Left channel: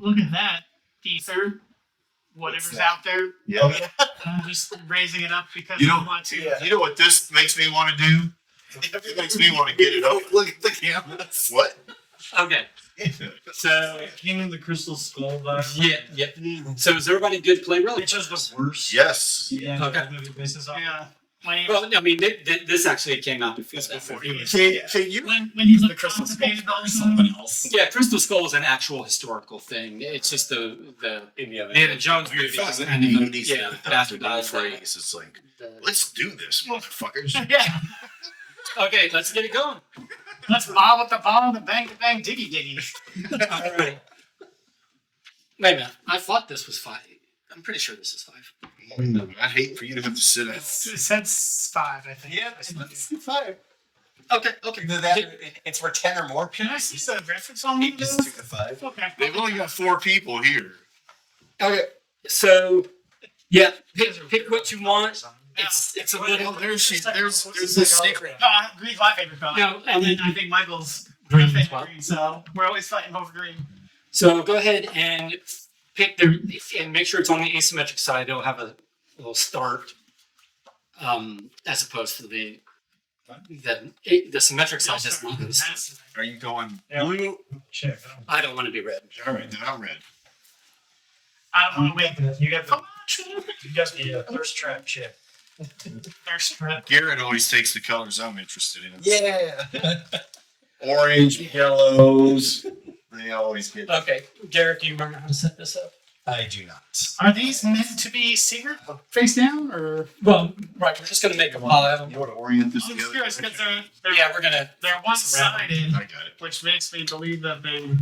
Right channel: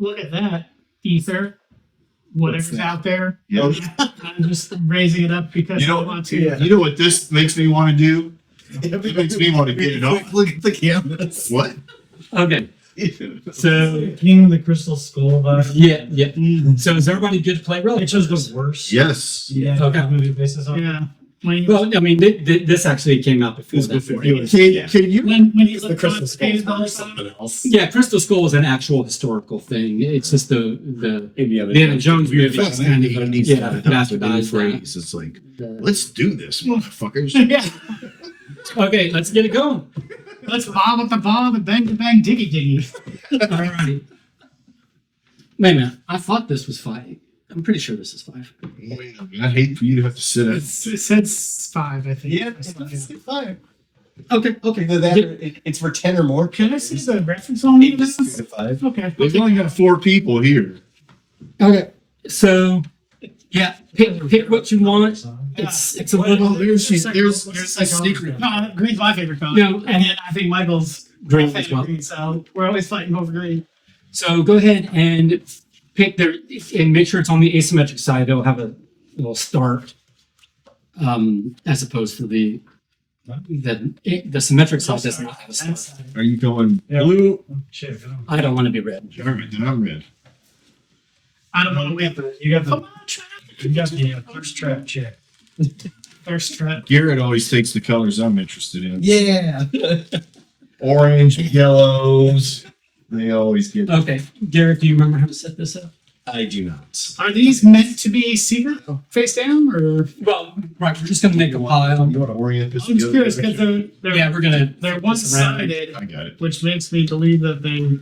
look at that ether, whatever's out there. Yeah. I'm just raising it up because You I know, want to. you know what this makes me want to do? It makes me want to get it up. Look at the canvas. What? Okay. So King of the Crystal Skull vibe. yeah. So is everybody good to play Relic? Which was the worst. Yes. Yeah. Okay. Movie basis on. Yeah. When Well, I mean, this actually came out before. That. Can you? when you The look Crystal Skull constipated all or the something time. else. Yeah, Crystal Skull is an actual historical thing. It's just the Indiana Jones movie. Fast kind and of he needs yeah, to adopt a new bastardized that. phrase. It's like, let's do this, motherfuckers. Yeah. Okay, let's get it going. Let's bob at the bob and bang to bang diggy diggy. All right. Wait a minute. I thought this was 5. I'm pretty sure this is 5. I'd hate for you to have to sit It at. says 5, I think. Yeah, it's 5. Okay. Either that or it's for 10 or more. Can I see the reference on It is 2 this? to 5. Okay. They've only got 4 people here. Okay. So, yeah, pick what you want. It's a Oh, little there's this secret. No, green's my favorite color. No, and then I think Michael's Green my favorite as well. green, so we're always fighting over green. So go ahead and pick and make sure it's on the asymmetric side. It'll have a little start, as opposed to the symmetric side does not have a start. That's Are you going Yeah. blue? Check. I don't want to be red. All right, then I'm red. I don't know. Wait, You got come the on, Trevor. you got the thirst trap check. Thirst trap. Garrett always takes the colors I'm interested in. Yeah. Orange, yellows. They always get. Okay, Garrett, do you remember how to set this up? I do not. Are these meant to be secret face down, or Well, right, we're just gonna make a pile. You want to orient this I'm just curious because direction? they're Yeah, we're gonna. they're flip this around. one-sided, I got it. which makes me believe that they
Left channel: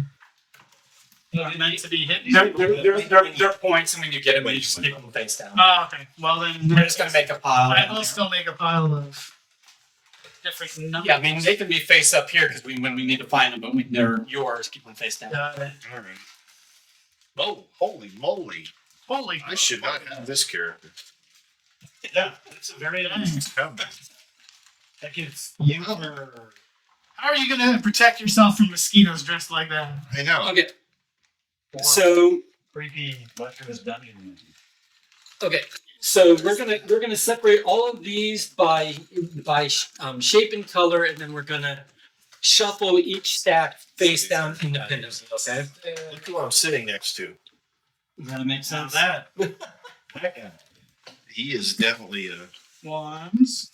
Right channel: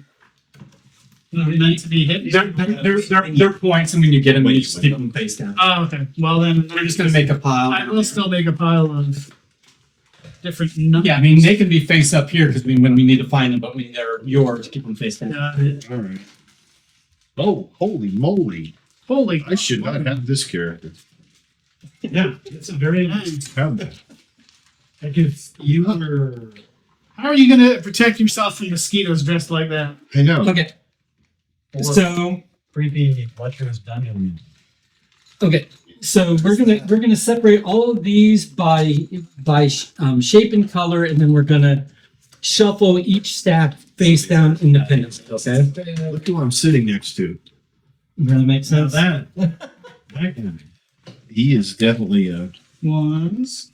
are meant to be hit. They're points, and when you get them, you just keep them face down. Oh, okay. Well then, We're just gonna make a pile. I will still make a pile of different numbers. Yeah, I mean they can be face up here because when we need to find them, but when they're yours, keep them face down. Got it. All right. Oh, holy moly! Holy. I should not have this character. Yeah, it's a very nice. Have that. Like if you were How are you going to protect yourself from mosquitoes dressed like that? I know. Okay. So creepy lecherous dungeon. okay, so we're gonna separate all of these by shape and color, and then we're gonna shuffle each stack face down independently. Okay, Look who I'm sitting next to. really makes So sense. that guy. He is definitely a. Ones.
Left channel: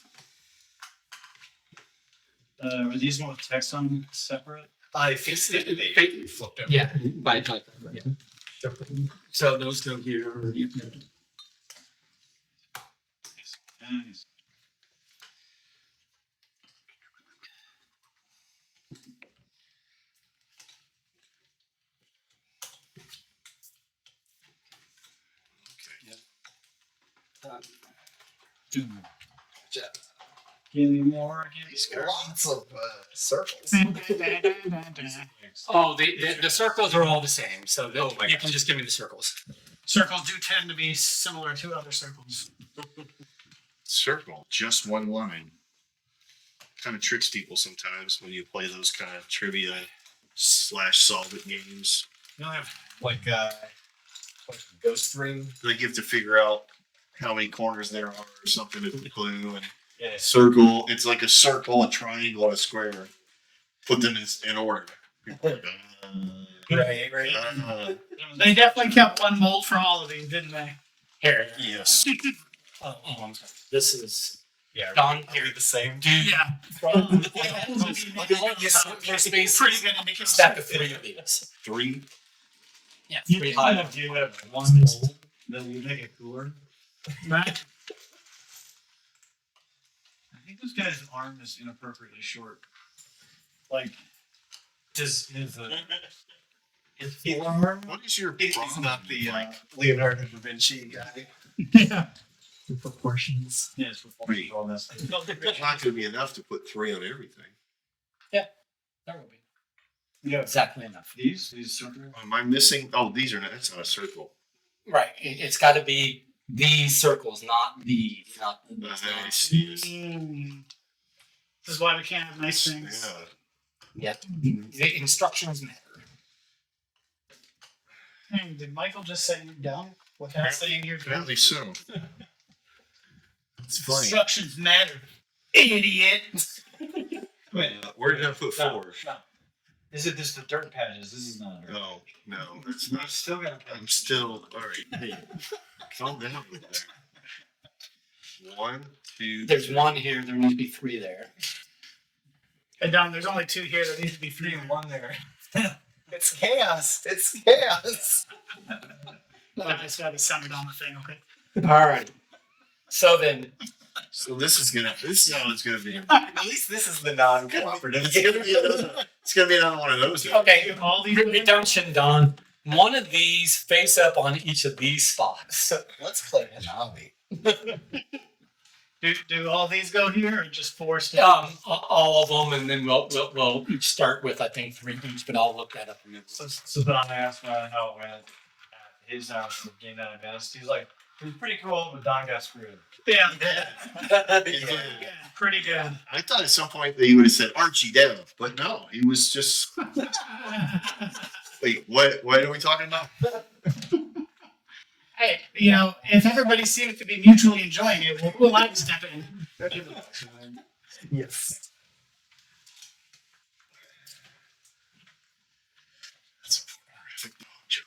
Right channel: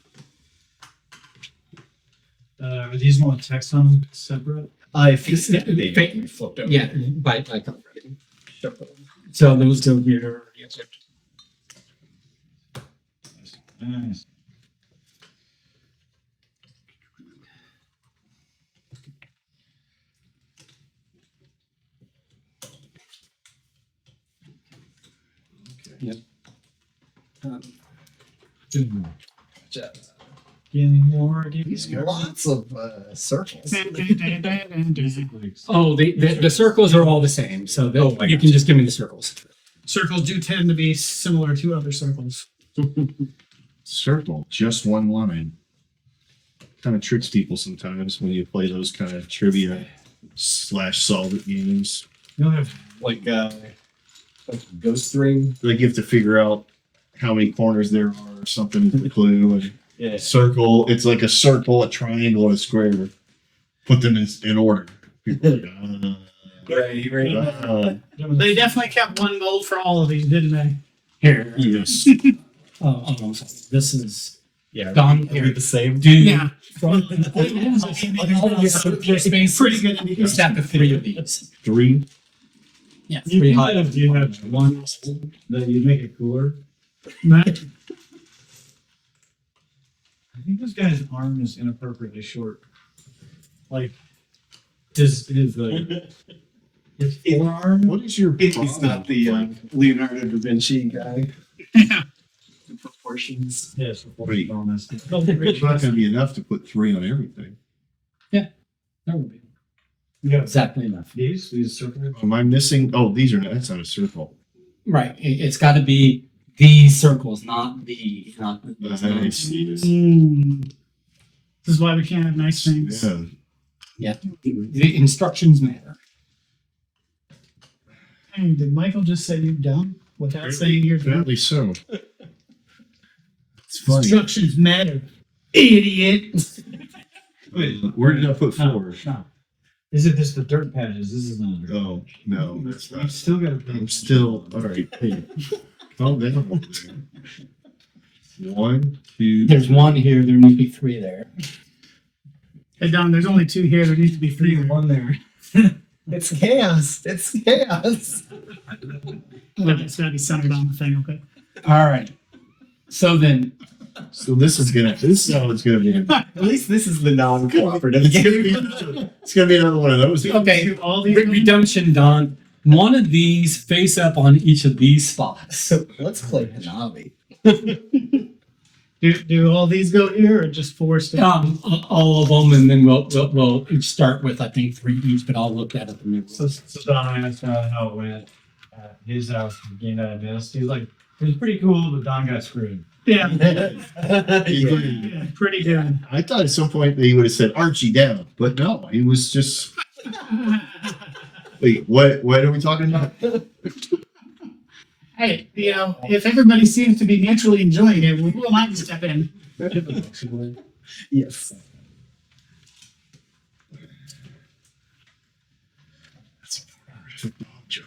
Are these one with text on them separate? I It's- fixed it. it- They flipped over. Yeah, by color. Yeah. So those go here. Nice. Two more. Give me more. Give me These more. guys. Lots of circles. Oh, the circles are all the same, so you can just give me the circles. Circles do tend to be similar to other circles. Circle, just one line. Kind of tricks people sometimes when you play those kind of trivia / solve it games. You don't have Like ghost ring. Like you have to figure out how many corners there are or something is the clue. And yeah. circle, it's like a circle, a triangle, and a square. Put them in order. People are like, Right. They definitely kept one mold for all of these, didn't they? Here. yes. Oh, I'm sorry. This is Yeah. Don Are here. we the same? Dude, Yeah. space. Pretty good indication. Stack of 3 of these. 3. Yeah, You 3 do high. have, you have one mold that you make it cooler. Right? I think this guy's arm is inappropriately short. Like his forearm. What is your He's problem? not the Leonardo da Vinci guy. Yeah. The proportions. Yes, Wait. all this. It's not going to be enough to put 3 on everything. There will be. Yeah. Exactly enough. These circles. Am I missing? Oh, these are not. That's not a circle. Right. It's got to be these circles, not the. Nice. Mm. This is why we can't have nice things. Yeah. Yeah. The instructions matter. Hey, did Michael just say you're done without saying you're done? Apparently so. It's funny. Instructions matter, idiot. Wait, Where did I put no, 4? no. Is it just the dirt patches? This is not a dirt. Oh, no, that's We not. still gotta pay. I'm still, all right. Hey, calm down over there. 1, 2. There's 1 here. There needs to be 3 there. Hey, Don, there's only 2 here. There needs to be 3. 1 there. It's chaos. It's chaos. Oh, it's gotta be centered on the thing. Okay. All right. So then, So this is how it's gonna be. At least this is the non-cooperative. It's gonna be another one of those. okay, Do all these. redemption, Don. One of these face up on each of these spots. So let's play Hanabi. Do all these go here or just 4 stay? All of them, and then we'll each start with I think 3 each, but I'll look that up. So Don asked how it went at his house the game that I missed. He's like, it was pretty cool, but Don got screwed. Yeah. Yeah. Yeah, pretty good. I thought at some point that he would have said Archie down, but no, he was just. Wait, what are we talking about? Hey, if everybody seems to be mutually enjoying it, we'll have to step in. Yes. That's a horrific dog joke.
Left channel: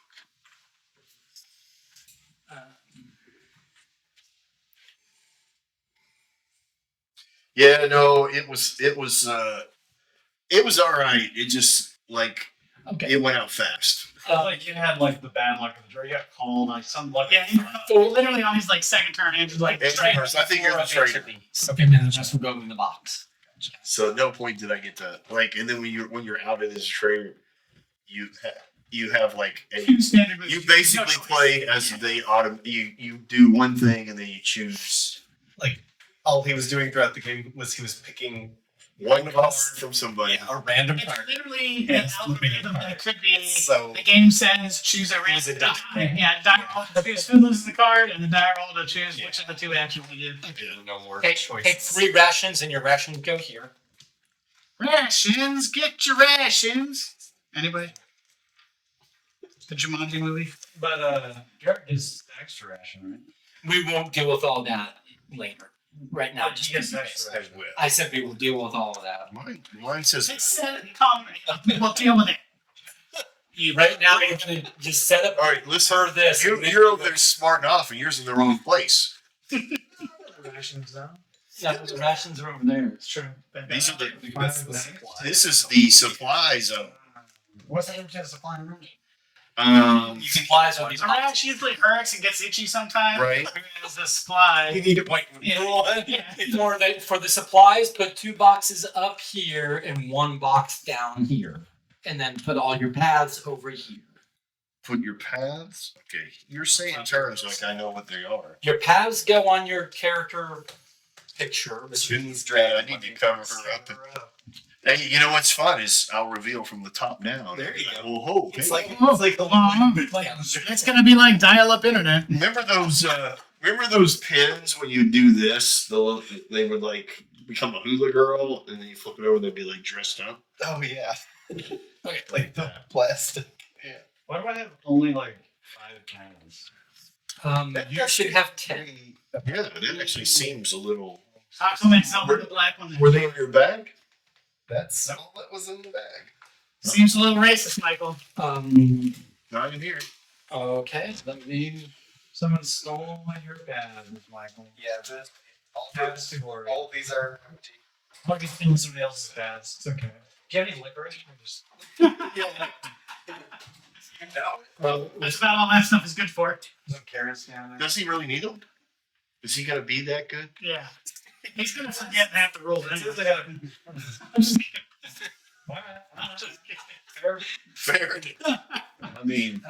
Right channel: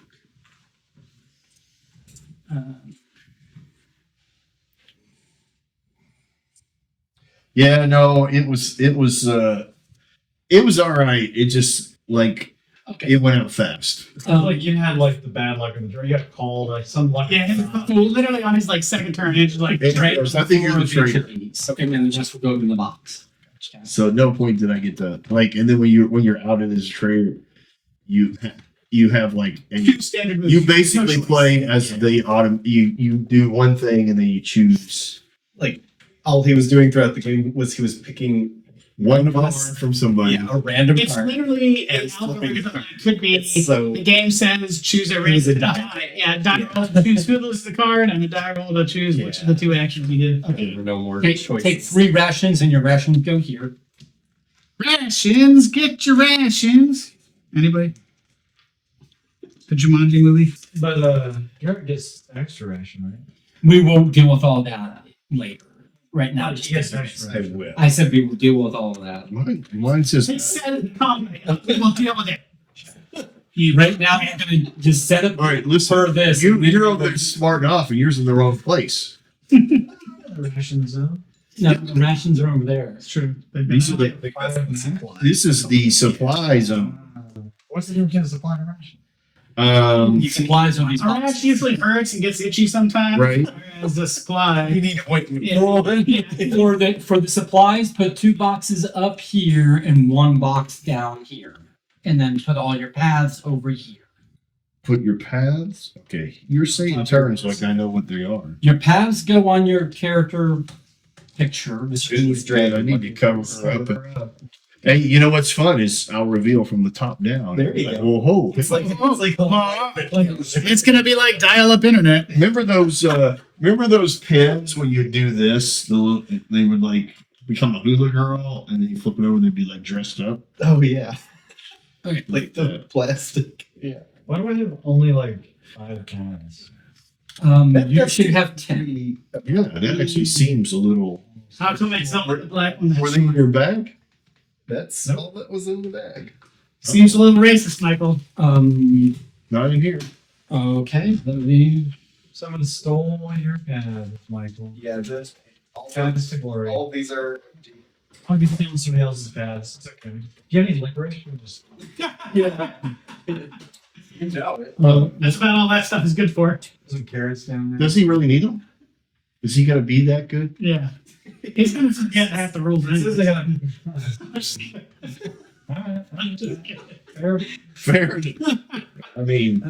Yeah, no, it was all right. It just like Okay. it went out fast. Like you had like the bad luck of the draw. You got called like some luck. Yeah, so literally on his like second turn, it's just like Hey, I think you're the traitor. And then the rest will go in the box. So at no point did I get to like, and then when you're out as a trader, you have like a 2 standard moves. you basically No choice. play as the autumn. You do one thing and then you choose Like all he was doing throughout the game was he was picking one of card us. from somebody. a random It's card. literally And an flipping algorithm a card. that could be. So The game says choose a It was a random die. Yeah, die roll to choose who loses the card, and the die roll to choose which of the 2 actions you did. there were no more Take choices. 3 rations, and your rations go here. Rations, get your rations. Anybody? The Jumanji movie? But Garrett gets extra ration, right? We won't deal with all that later. Right now, just Yes, this. extra I ration. will. I said we will deal with all of that. Mine says It said come. We will deal with it. You Right now, we're gonna just set up all right. Listen, for this. you're over there smart enough, and yours in the wrong place. Rations zone. No, the rations are over there. It's true. These are the. I think that's the supply. This is the supply zone. What's the difference between supply and ration? You can supplies on these A rash boxes. usually hurts and gets itchy sometimes. Right. Whereas the supply. You need ointment. Yeah. For the supplies, put 2 boxes up here and 1 box down here, and then put all your paths over here. Put your paths. Okay, you're saying terms like I know what they are. Your paths go on your character picture, which means I need to cover her up. Hey, you know what's fun is I'll reveal from the top down. There you Like, go. Well, ho, It's hey. like It's gonna be like dial-up internet. Remember those pins when you do this? They would like become a hula girl, and then you flip it over, they'd be like dressed up. oh yeah, Okay. like the plastic. Yeah. Why do I have only like 5 cans? You should have 10. Yeah, that actually seems a little. How come it's not the black one? Were they in your bag? That's all that was in the bag. Seems a little racist, Michael. Not in here. Okay, let me. Someone stole your pad, Michael. Yeah, the, all, Pads to glory. all these are empty. I'll be stealing somebody else's pads. It's okay. Do you have any licorice? Or just... Yeah. You know it. Well, That's about all that stuff is good for. Some carrots down there. Does he really need them? Is he gonna be that good? Yeah. He's gonna forget half the rules. It says they Anyway. have. I'm just kidding. Alright. I'm just kidding. Fair. Fair. I mean,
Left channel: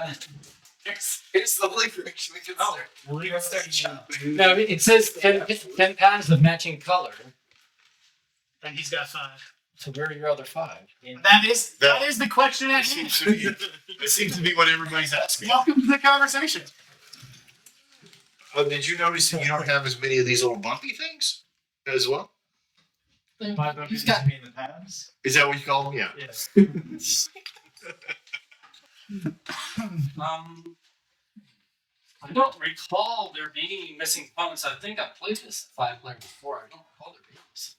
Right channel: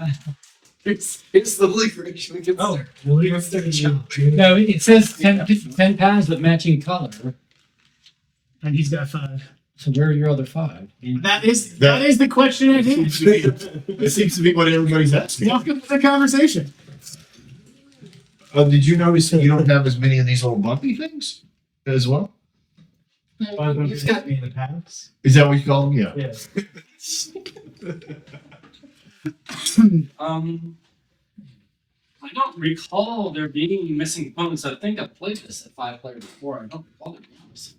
Here's the licorice. We can Oh, start. we'll leave We it can there. start chopping. no, it says 10 paths of matching color. And he's got 5. So where are your other 5? That is the question at it hand. seems to be, it seems to be what everybody's asking. Welcome to the conversation. Did you notice that you don't have as many of these little bumpy things as well? Why don't you He's just got- mean the pads? Is that what you call them? Yeah. Yes. I don't recall there being missing components. I think I played this at 5-player before. I don't recall there being missing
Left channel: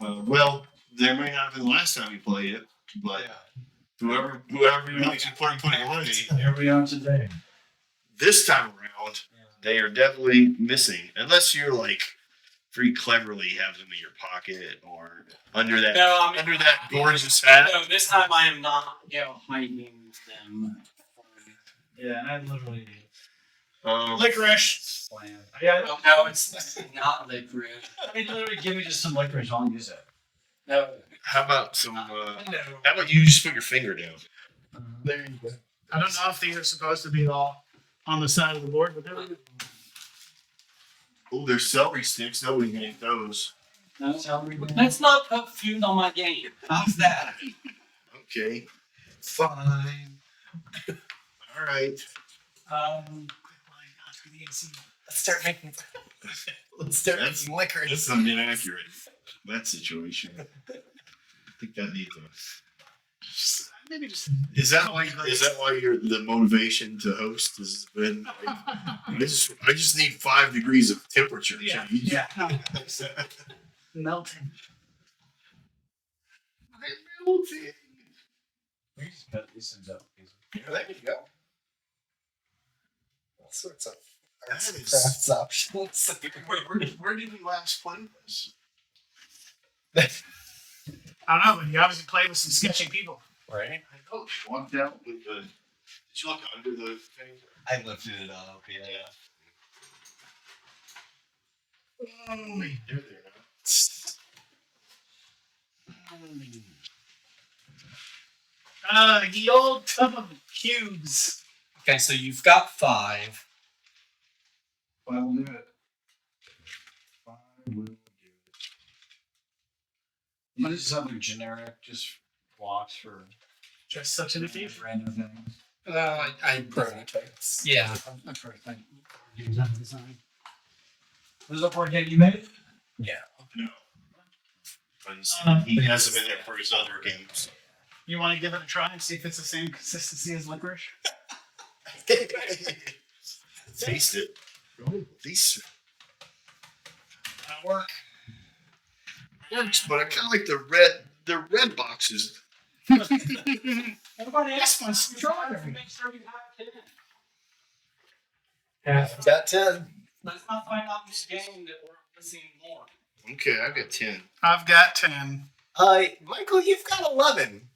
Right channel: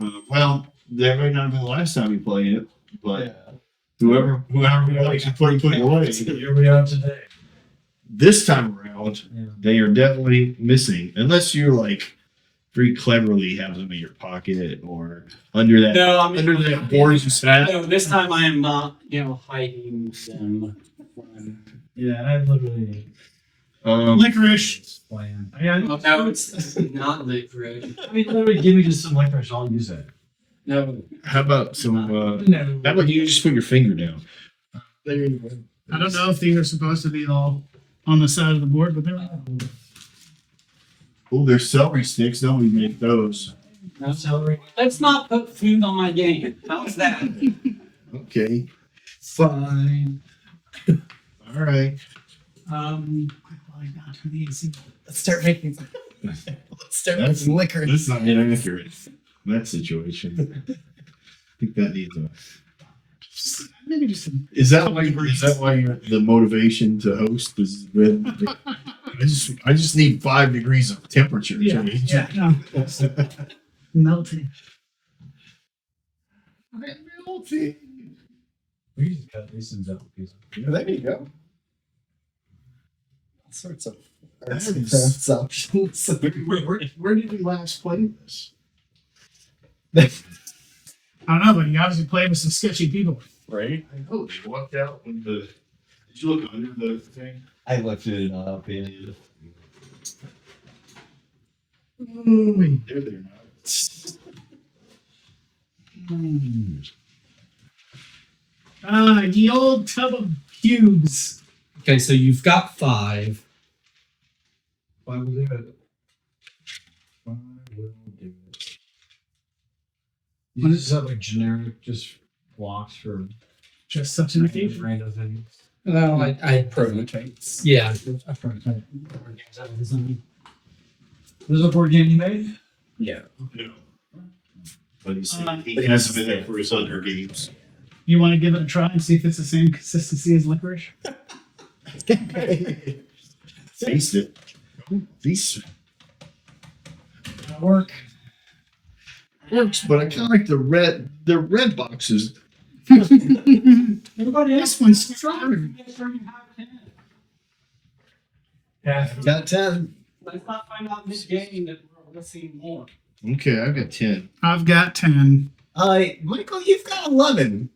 components. Well, that may not have been the last time you played it, but whoever likes to put it away. Here we are today. This time around, Yeah. they are definitely missing, unless you're like very cleverly have them in your pocket or under that No, I mean, under that gorgeous hat. No, this time I am not, hiding them. Yeah, and I literally Licorice. plan. No, it's not licorice. I mean, literally, give me just some licorice. I'll use it. No. How about some? No. How about you just put your finger down? There you go. I don't know if these are supposed to be all on the side of the board, but there we go. Oh, there's celery sticks. Nobody can eat those. No. Celery. Let's not put food on my game. How's that? Okay. Fine. All right. Let's start making. Let's start That's- making licorice. That's not inaccurate. That situation. I think that needs a. Maybe just Is that why you're the motivation to host has been? I just need 5 degrees of temperature change. no. Melting. I'm melting. We can just cut these things up. There you go. All sorts of That arts and is- crafts options. Where did we last play this? I don't know, but you obviously played with some sketchy people. Right? I know they walked out with the. Did you look under the thing? I lifted it up. Yeah. Wait, there they're not. The old tub of cubes. Okay, so you've got 5. I will do it. I will do it. You just have like generic, just blocks for Just such an occasion. random things. I Prototypes. yeah. I prototype board games out of design. There's a board game you made? Yeah. No. But he But has them in there for his other games. You want to give it a try and see if it's the same consistency as licorice? Taste it. Oh, these That'll work. works, but I kind of like the red boxes. Everybody This one's stronger. Make sure you have 10. Yeah. Got 10. Let's not find out mid-game that we're missing more. Okay, I've got 10. I've got 10. Michael, you've got 11.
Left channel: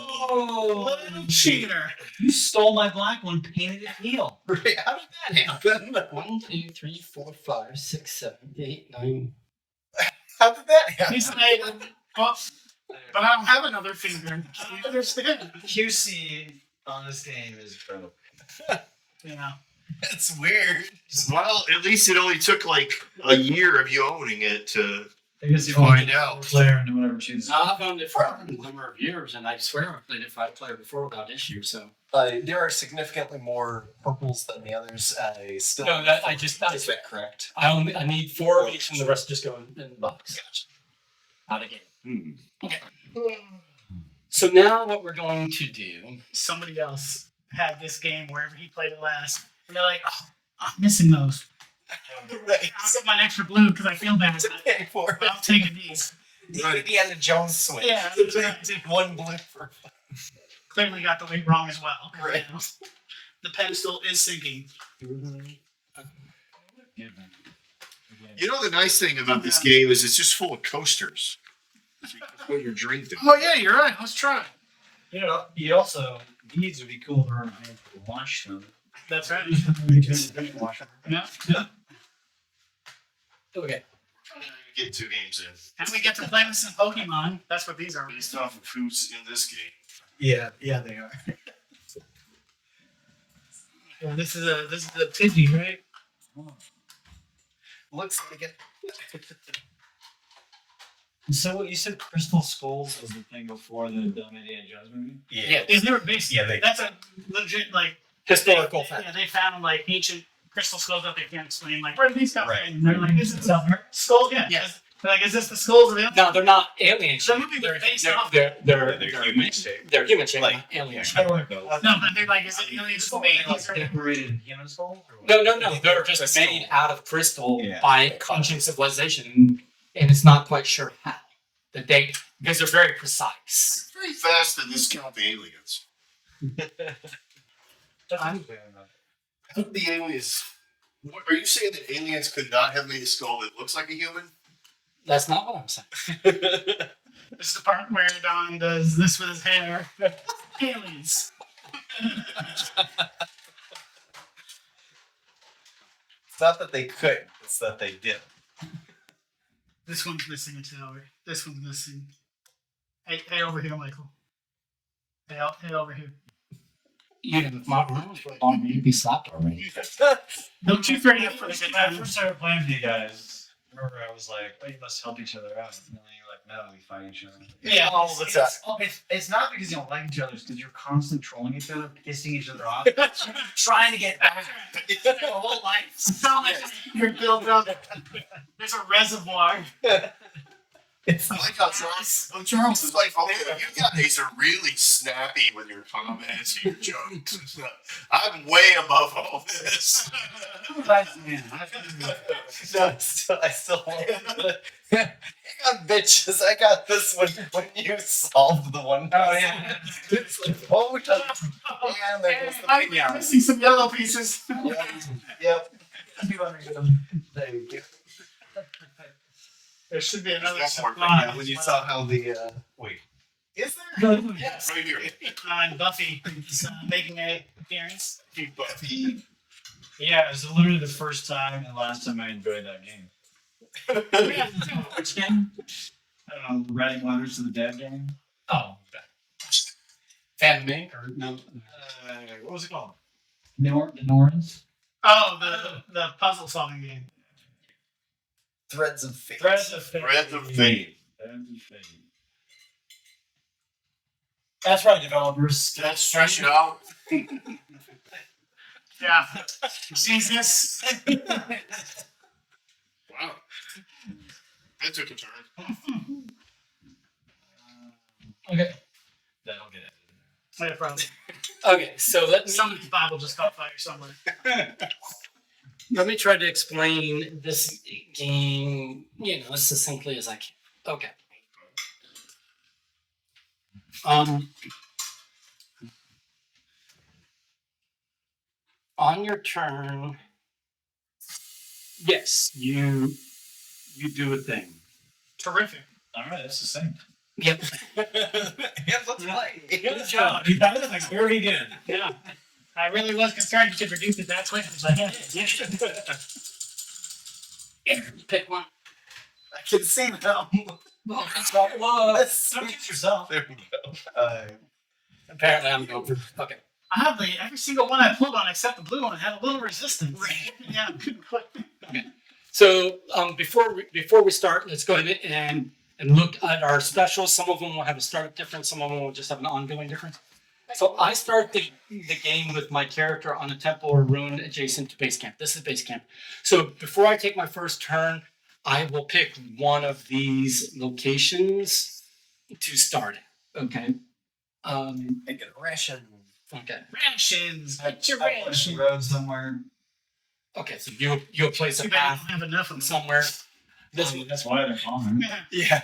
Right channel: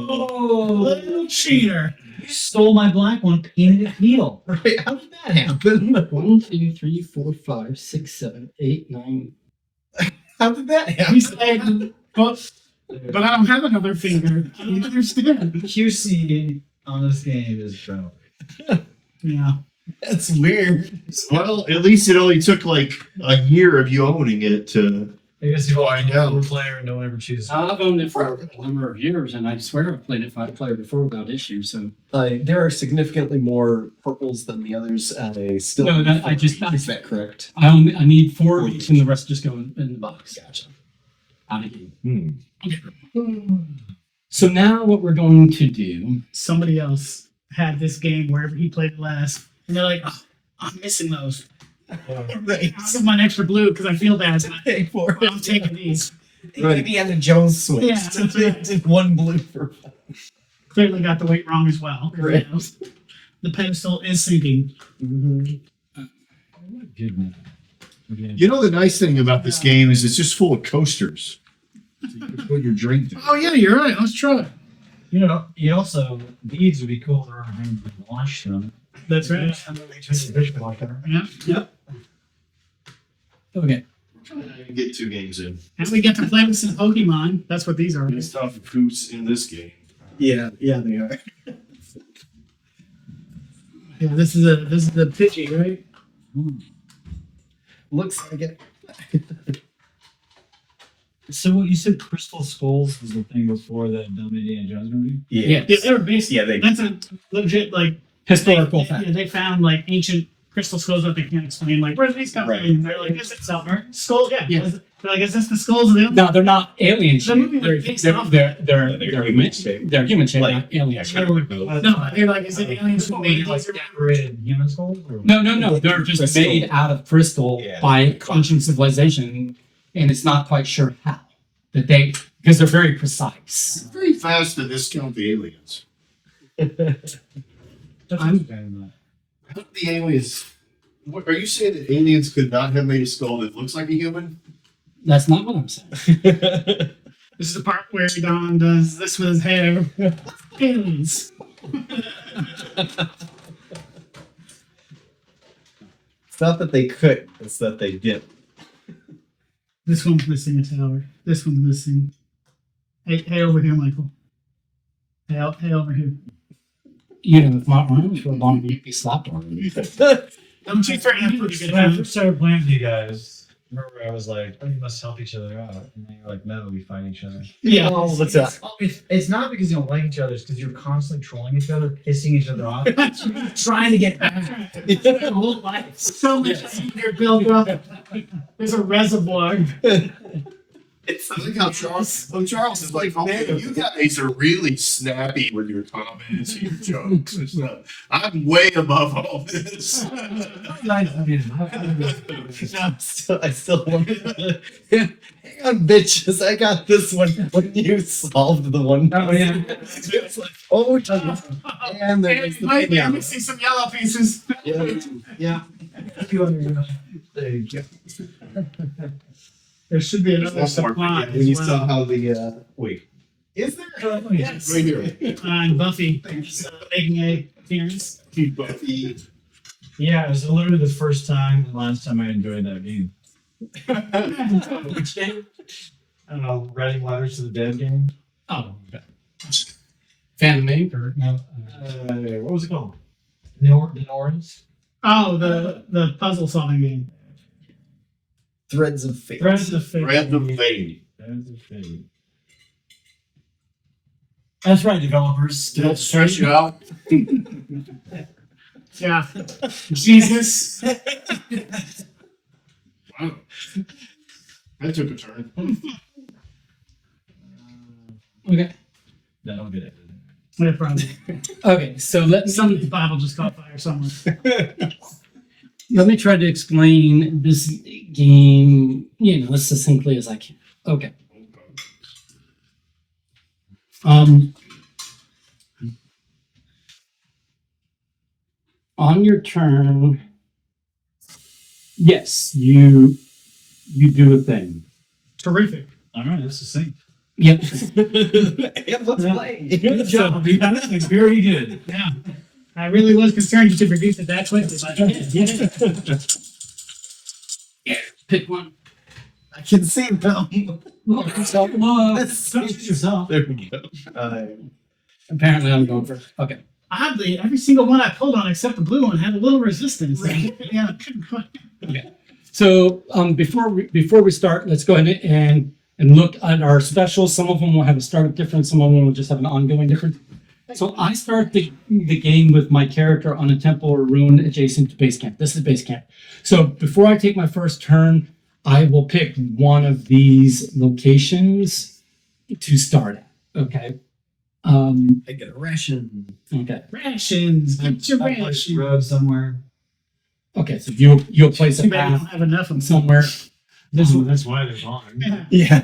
Little cheater. You stole my black one, painted it teal. Right? How did that happen? 1, 2, 3, 4, 5, 6, 7, 8, 9. How did that happen? He's like, but I don't have another finger. You understand? QC on this game is broke. Yeah. That's weird. Well, at least it only took like a year of you owning it to. Because you Find out. We're player and don't ever choose. I've owned it for a number of years, and I swear I've played it 5-player before without issue. So There are significantly more purples than the others. Still. No, that- I just- Is that correct? I need 4 of each, and the rest just go in the box. Gotcha. Out of game. Hmm. So now what we're going to do? Somebody else had this game wherever he played it last. And they're like, oh, I'm missing those. Right. I'll get mine extra blue because I feel bad. Pay for it. I'm taking these. Indiana Jones switch. Yeah. They did one blue for. Clearly got the weight wrong as well. Right. The pedestal is sinking. Good man. You know the nice thing about this game is it's just full of coasters. So you can put your drink down. Oh, yeah, you're right. Let's try. You know, you also these would be cool to remind you to wash them. That's right. Washer. Yeah. Yeah. Okay. Get 2 games in And we get to play with some Pokemon. That's what these are. based off of who's in this game. Yeah, they are. Yeah, this is the Pidgey, right? Looks like it. So what you said, Crystal Skulls was the thing before the dumb Indiana Jones movie? Yeah. Yeah, they were basically. Yeah, they- That's a legit like Historical fact. Yeah, they found like ancient crystal skulls that they can't explain. Like, where did these come Right. from? And they're like, is it skull? Yeah. Yeah. Like, is this the skulls of the No, they're not alien The movie shaped. was They're, based they're, off- they're, they're, They're they're, human shaped. they're human shaped, Like- not alien shaped. No, but they're like, is it aliens who made Like these? or- decorated human skulls? Or what? No, they're just Crystal. made out of crystal Yeah. by ancient civilization, and it's not quite sure how. That they, because they're very precise. Very fast to discount the aliens. That's I'm- How did the aliens? What, are you saying that aliens could not have made a skull that looks like a human? That's not what I'm saying. This is the part where Don does this with his hair. Aliens. It's not that they could, it's that they did. This one's missing a tower. This one's missing. Hey, over here, Michael. Hey, over here. You know, if my arms were longer, you'd be slapped already. Don't you threaten for a good When I time. first started playing with you guys, remember I was like, "Oh, you must help each other out," and then you're like, "No, we fight each other." Yeah. All the time. It's not because you don't like each other; it's because you're constantly trolling each other, pissing each other off, trying to get back. The whole life. So much you're built up. There's a reservoir. It's I like how Charles is like, man, you guys are really snappy with your comments and your jokes and stuff. I'm way above all this. No, I still want to. Hang on, bitches. I got this one when you solved the one. Oh, yeah. It's like, oh, and there goes the Mike, thing you're out. missing some yellow pieces. Yep. There you go. There should be another One more. supply. Yeah, when you saw how the Wait, is there? Yes. right here. And Buffy is making a appearance. Buffy. Yeah, it was literally the first time and last time I enjoyed that game. Which game? I don't know, writing letters to the dead game. Oh, okay. Fan Mink or no? What was it called? The Norns? Oh, the puzzle solving game. Threads of Fate. Threads of Fate. Threads of Fate. Threads of Fate. That's right, developers. Did that stress you out? Yeah. Jesus. Wow. That took a turn. Okay. That'll get it. No problem. Okay, so Somebody's Bible just caught fire somewhere. let me try to explain this game, as succinctly as I can. Okay. On your turn, yes, you do a thing. Terrific. All right, that's succinct. Yep. And let's play. Good job. You got it very good. Yeah. I really was concerned you could reduce it that quickly. But yeah. Pick one. I can see them. Don't choose yourself. There we go. Apparently, I'm going for. Okay. Oddly, every single one I pulled on except the blue one had a little resistance. Yeah. So before we start, let's go ahead and look at our specials. Some of them will have a startup difference. Some of them will just have an ongoing difference. So I start the game with my character on a temple or ruin adjacent to base camp. This is base camp. So before I take my first turn, I will pick one of these locations to start at. Okay. I get a ration. Okay. Rations. Get your I place the rations. road somewhere. Okay. So you'll place a Too bad we path don't have enough of them. somewhere. That's why they're gone. Yeah. Yeah.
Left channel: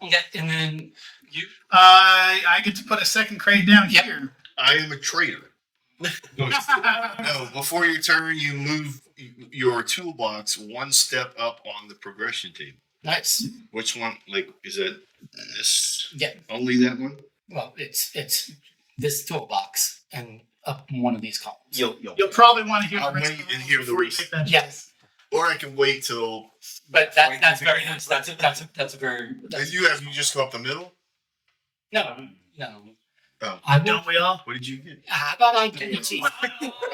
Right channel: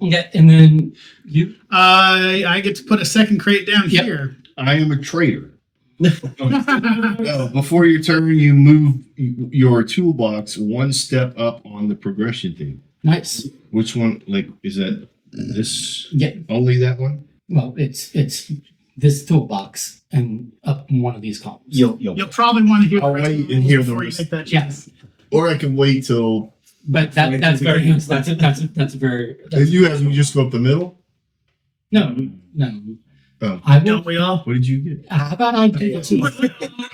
Okay. And then you. I get to put a second crate down Yep. here. I am a traitor. No, before your turn, you move your toolbox one step up on the progression table. Nice. Which one? Like, is that this? Yeah. Only that one? Well, it's this toolbox and up one of these columns. You'll probably want to hear. I'll wait and hear the before you rest. make that Yes. Or I can wait till. But that's very nice. That's a very. If you have, you just go up the middle. No. Oh. I Don't will. we all? What did you get? How about I give it to you?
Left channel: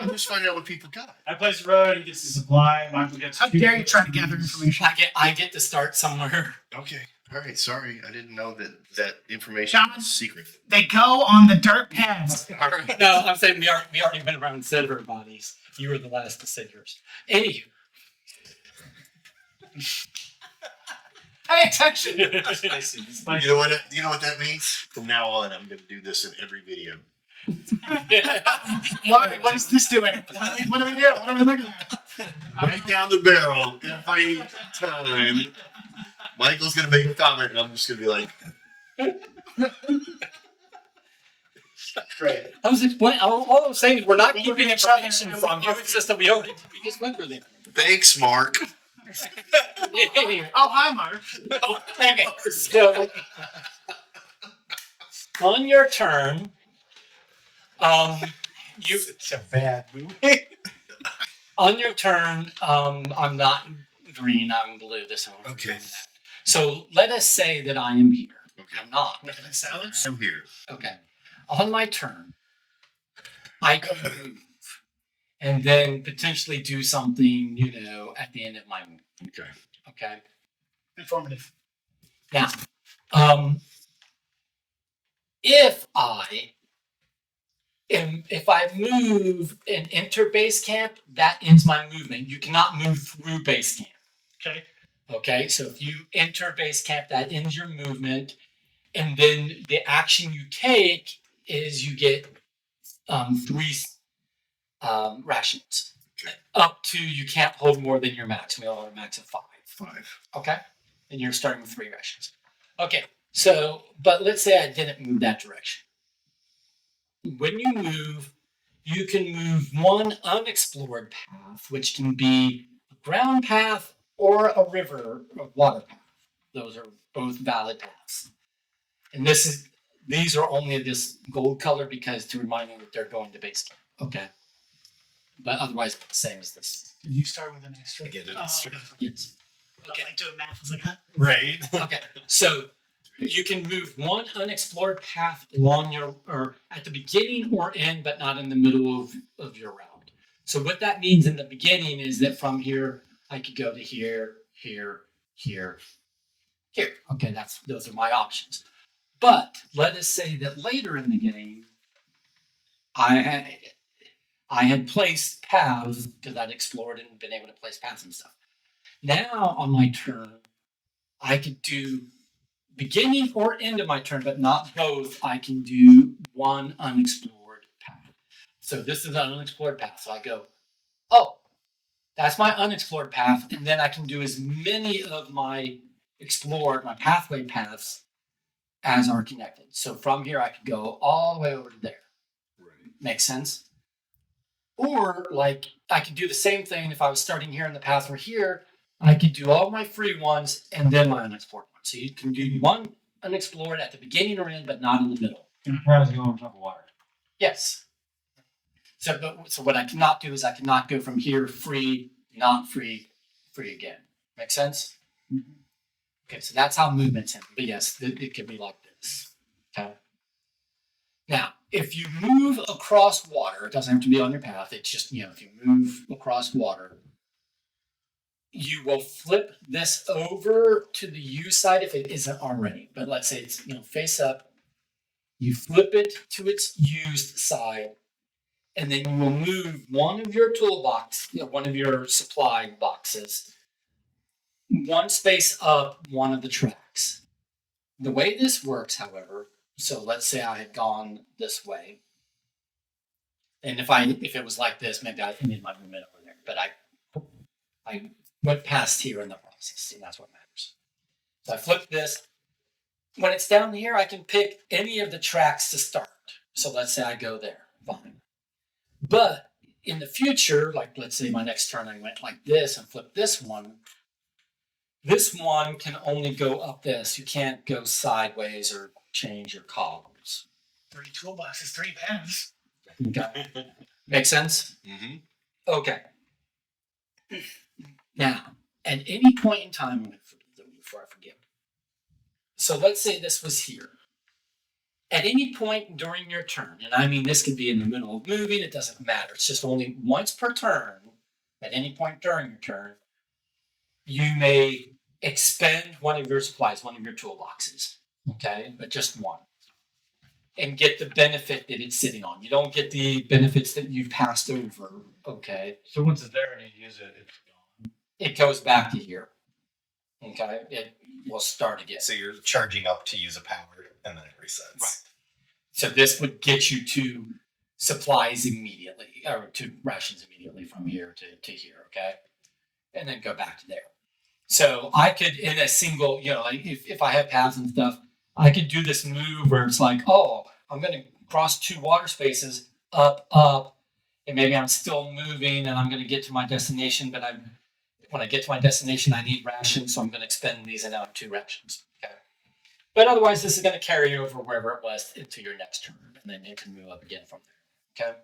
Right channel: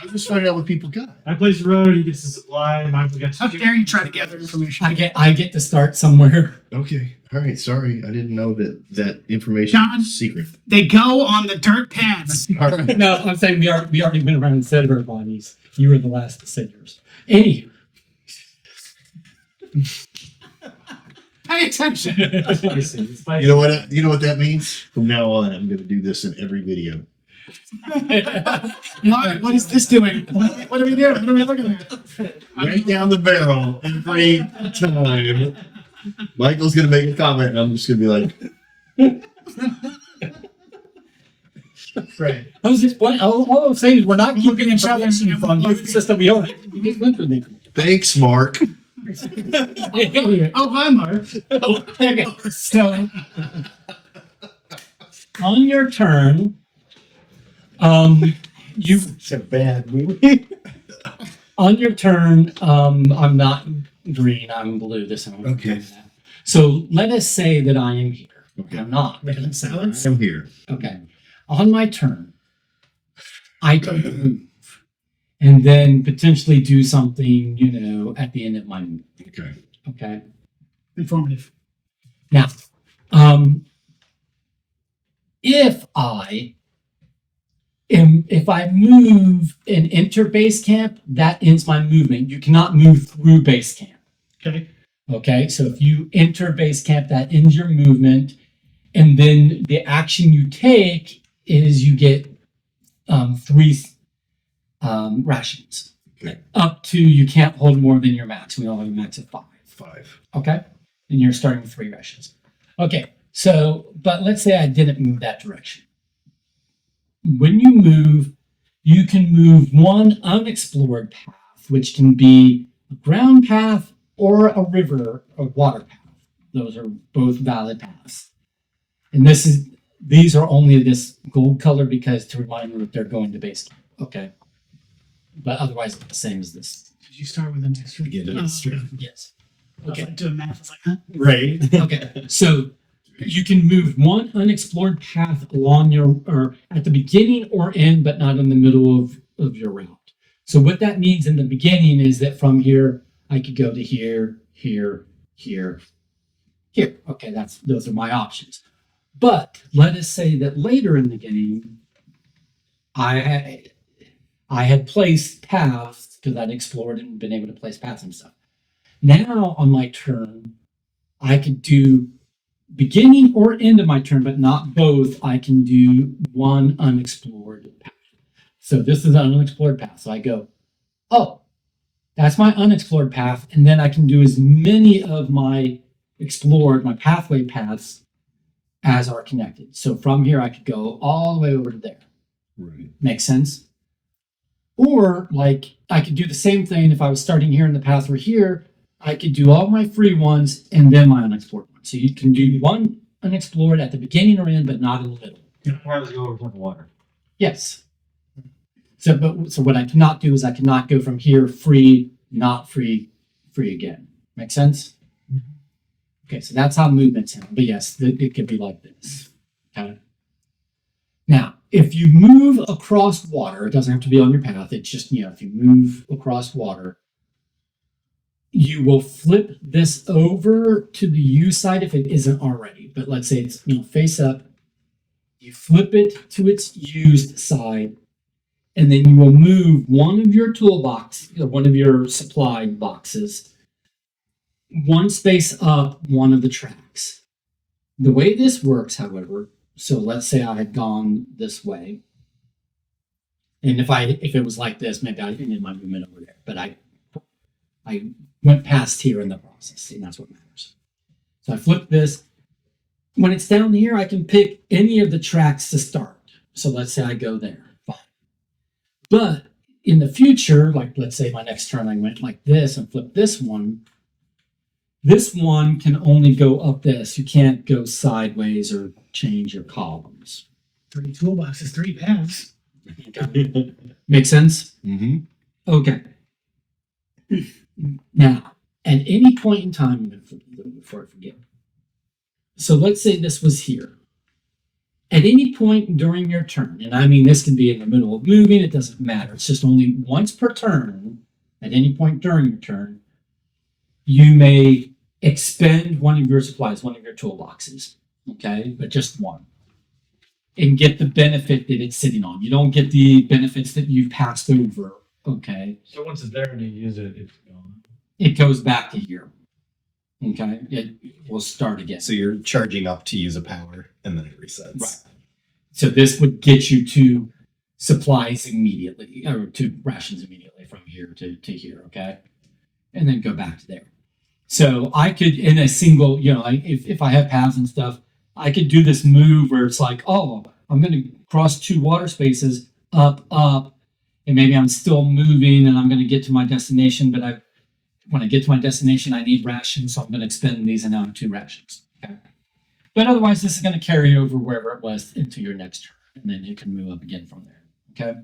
I'm just finding out what people got. I place the road, he gets the supply, Michael gets How two- dare you try to gather information? I get to start somewhere. Okay. All right. Sorry, I didn't know that information John? was secret. They go on the dirt paths. All right. No, I'm saying we already been around and said our bodies. You were the last to say yours. Anywho. Pay attention. You know what? You know what that means? From now on, I'm going to do this in every video. What is this doing? What are we doing? What are we looking at? Right down the barrel every time. Michael's going to make a comment, and I'm just going to be like, Great. I was explaining. All I'm saying is we're not Looking keeping at each other information and from you. looking- It's just that we already we just went through them. thanks, Mark. Oh, hi, Mark. Okay, so on your turn, you Such a bad movie. on your turn, I'm not green. I'm blue. This one. Okay. So let us say that I am here. Okay. I'm not. Looking at salads. I'm here. Okay. On my turn, I can move and then potentially do something, at the end of my move. Okay. Okay. Informative. Now, if I move and enter base camp, that ends my movement. You cannot move through base camp. Okay. Okay, so if you enter base camp, that ends your movement, and then the action you take is you get 3 rations. Okay. Up to you can't hold more than your max. We all have a max of 5. 5. Okay, and you're starting with 3 rations. Okay, so but let's say I didn't move that direction. When you move, you can move one unexplored path, which can be a ground path or a river or water path. Those are both valid paths. And these are only this gold color because to remind you that they're going to base camp. Okay. But otherwise it's the same as this. Did you start with an extra? Again, an Oh, extra. okay. Yes. I was Okay. like doing math. I was like, huh? Right. Okay. So you can move one unexplored path along or at the beginning or end, but not in the middle of your route. So what that means in the beginning is that from here, I could go to here, here, here, here. Okay, those are my options. But let us say that later in the game, I had placed paths because I'd explored and been able to place paths and stuff. Now on my turn, I could do beginning or end of my turn, but not both. I can do one unexplored path. So this is an unexplored path. So I go, oh, that's my unexplored path. And then I can do as many of my pathway paths as are connected. So from here, I could go all the way over to there. Right. Makes sense? Or like I could do the same thing if I was starting here in the path or here. I could do all my free ones and then my unexplored ones. So you can do one unexplored at the beginning or end, but not in the middle. Paths go over top of water. Yes. So what I cannot do is I cannot go from here free, not free, free again. Make sense? Mm-hmm. Okay, so that's how movements happen. But yes, it could be like this. Okay. Now, if you move across water, it doesn't have to be on your path. It's just, if you move across water, you will flip this over to the U side if it isn't already. But let's say it's, face up. You flip it to its used side, and then you will move one of your toolbox, one of your supply boxes, one space up one of the tracks. The way this works, however, so let's say I had gone this way, and if it was like this, maybe I ended my movement over there, but I went past here in the process, and that's what matters. So I flip this. When it's down here, I can pick any of the tracks to start. So let's say I go there, fine. But in the future, like let's say my next turn, I went like this and flipped this one. This one can only go up this. You can't go sideways or change your columns. 3 toolboxes, 3 paths. Okay. Make sense? Mm-hmm. Okay. Now, at any point in time, I'm going to flip it before I forget. So let's say this was here. At any point during your turn, and I mean this can be in the middle of moving, it doesn't matter. It's just only once per turn, at any point during your turn, you may expend one of your supplies, one of your toolboxes, okay? But just one. And get the benefit that it's sitting on. You don't get the benefits that you've passed over, okay? So once it's there and you use it, it's gone. It goes back to here, Okay, it will start again. So you're charging up to use a power, and then it resets. Right. So this would get you to supplies immediately, or to rations immediately from here to here, okay? And then go back to there. So I could, in a single, like if I have paths and stuff, I could do this move where it's like, oh, I'm going to cross 2 water spaces, up, and maybe I'm still moving and I'm going to get to my destination, but when I get to my destination, I need rations, so I'm going to expend these and now I have 2 rations, okay? But otherwise, this is going to carry over wherever it was into your next turn, and then it can move up again from there, okay?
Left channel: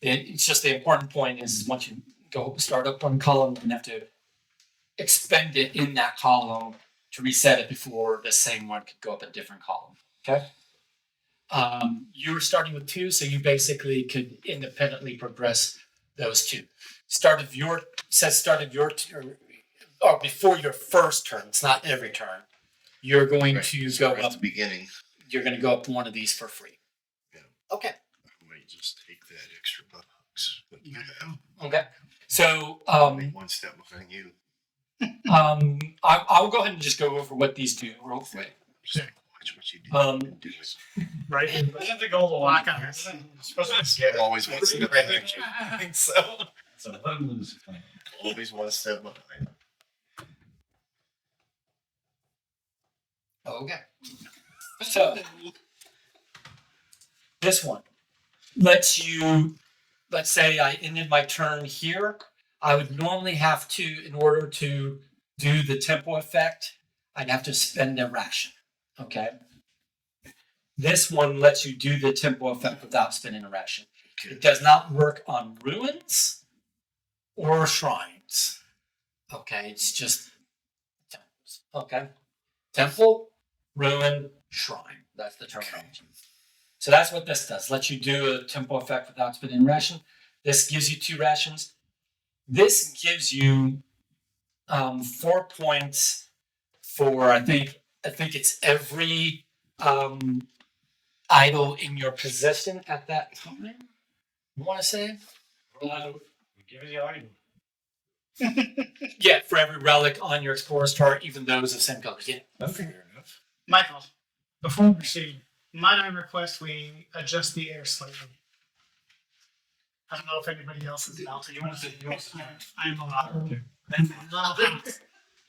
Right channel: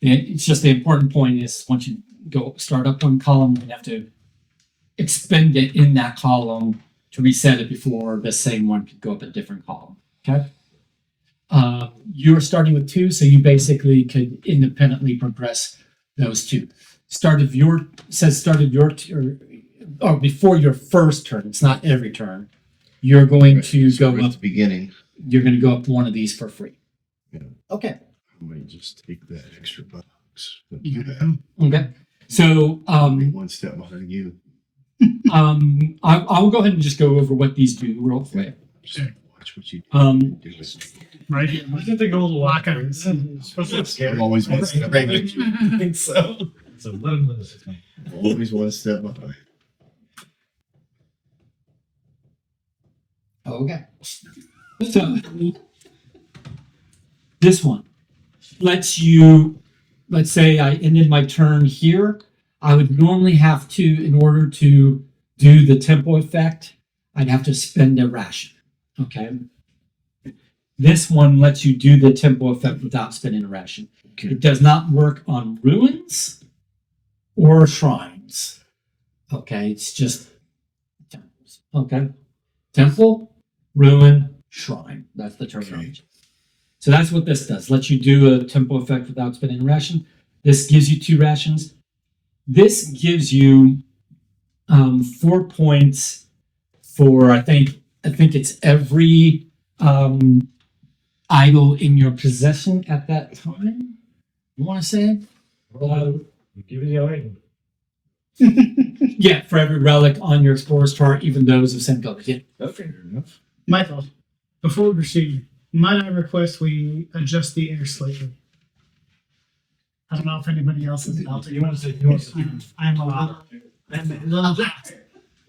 It's just the important point is once you go start up one column, you have to expend it in that column to reset it before the same one could go up a different column, okay? You're starting with 2, so you basically could independently progress those 2. Start of your turn, or before your first turn, it's not every turn, you're going Right, to so go right up, at the beginning. you're going to go up one of these for free. Yeah. Okay. I might just take that extra box that you have. Okay. So, I'll be one step behind you. I'll go ahead and just go over what these do real quick. Just watch what you do. Do it. Right here. Isn't the goal to Lock lock on. It's supposed to be scary. I'm always one step behind you. I think so. So let him lose it. Always one step behind. Okay. So this one lets you, let's say I ended my turn here. I would normally have to, in order to do the tempo effect, I'd have to spend a ration. Okay. This one lets you do the tempo effect without spending a ration. Okay. It does not work on ruins or shrines. Okay, it's just temples. Okay. Temple, ruin, shrine. That's the terminology. So that's what this does. Lets you do a tempo effect without spending a ration. This gives you 2 rations. This gives you 4 points for I think it's every idol in your possession at that time. You want to say? Give it the item. Yeah, for every relic on your explorer's chart, even those of same color. Yeah. Okay. Fair enough. Michael, before we proceed, might I request we adjust the air slightly? I don't know if anybody else is about to. You want to say, you want to I am allowed to. I'm a little hot.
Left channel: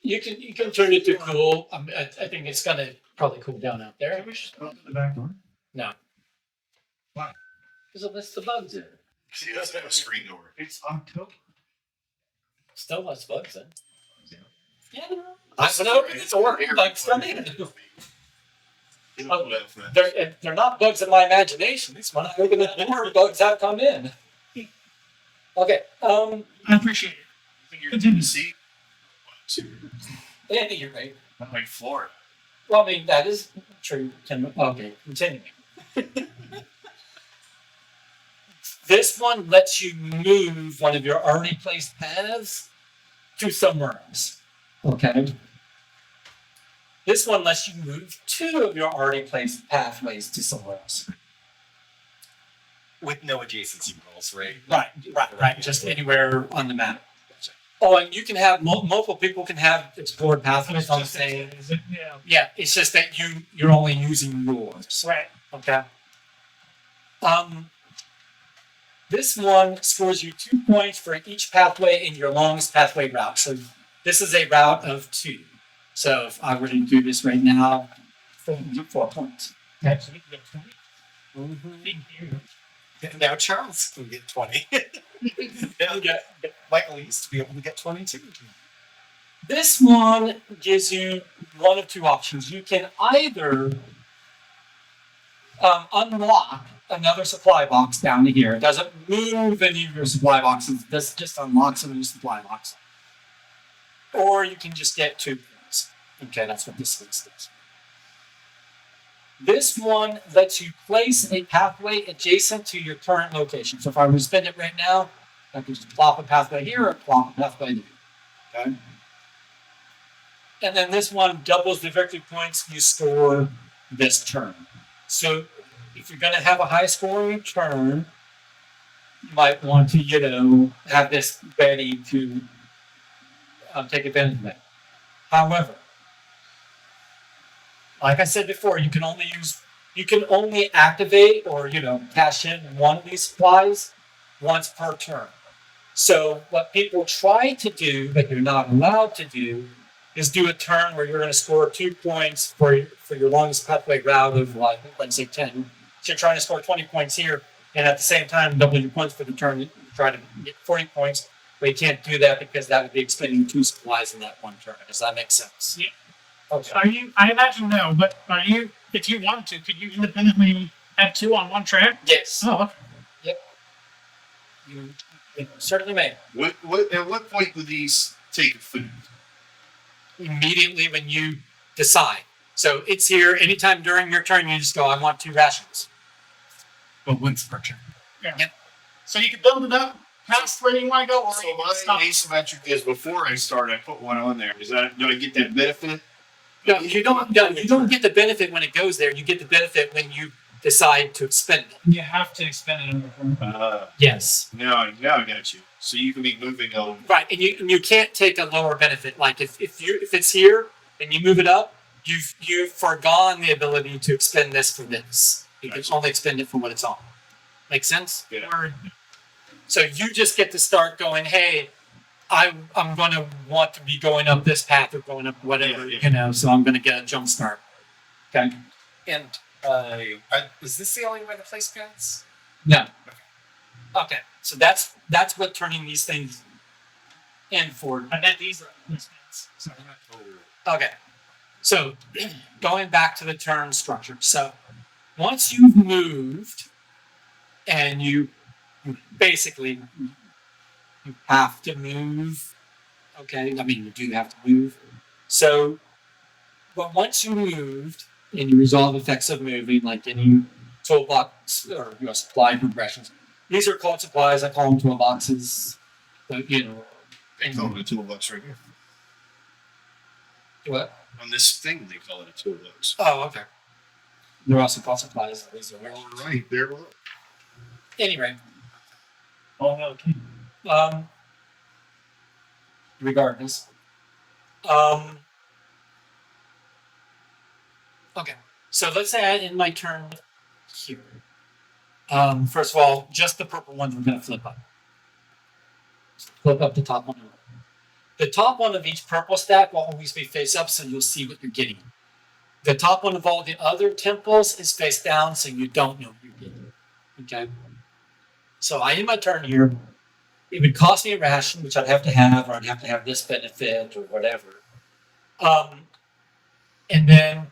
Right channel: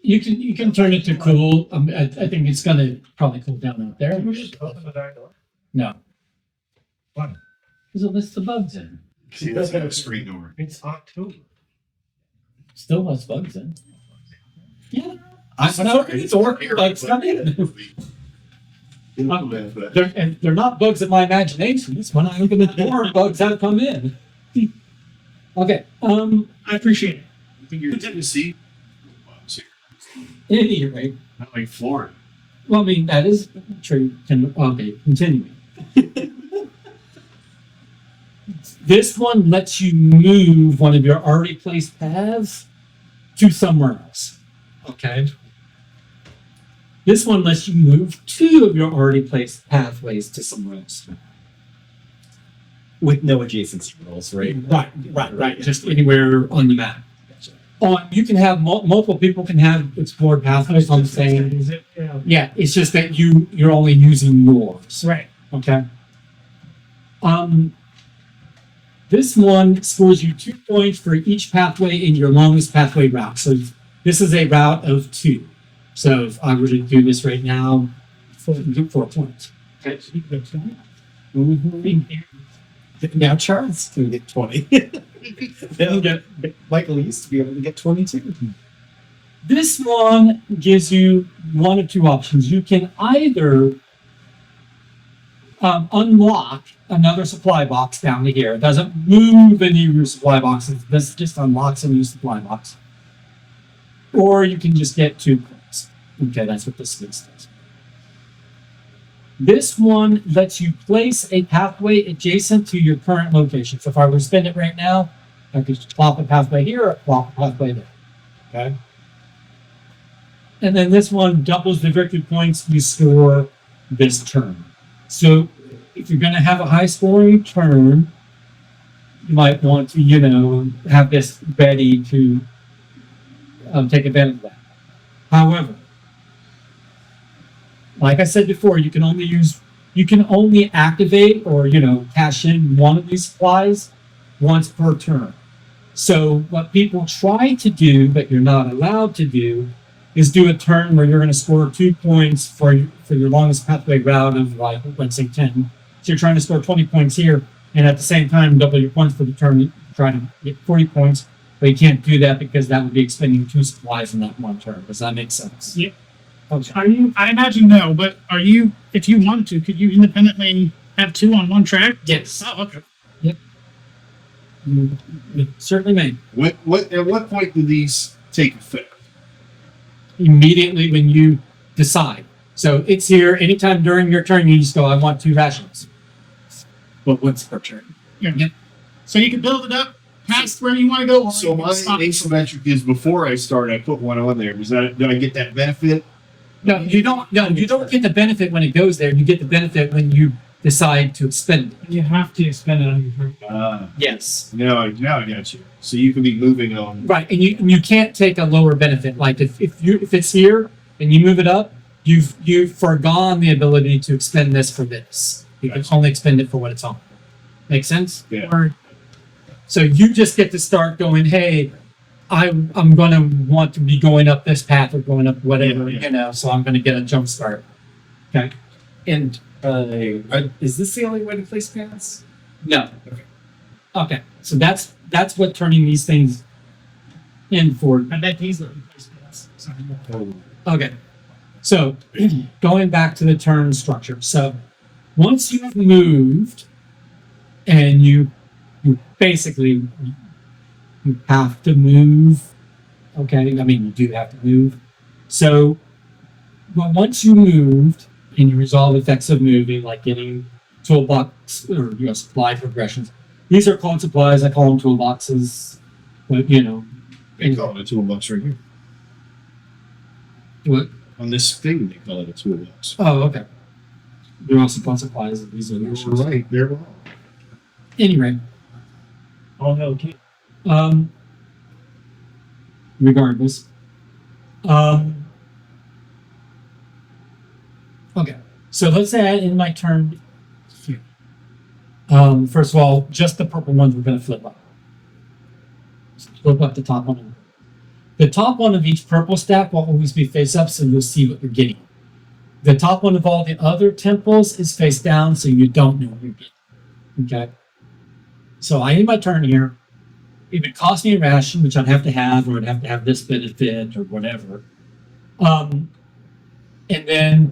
You can turn it to cool. I think it's gonna probably cool down out there. Can we just open the back door? No, Why? because it lists the bugs in. See, that's how a screen door. It's October. Still has bugs in. Yeah, I know it's or bugs come in. They're not bugs in my imagination. It's when I open the door, bugs have come in. Okay. I appreciate it. You didn't see. At any rate, Not like Florida. well, I mean that is true. Okay, continuing. This one lets you move one of your already placed paths to somewhere else. Okay. This one lets you move 2 of your already placed pathways to somewhere else. With no adjacency rules, right? Right. Just anywhere on the map. Oh, and you can have multiple people can have explored pathways on the same. Is it? Yeah. Yeah, it's just that you're only using yours. Right. Okay. This one scores you 2 points for each pathway in your longest pathway route. So this is a route of 2. So if I were to do this right now, 4 points. Okay. Mm-hmm. Now Charles can get 20. Michael used to be able to get 22. This one gives you one of 2 options. You can either unlock another supply box down to here. It doesn't move any of your supply boxes. This just unlocks a new supply box. Or you can just get 2 points. Okay, that's what this list does. This one lets you place a pathway adjacent to your current location. So if I were to spend it right now, I could just plop a pathway here or plop a pathway there. Okay. And then this one doubles the victory points you score this turn. So if you're going to have a high scoring turn, you might want to, have this ready to take advantage of that. However, like I said before, you can only activate or cash in one of these supplies once per turn. So what people try to do, but you're not allowed to do, is do a turn where you're going to score 2 points for your longest pathway route of like, let's say 10. So you're trying to score 20 points here, and at the same time double your points for the turn, try to get 40 points. But you can't do that because that would be expending 2 supplies in that one turn. Does that make sense? Yeah. Okay. Are you? I imagine no, but are you? If you wanted to, could you independently have 2 on one track? Yes. Oh, okay. You certainly may. At what point do these take effect? Immediately when you decide. So it's here anytime during your turn. You just go, I want 2 rations. But once per turn. Yeah. Yep. So you can build it up past where you want to go. Or So you can my stop. asymmetric is before I start, I put one on there. Do I get that benefit? No, you don't. No, you don't get the benefit when it goes there. You get the benefit when you decide to expend it. And you have to expend it on your turn. Yes. Now I got you. So you can be moving on. Right, and you can't take a lower benefit. Like if it's here and you move it up, you've forgone the ability to expend this for this. You can only expend it for what it's on. Make sense? Yeah. Or So you just get to start going, hey, I'm going to want to be going up this path or going up whatever, Yeah. so I'm going to get a jump start. Okay? And is this the only way to place paths? No. Okay. So that's what turning these things in for. I bet these are these things. Sorry. Okay. So going back to the turn structure. So once you've moved and you basically you have to move. Okay. I mean, you do have to move. So, but once you moved and you resolve effects of moving, like getting toolbox or supply progressions, these are called supplies. I call them toolboxes. But They call it a toolbox right here. what? On this thing, they call it a toolbox. Oh, okay. They're also called supplies. These are You're rations. right. They're wrong. Anyway, All hail king. regardless, okay. So let's say I end my turn here. First of all, just the purple ones we're going to flip up. Flip up the top one. The top one of each purple stack will always be face up, so you'll see what you're getting. The top one of all the other temples is face down, so you don't know what you're getting. Okay. So I end my turn here. It would cost me a ration, which I'd have to have, or I'd have to have this benefit or whatever. And then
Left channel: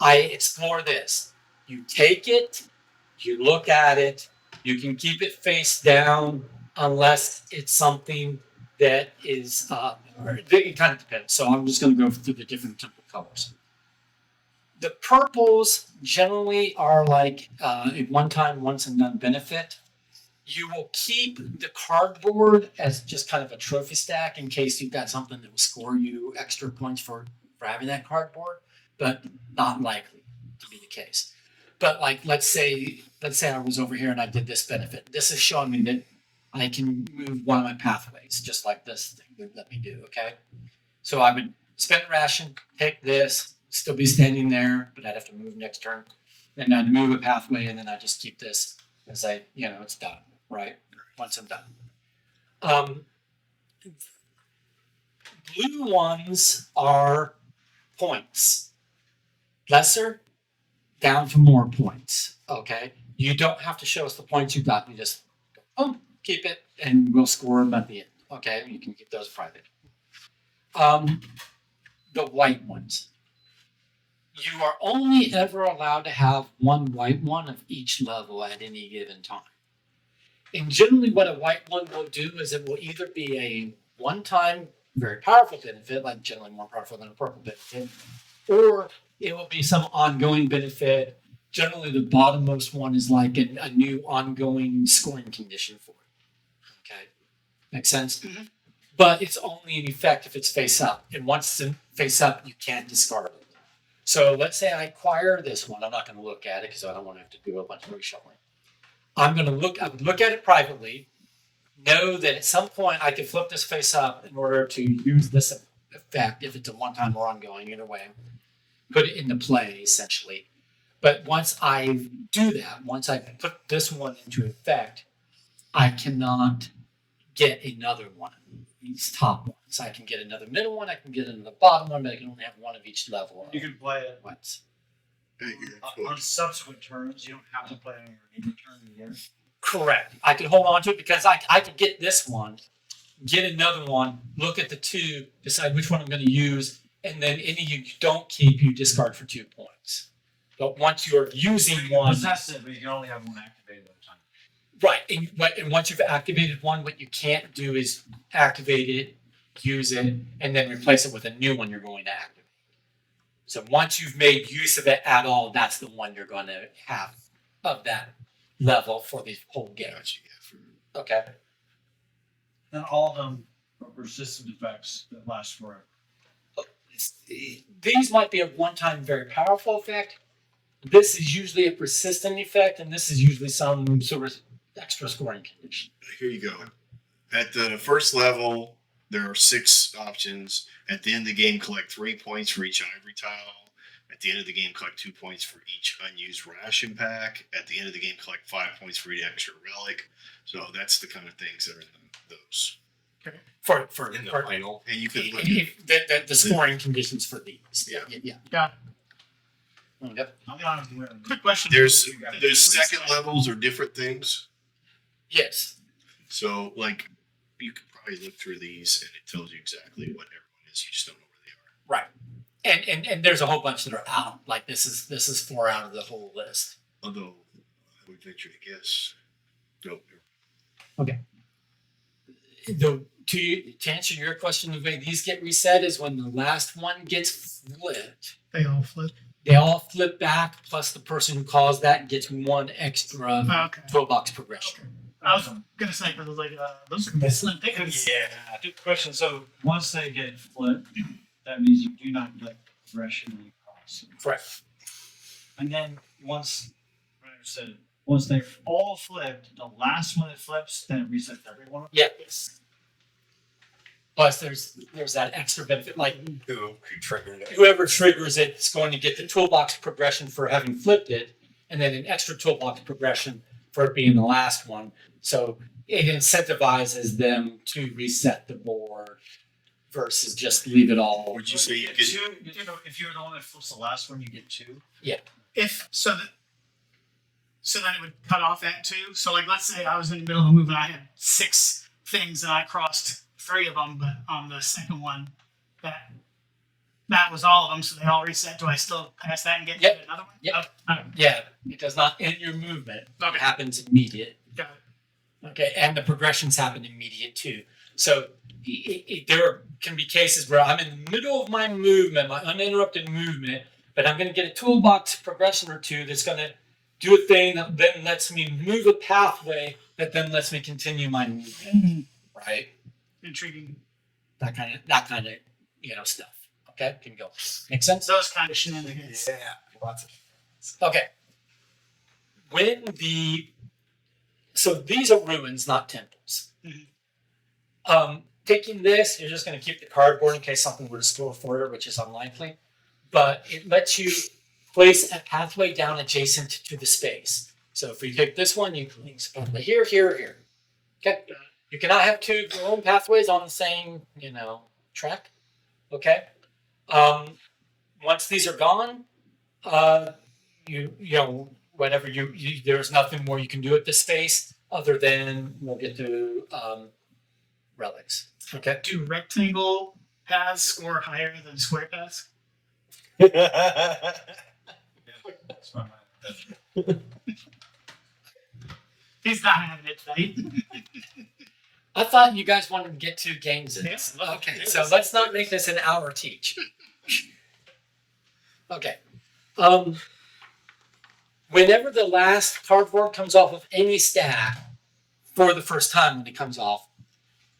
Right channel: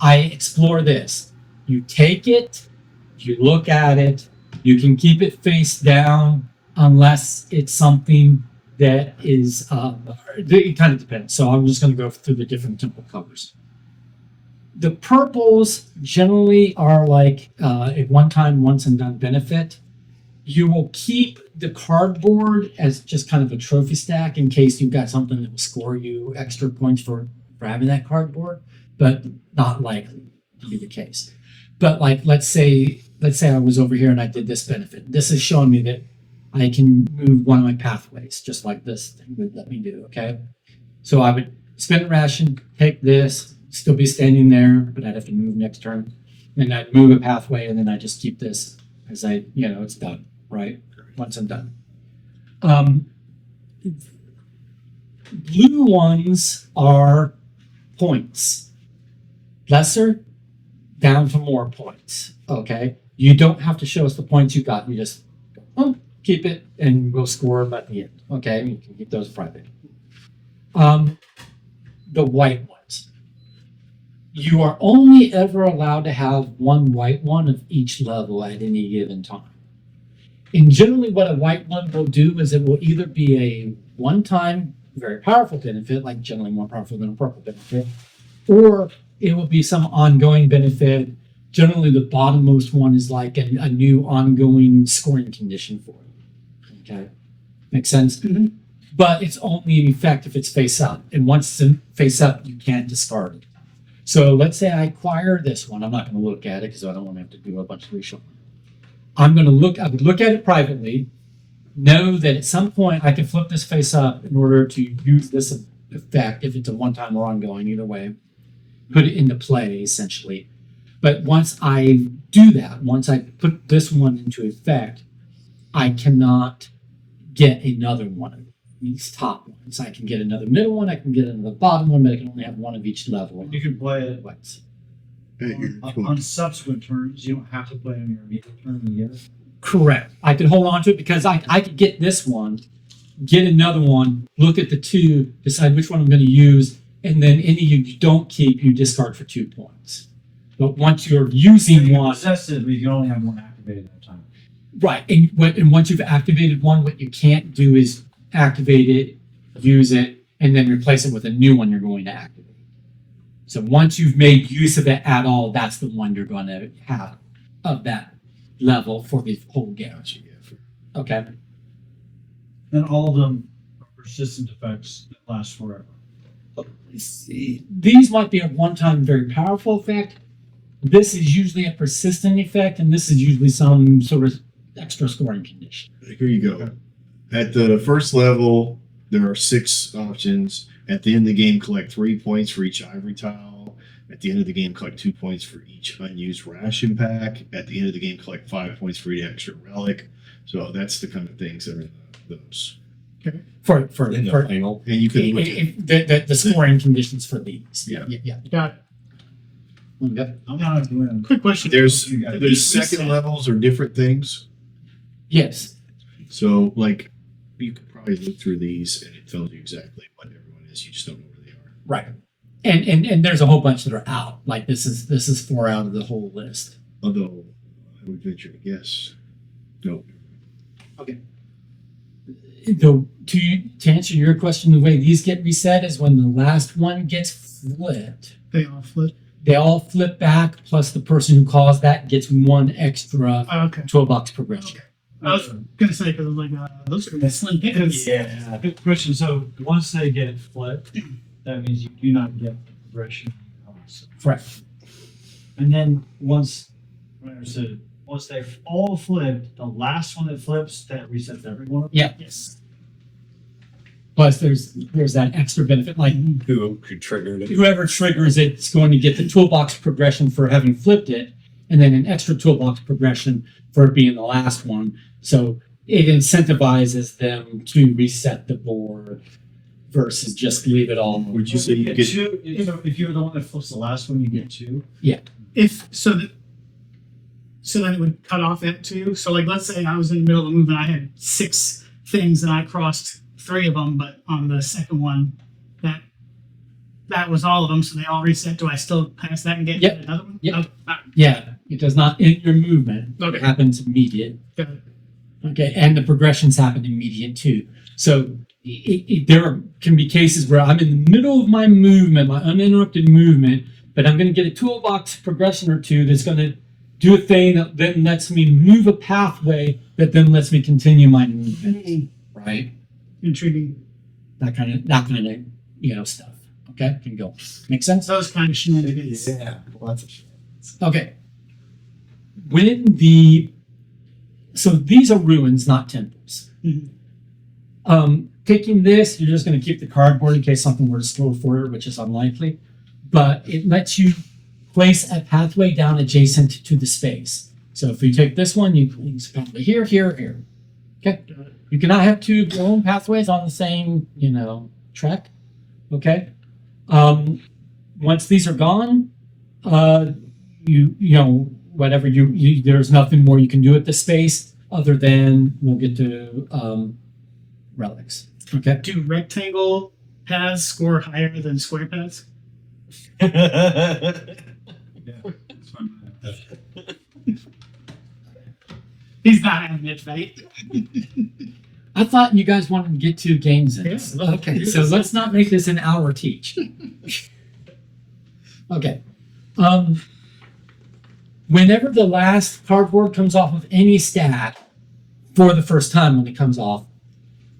I explore this. You take it, you look at it, you can keep it face down unless it's something that is, it kind of depends. So I'm just going to go through the different temple colors. The purples generally are like a one-time, once and done benefit. You will keep the cardboard as just kind of a trophy stack in case you've got something that will score you extra points for having that cardboard, but not likely to be the case. But like, let's say I was over here and I did this benefit. This is showing me that I can move one of my pathways, just like this thing would let me do, okay? So I would spend a ration, take this, still be standing there, but I'd have to move next turn. Then I'd move a pathway, and then I just keep this as it's done, right? Once I'm done. Blue ones are points. Lesser, down to more points, okay? You don't have to show us the points you got. You just keep it, and we'll score them at the end, okay? You can keep those private. The white ones. You are only ever allowed to have one white one of each level at any given time. And generally what a white one will do is it will either be a one-time, very powerful benefit, like generally more powerful than a purple benefit, or it will be some ongoing benefit. Generally the bottommost one is like a new ongoing scoring condition for you. Okay? Make sense? Mm-hmm. But it's only in effect if it's face up. And once it's in face up, you can't discard it. So let's say I acquire this one. I'm not going to look at it because I don't want to have to do a bunch of reshuffling. I would look at it privately, know that at some point I could flip this face up in order to use this effect if it's a one-time or ongoing, either way. Put it into play essentially. But once I do that, once I put this one into effect, I cannot get another one of these top ones. I can get another middle one, I can get another bottom one, but I can only have one of each level. You can play it Once. on subsequent turns. You don't have to play on your immediate turn in the year. Correct. I could hold on to it because I could get this one, get another one, look at the two, decide which one I'm going to use, and then any you don't keep, you discard for 2 points. But once you're using You one, possess it, but you can only have one activated at a time. right, and once you've activated one, what you can't do is activate it, use it, and then replace it with a new one you're going to activate. So once you've made use of it at all, that's the one you're going to have of that level for the whole game. Gotcha, yeah, Okay. Then all of them are persistent effects that last forever. These might be a one-time very powerful effect. This is usually a persistent effect, and this is usually some sort of extra scoring condition. Here you go. At the first level, there are 6 options. At the end of the game, collect 3 points for each ivory tile. At the end of the game, collect 2 points for each unused ration pack. At the end of the game, collect 5 points for each extra relic. So that's the kind of things that are in those. For In the for final. And you can look at the scoring conditions for these. Yeah. Yeah. Got it. Yep. I'm not doing Quick question. there's You got it. those second levels are different things. Yes. So like you could probably look through these and it tells you exactly what everyone is. You just don't know where they are. Right. And there's a whole bunch that are out. Like this is 4 out of the whole list. Although I would venture to guess. Nope. To answer your question, the way these get reset is when the last one gets flipped, They all flip. they all flip back. Plus, the person who caused that gets 1 extra Okay. toolbox progression. Okay. I was gonna say because like those are gonna be slim pickings. Yeah. Good question. So once they get flipped, that means you do not get progression when you cross. Correct. And then once, like I said, once they're all flipped, the last one that flips, then it resets every one of them. Yeah. Yes. Plus, there's that extra benefit. Like Who triggered it? whoever triggers it is going to get the toolbox progression for having flipped it, and then an extra toolbox progression for it being the last one. So it incentivizes them to reset the board versus just leave it all. Would you say you get 2? If you're the one that flips the last one, you get 2. If so, so then it would cut off at 2. So like, let's say I was in the middle of a move and I had 6 things and I crossed 3 of them, but on the second one, that was all of them. So they all reset. Do I still pass that and get Yep. another one? Yep. Oh, Yeah, it does not end your movement. Okay. It happens immediate. got it. Okay, and the progressions happen immediate too. So there can be cases where I'm in the middle of my movement, my uninterrupted movement, but I'm going to get a toolbox progression or 2 that's going to do a thing that then lets me move a pathway that then lets me continue my movement. Right? Intriguing. That kind of stuff. Okay, can go. Make sense? Those kind of shenanigans. Yeah, lots of shit. Okay. So these are ruins, not temples. Mhm. Taking this, you're just going to keep the cardboard in case something were to scroll for it, which is unlikely. But it lets you place a pathway down adjacent to the space. So if you take this one, you place a pathway here, here, here. Okay. You cannot have 2 of your own pathways on the same, track. Okay. Once these are gone, whatever there's nothing more you can do at this space other than we'll get to relics. Okay. Do rectangle paths score higher than square paths? Yeah, that's my mind. He's not having it, right? I thought you guys wanted to get 2 games in. Yes. Okay, so let's not make this an hour teach. Okay. Whenever the last cardboard comes off of any stack for the first time when it comes off,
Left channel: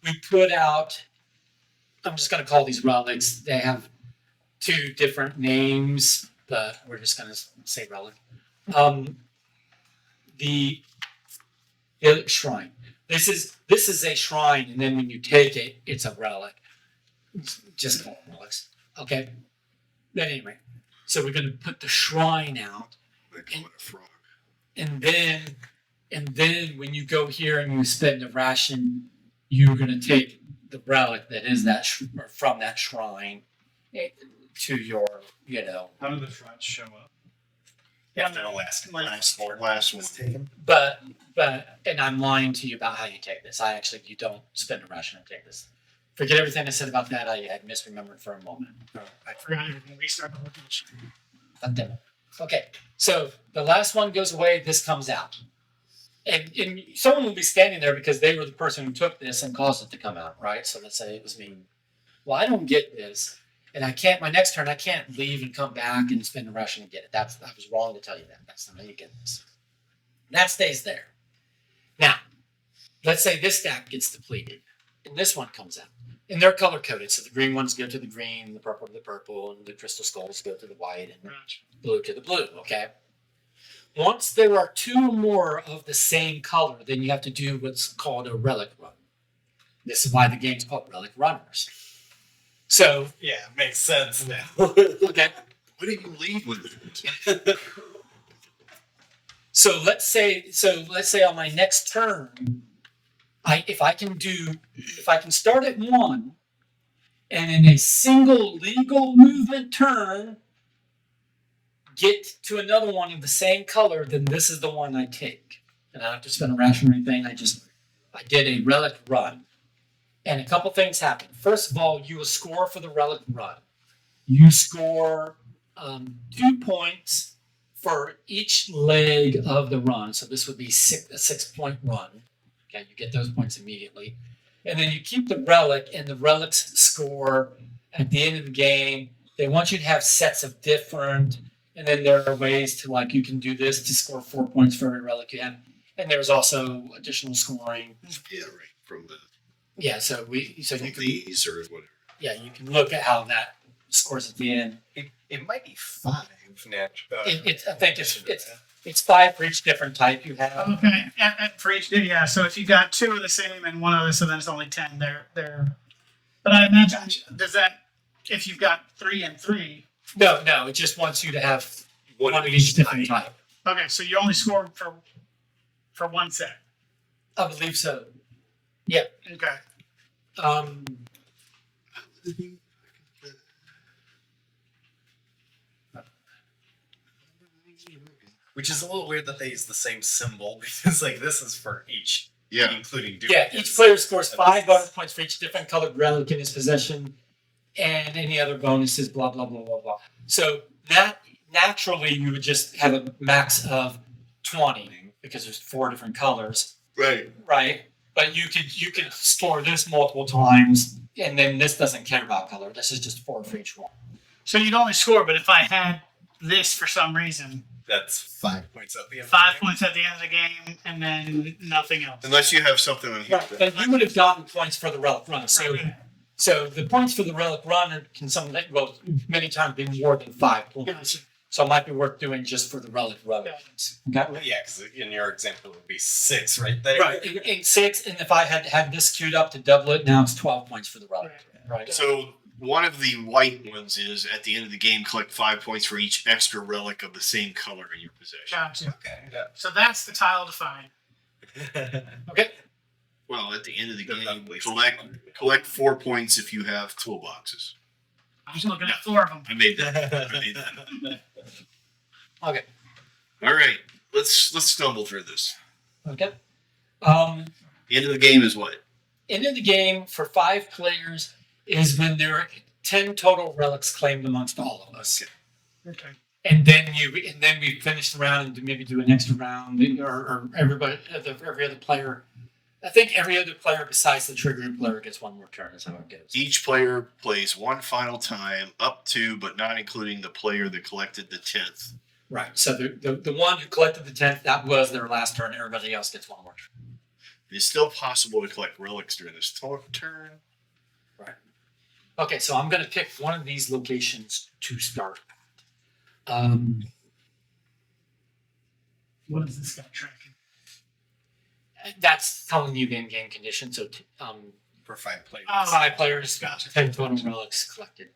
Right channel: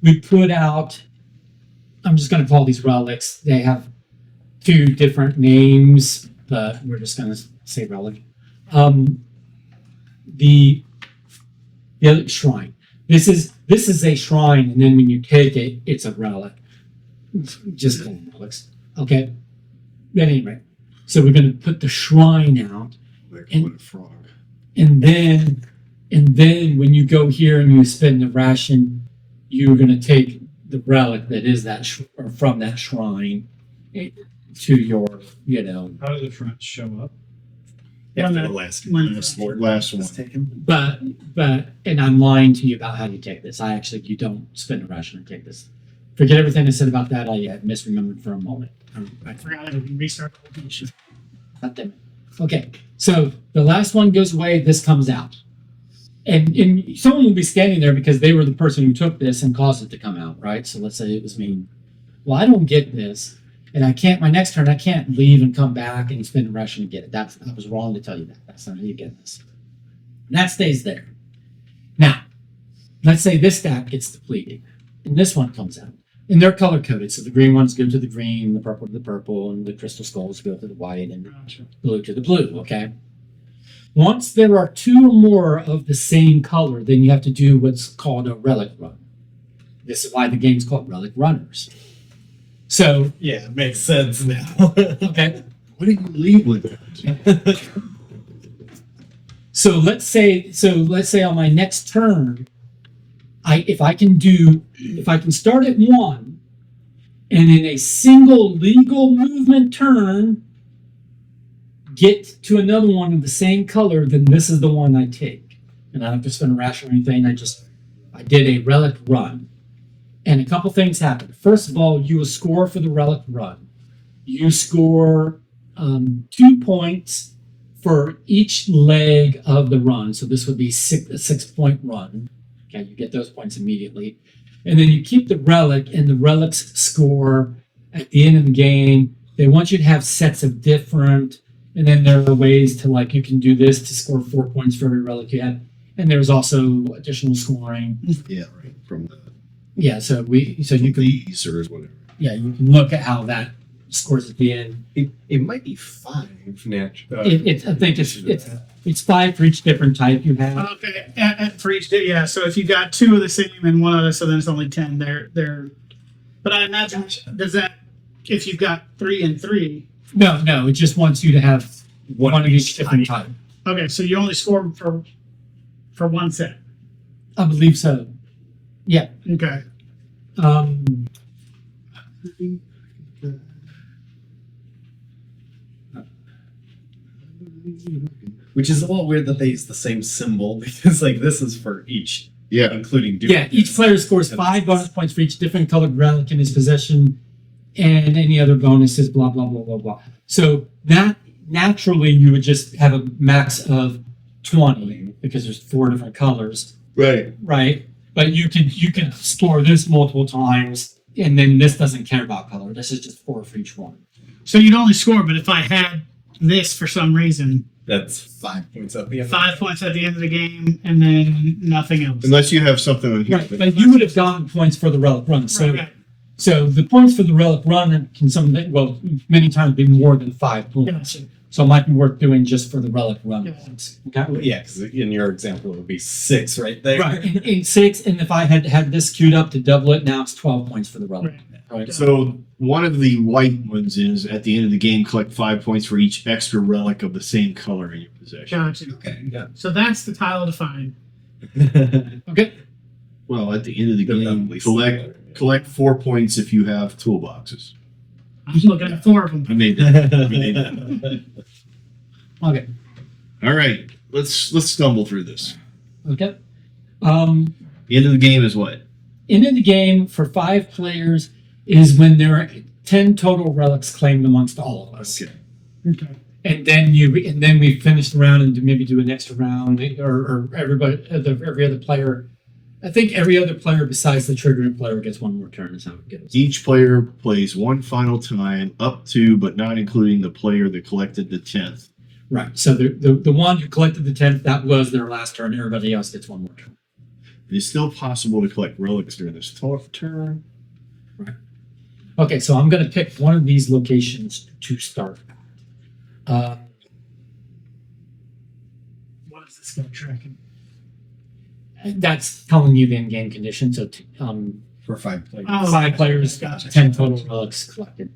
we put out, I'm just going to call these relics. They have 2 different names, but we're just going to say relic. The shrine. This is a shrine, and then when you take it, it's a relic. Just call them relics. Okay. But anyway, so we're going to put the shrine out, They call it a frog. and then when you go here and you spend the ration, you're going to take the relic that is that or from that shrine to your, How do the fronts show up? After the last Last one. was taken. But and I'm lying to you about how you take this. You don't spend a ration and take this. Forget everything I said about that. I had misremembered for a moment. I forgot everything. Restart the whole thing. God damn it. Okay, so the last one goes away. This comes out, and someone will be standing there because they were the person who took this and caused it to come out, right? So let's say it was me. Well, I don't get this, and I can't. My next turn, I can't leave and come back and spend a ration and get it. I was wrong to tell you that. That's not how you get this. That stays there. Now, let's say this stack gets depleted, and this one comes out. And they're color coded, so the green ones go to the green, the purple to the purple, and the crystal skulls go to the white, and the blue to the blue, okay? Once there are two or more of the same color, then you have to do what's called a relic run. This is why the game's called Relic Runners. So, Yeah, makes sense now. okay, What did you leave with it? so let's say on my next turn, if I can start at 1 and in a single legal movement turn get to another one of the same color, then this is the one I take. And I don't have to spend a ration or anything. I did a relic run. And a couple things happen. First of all, you will score for the relic run. You score 2 points for each leg of the run. So this would be a 6-point run. Okay, you get those points immediately. And then you keep the relic, and the relics score at the end of the game. They want you to have sets of different, and then there are ways to, like, you can do this to score 4 points for every relic you have. And there's also additional scoring. Yeah, right. From the Yeah, so you can these or whatever. you can look at how that scores at the end. It might be 5 natural. I think it's 5 for each different type you have. Okay, for each, yeah. So if you got 2 of the same and 1 other, so then it's only 10. They're. But I imagine does that if you've got 3 and 3. No, it just wants you to have one of each different type. Okay, so you only score for 1 set. I believe so. Yeah. Okay. Which is a little weird that they use the same symbol because, like, this is for each, Yeah. including Yeah, each player scores 5 bonus points for each different colored relic in his possession, and any other bonuses. Blah blah blah blah blah. So that naturally you would just have a max of 20 because there's 4 different colors, Right. right? But you could score this multiple times, and then this doesn't care about color. This is just 4 for each one. So you'd only score, but if I had this for some reason, That's 5 points at the end. 5 points at the end of the game, and then nothing else. Unless you have something on here. Right, but you would have gotten points for the relic run. So Okay. so the points for the relic run can many times be more than 5 points. Gotcha. So it might be worth doing just for the relic run. Yeah. Okay. Yeah, because in your example, it would be 6 right there. Right. In 6, and if I had had this queued up to double it, now it's 12 points for the relic. Right. So one of the white ones is at the end of the game, collect 5 points for each extra relic of the same color in your possession. Gotcha. Okay. Yeah. So that's the tile to find. Okay. Well, at the end of the They're game, roughly collect similar. collect 4 points if you have toolboxes. I was looking at 4 of them. I made that. I made that. Okay. All right, let's stumble through this. Okay. The end of the game is what? End of the game for 5 players is when there are 10 total relics claimed amongst all of us. Okay. Okay. And then we finish the round and maybe do an extra round, or every other player. I think every other player besides the triggering player gets 1 more turn. Is how it goes. Each player plays one final time, up to but not including the player that collected the 10th. Right. So the one who collected the 10th, that was their last turn. Everybody else gets 1 more turn. It is still possible to collect relics during this turn. Okay, so I'm going to pick one of these locations to start. What is this guy tracking? That's telling you the in-game condition. So For 5 players. Oh, 5 players, gotcha. 10 total relics collected.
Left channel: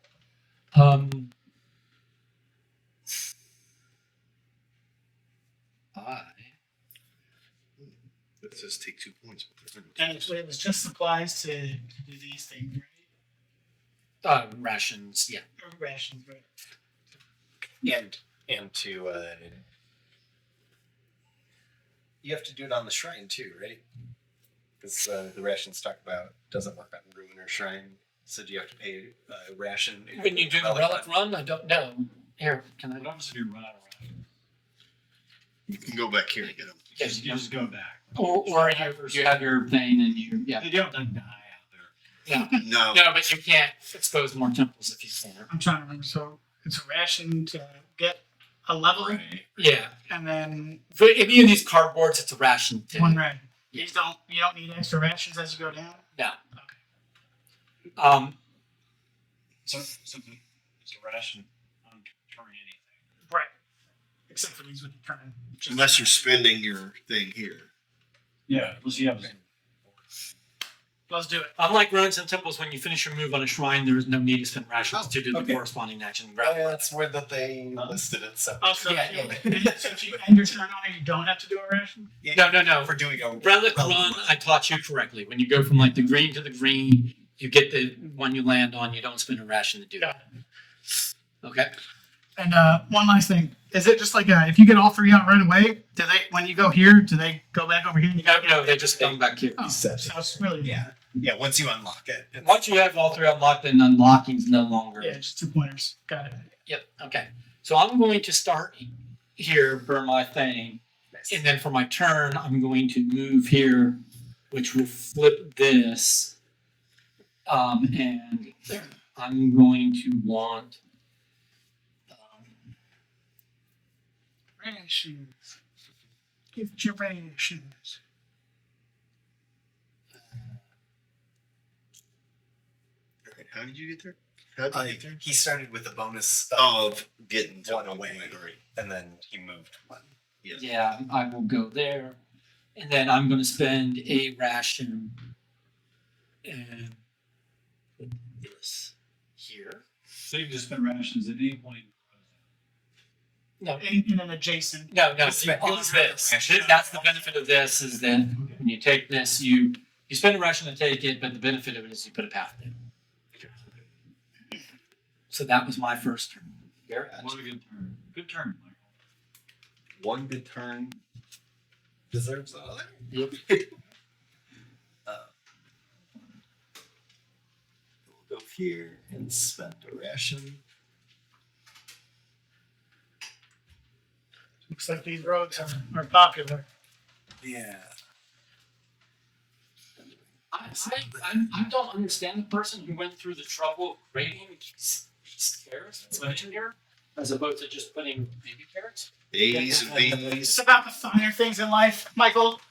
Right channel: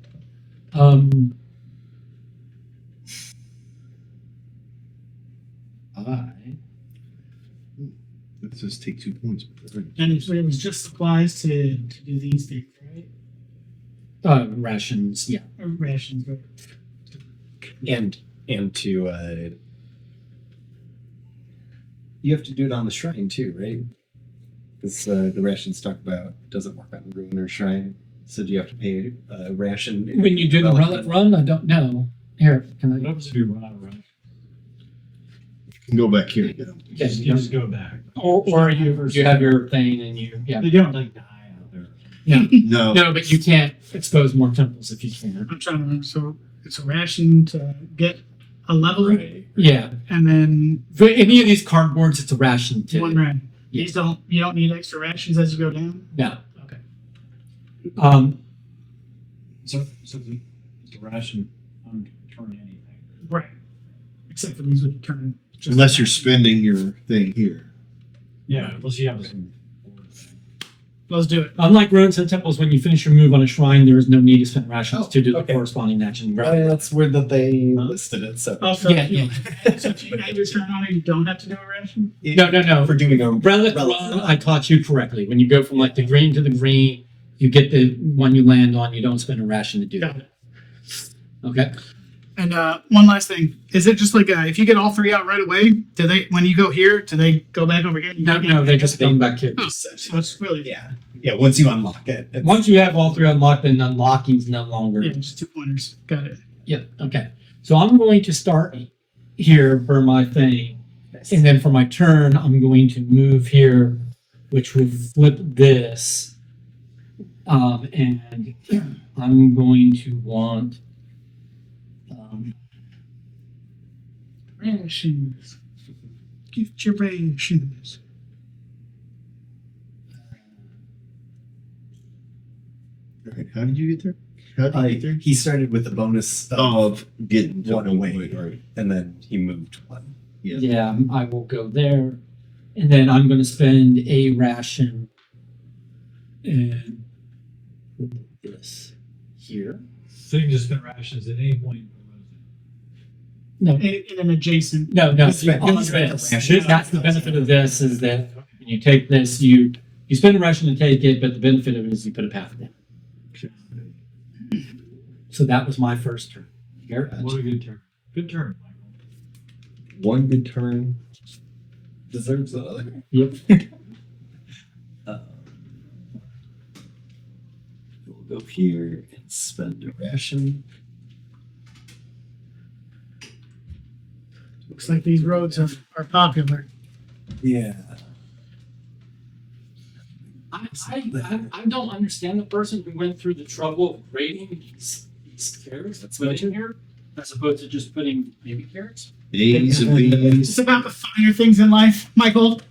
That says take 2 points. And it was just supplies to do these things, right? Rations, yeah. Or rations, right? And to you have to do it on the shrine too, right? Because the rations talk about doesn't work on ruin or shrine. So do you have to pay a ration When you do the relic run, I don't know. Here, can What I? happens if you run out of rations? You can go back here and get them. Yeah, You just go back. Or you have your thing and yeah. They don't like die out there. No, No. no, but you can't expose more temples if you can. I'm trying to remember. So it's a ration to get a level, Yeah. and then For any of these cardboards, it's a ration too. 1 ration. Yeah. You don't need extra rations as you go down. No. Okay. So it's a ration on turn anything. Right. Except for these would turn. Just Unless you're spending your thing here. Yeah, unless you have some. Let's do it. Unlike ruins and temples, when you finish your move on a shrine, there is no need to spend rations Oh, to do the okay. corresponding action. That's where they listed it. So Also, Yeah, so if you end your turn on it, you don't have to do a ration. No. for doing a Relic run, I taught you correctly. When you go from like the green to the green, you get the one you land on. You don't spend a ration to do Got that. it. Okay. And one last thing: is it just like if you get all 3 out right away? Do they, when you go here, do they go back over here? And you No, they just come back here. Oh, so it's really yeah. Once you unlock it, it's, Once you have all 3 unlocked, then unlocking is no longer. yeah, just 2 pointers. Got it. Yep. Okay. So I'm going to start here for my thing, and then for my turn, I'm going to move here, which will flip this, and I'm going to want. Rations. Get your rations. All right. How did you get there? How did you get there? he started with a bonus Of getting to 1 away, Right. and then he moved 1. Yeah. Yeah, I will go there, and then I'm going to spend a ration and put this here. So you can just spend rations at any point. No, In an adjacent. no, Spend- on spend this. a ration. That's the benefit of this is that when you take this, you spend a ration to take it, but the benefit of it is you put a path in. So that was my first turn. Garrett? What a good turn. Good turn, Michael. 1 good turn deserves the other. Yep. We'll go here and spend a ration. Looks like these roads are popular. Yeah. I don't understand the person who went through the trouble of grading these carrots that's mentioned here, as opposed to just putting baby carrots. A's and B's. It's about the finer things in life, Michael.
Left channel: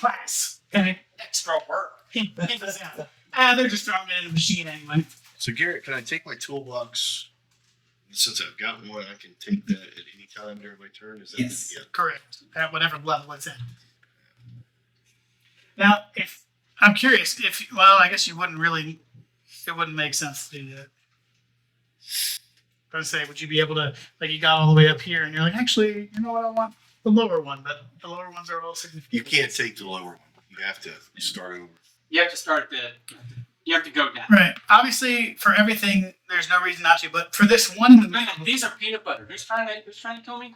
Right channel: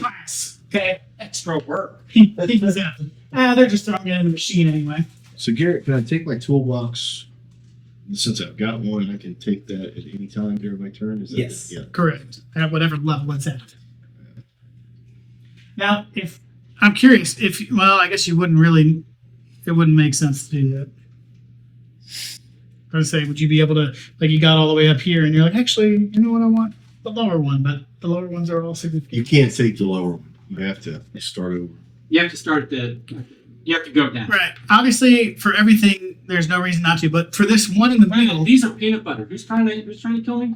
Class. Okay. Extra work. He does that. They're just throwing it in the machine anyway. So Garrett, can I take my toolbox? Since I've got one, I can take that at any time during my turn. Is that Yes. Yeah. Correct. At whatever level it's at. Now, if I'm curious, I guess you wouldn't really. It wouldn't make sense to do that. I would say, would you be able to, like, you got all the way up here, and you're like, actually, you know what, I want the lower one, but the lower ones are all significant. You can't take the lower one. You have to start over. You have to start you have to go down. Right. Obviously, for everything, there's no reason not to, but for this one in the middle, These are peanut butter. Who's trying to kill me?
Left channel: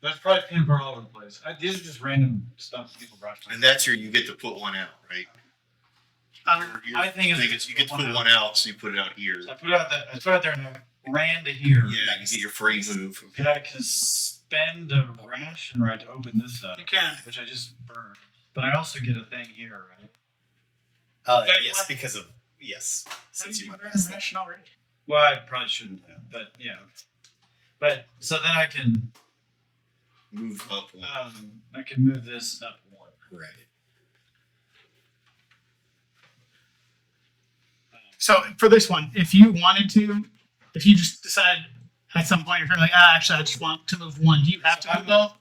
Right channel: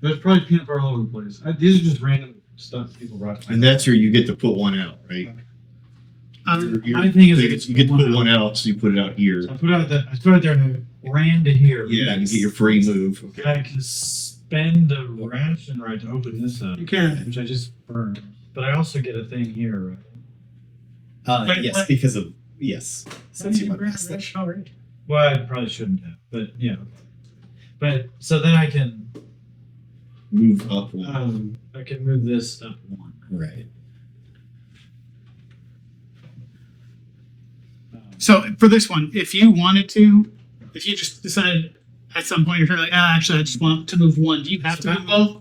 There's probably peanut butter all over the place. These are just random stuff people brought. And that's where you get to put one out, right? I My thing is, You get to put one out, so you put it out here. I put it there and I ran to here. Yeah, you get your free move. Okay, I can spend a ration right to open this up, you can. which I just burned. But I also get a thing here, right? Wait, Yes, what? because of yes. Since you Since went past that. ration already. Well, I probably shouldn't have, but yeah. But so then I can Move up one. move this up 1. Right. So for this one, if you wanted to, if you just decided at some point you're like, actually, I just want to move 1, do you have to move both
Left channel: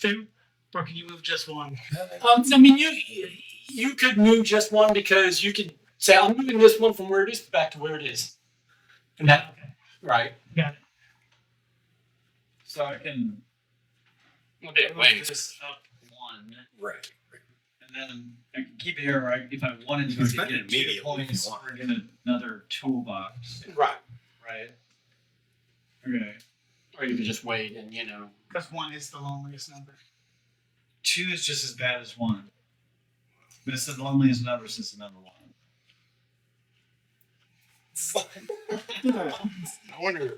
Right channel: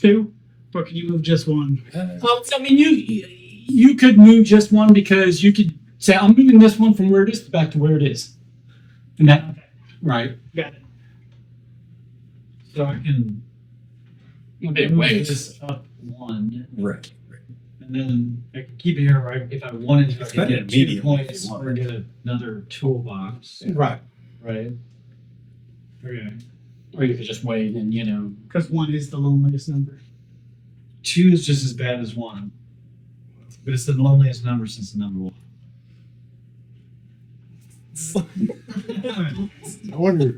2, or can you move just 1? I mean, You could move just one because you could say, I'm moving this one from where it is back to where it is. And that, Okay, right. got it. So I can Okay, move wait. this up one, Right. and then I can keep it here. Right? If I wanted to, I It's could better get 2 immediately if points you want. or get another toolbox. Right. Right. Okay. Or you could just wait and, Because 1 is the loneliest number. 2 is just as bad as 1, but it's the loneliest number since the number 1. I wonder.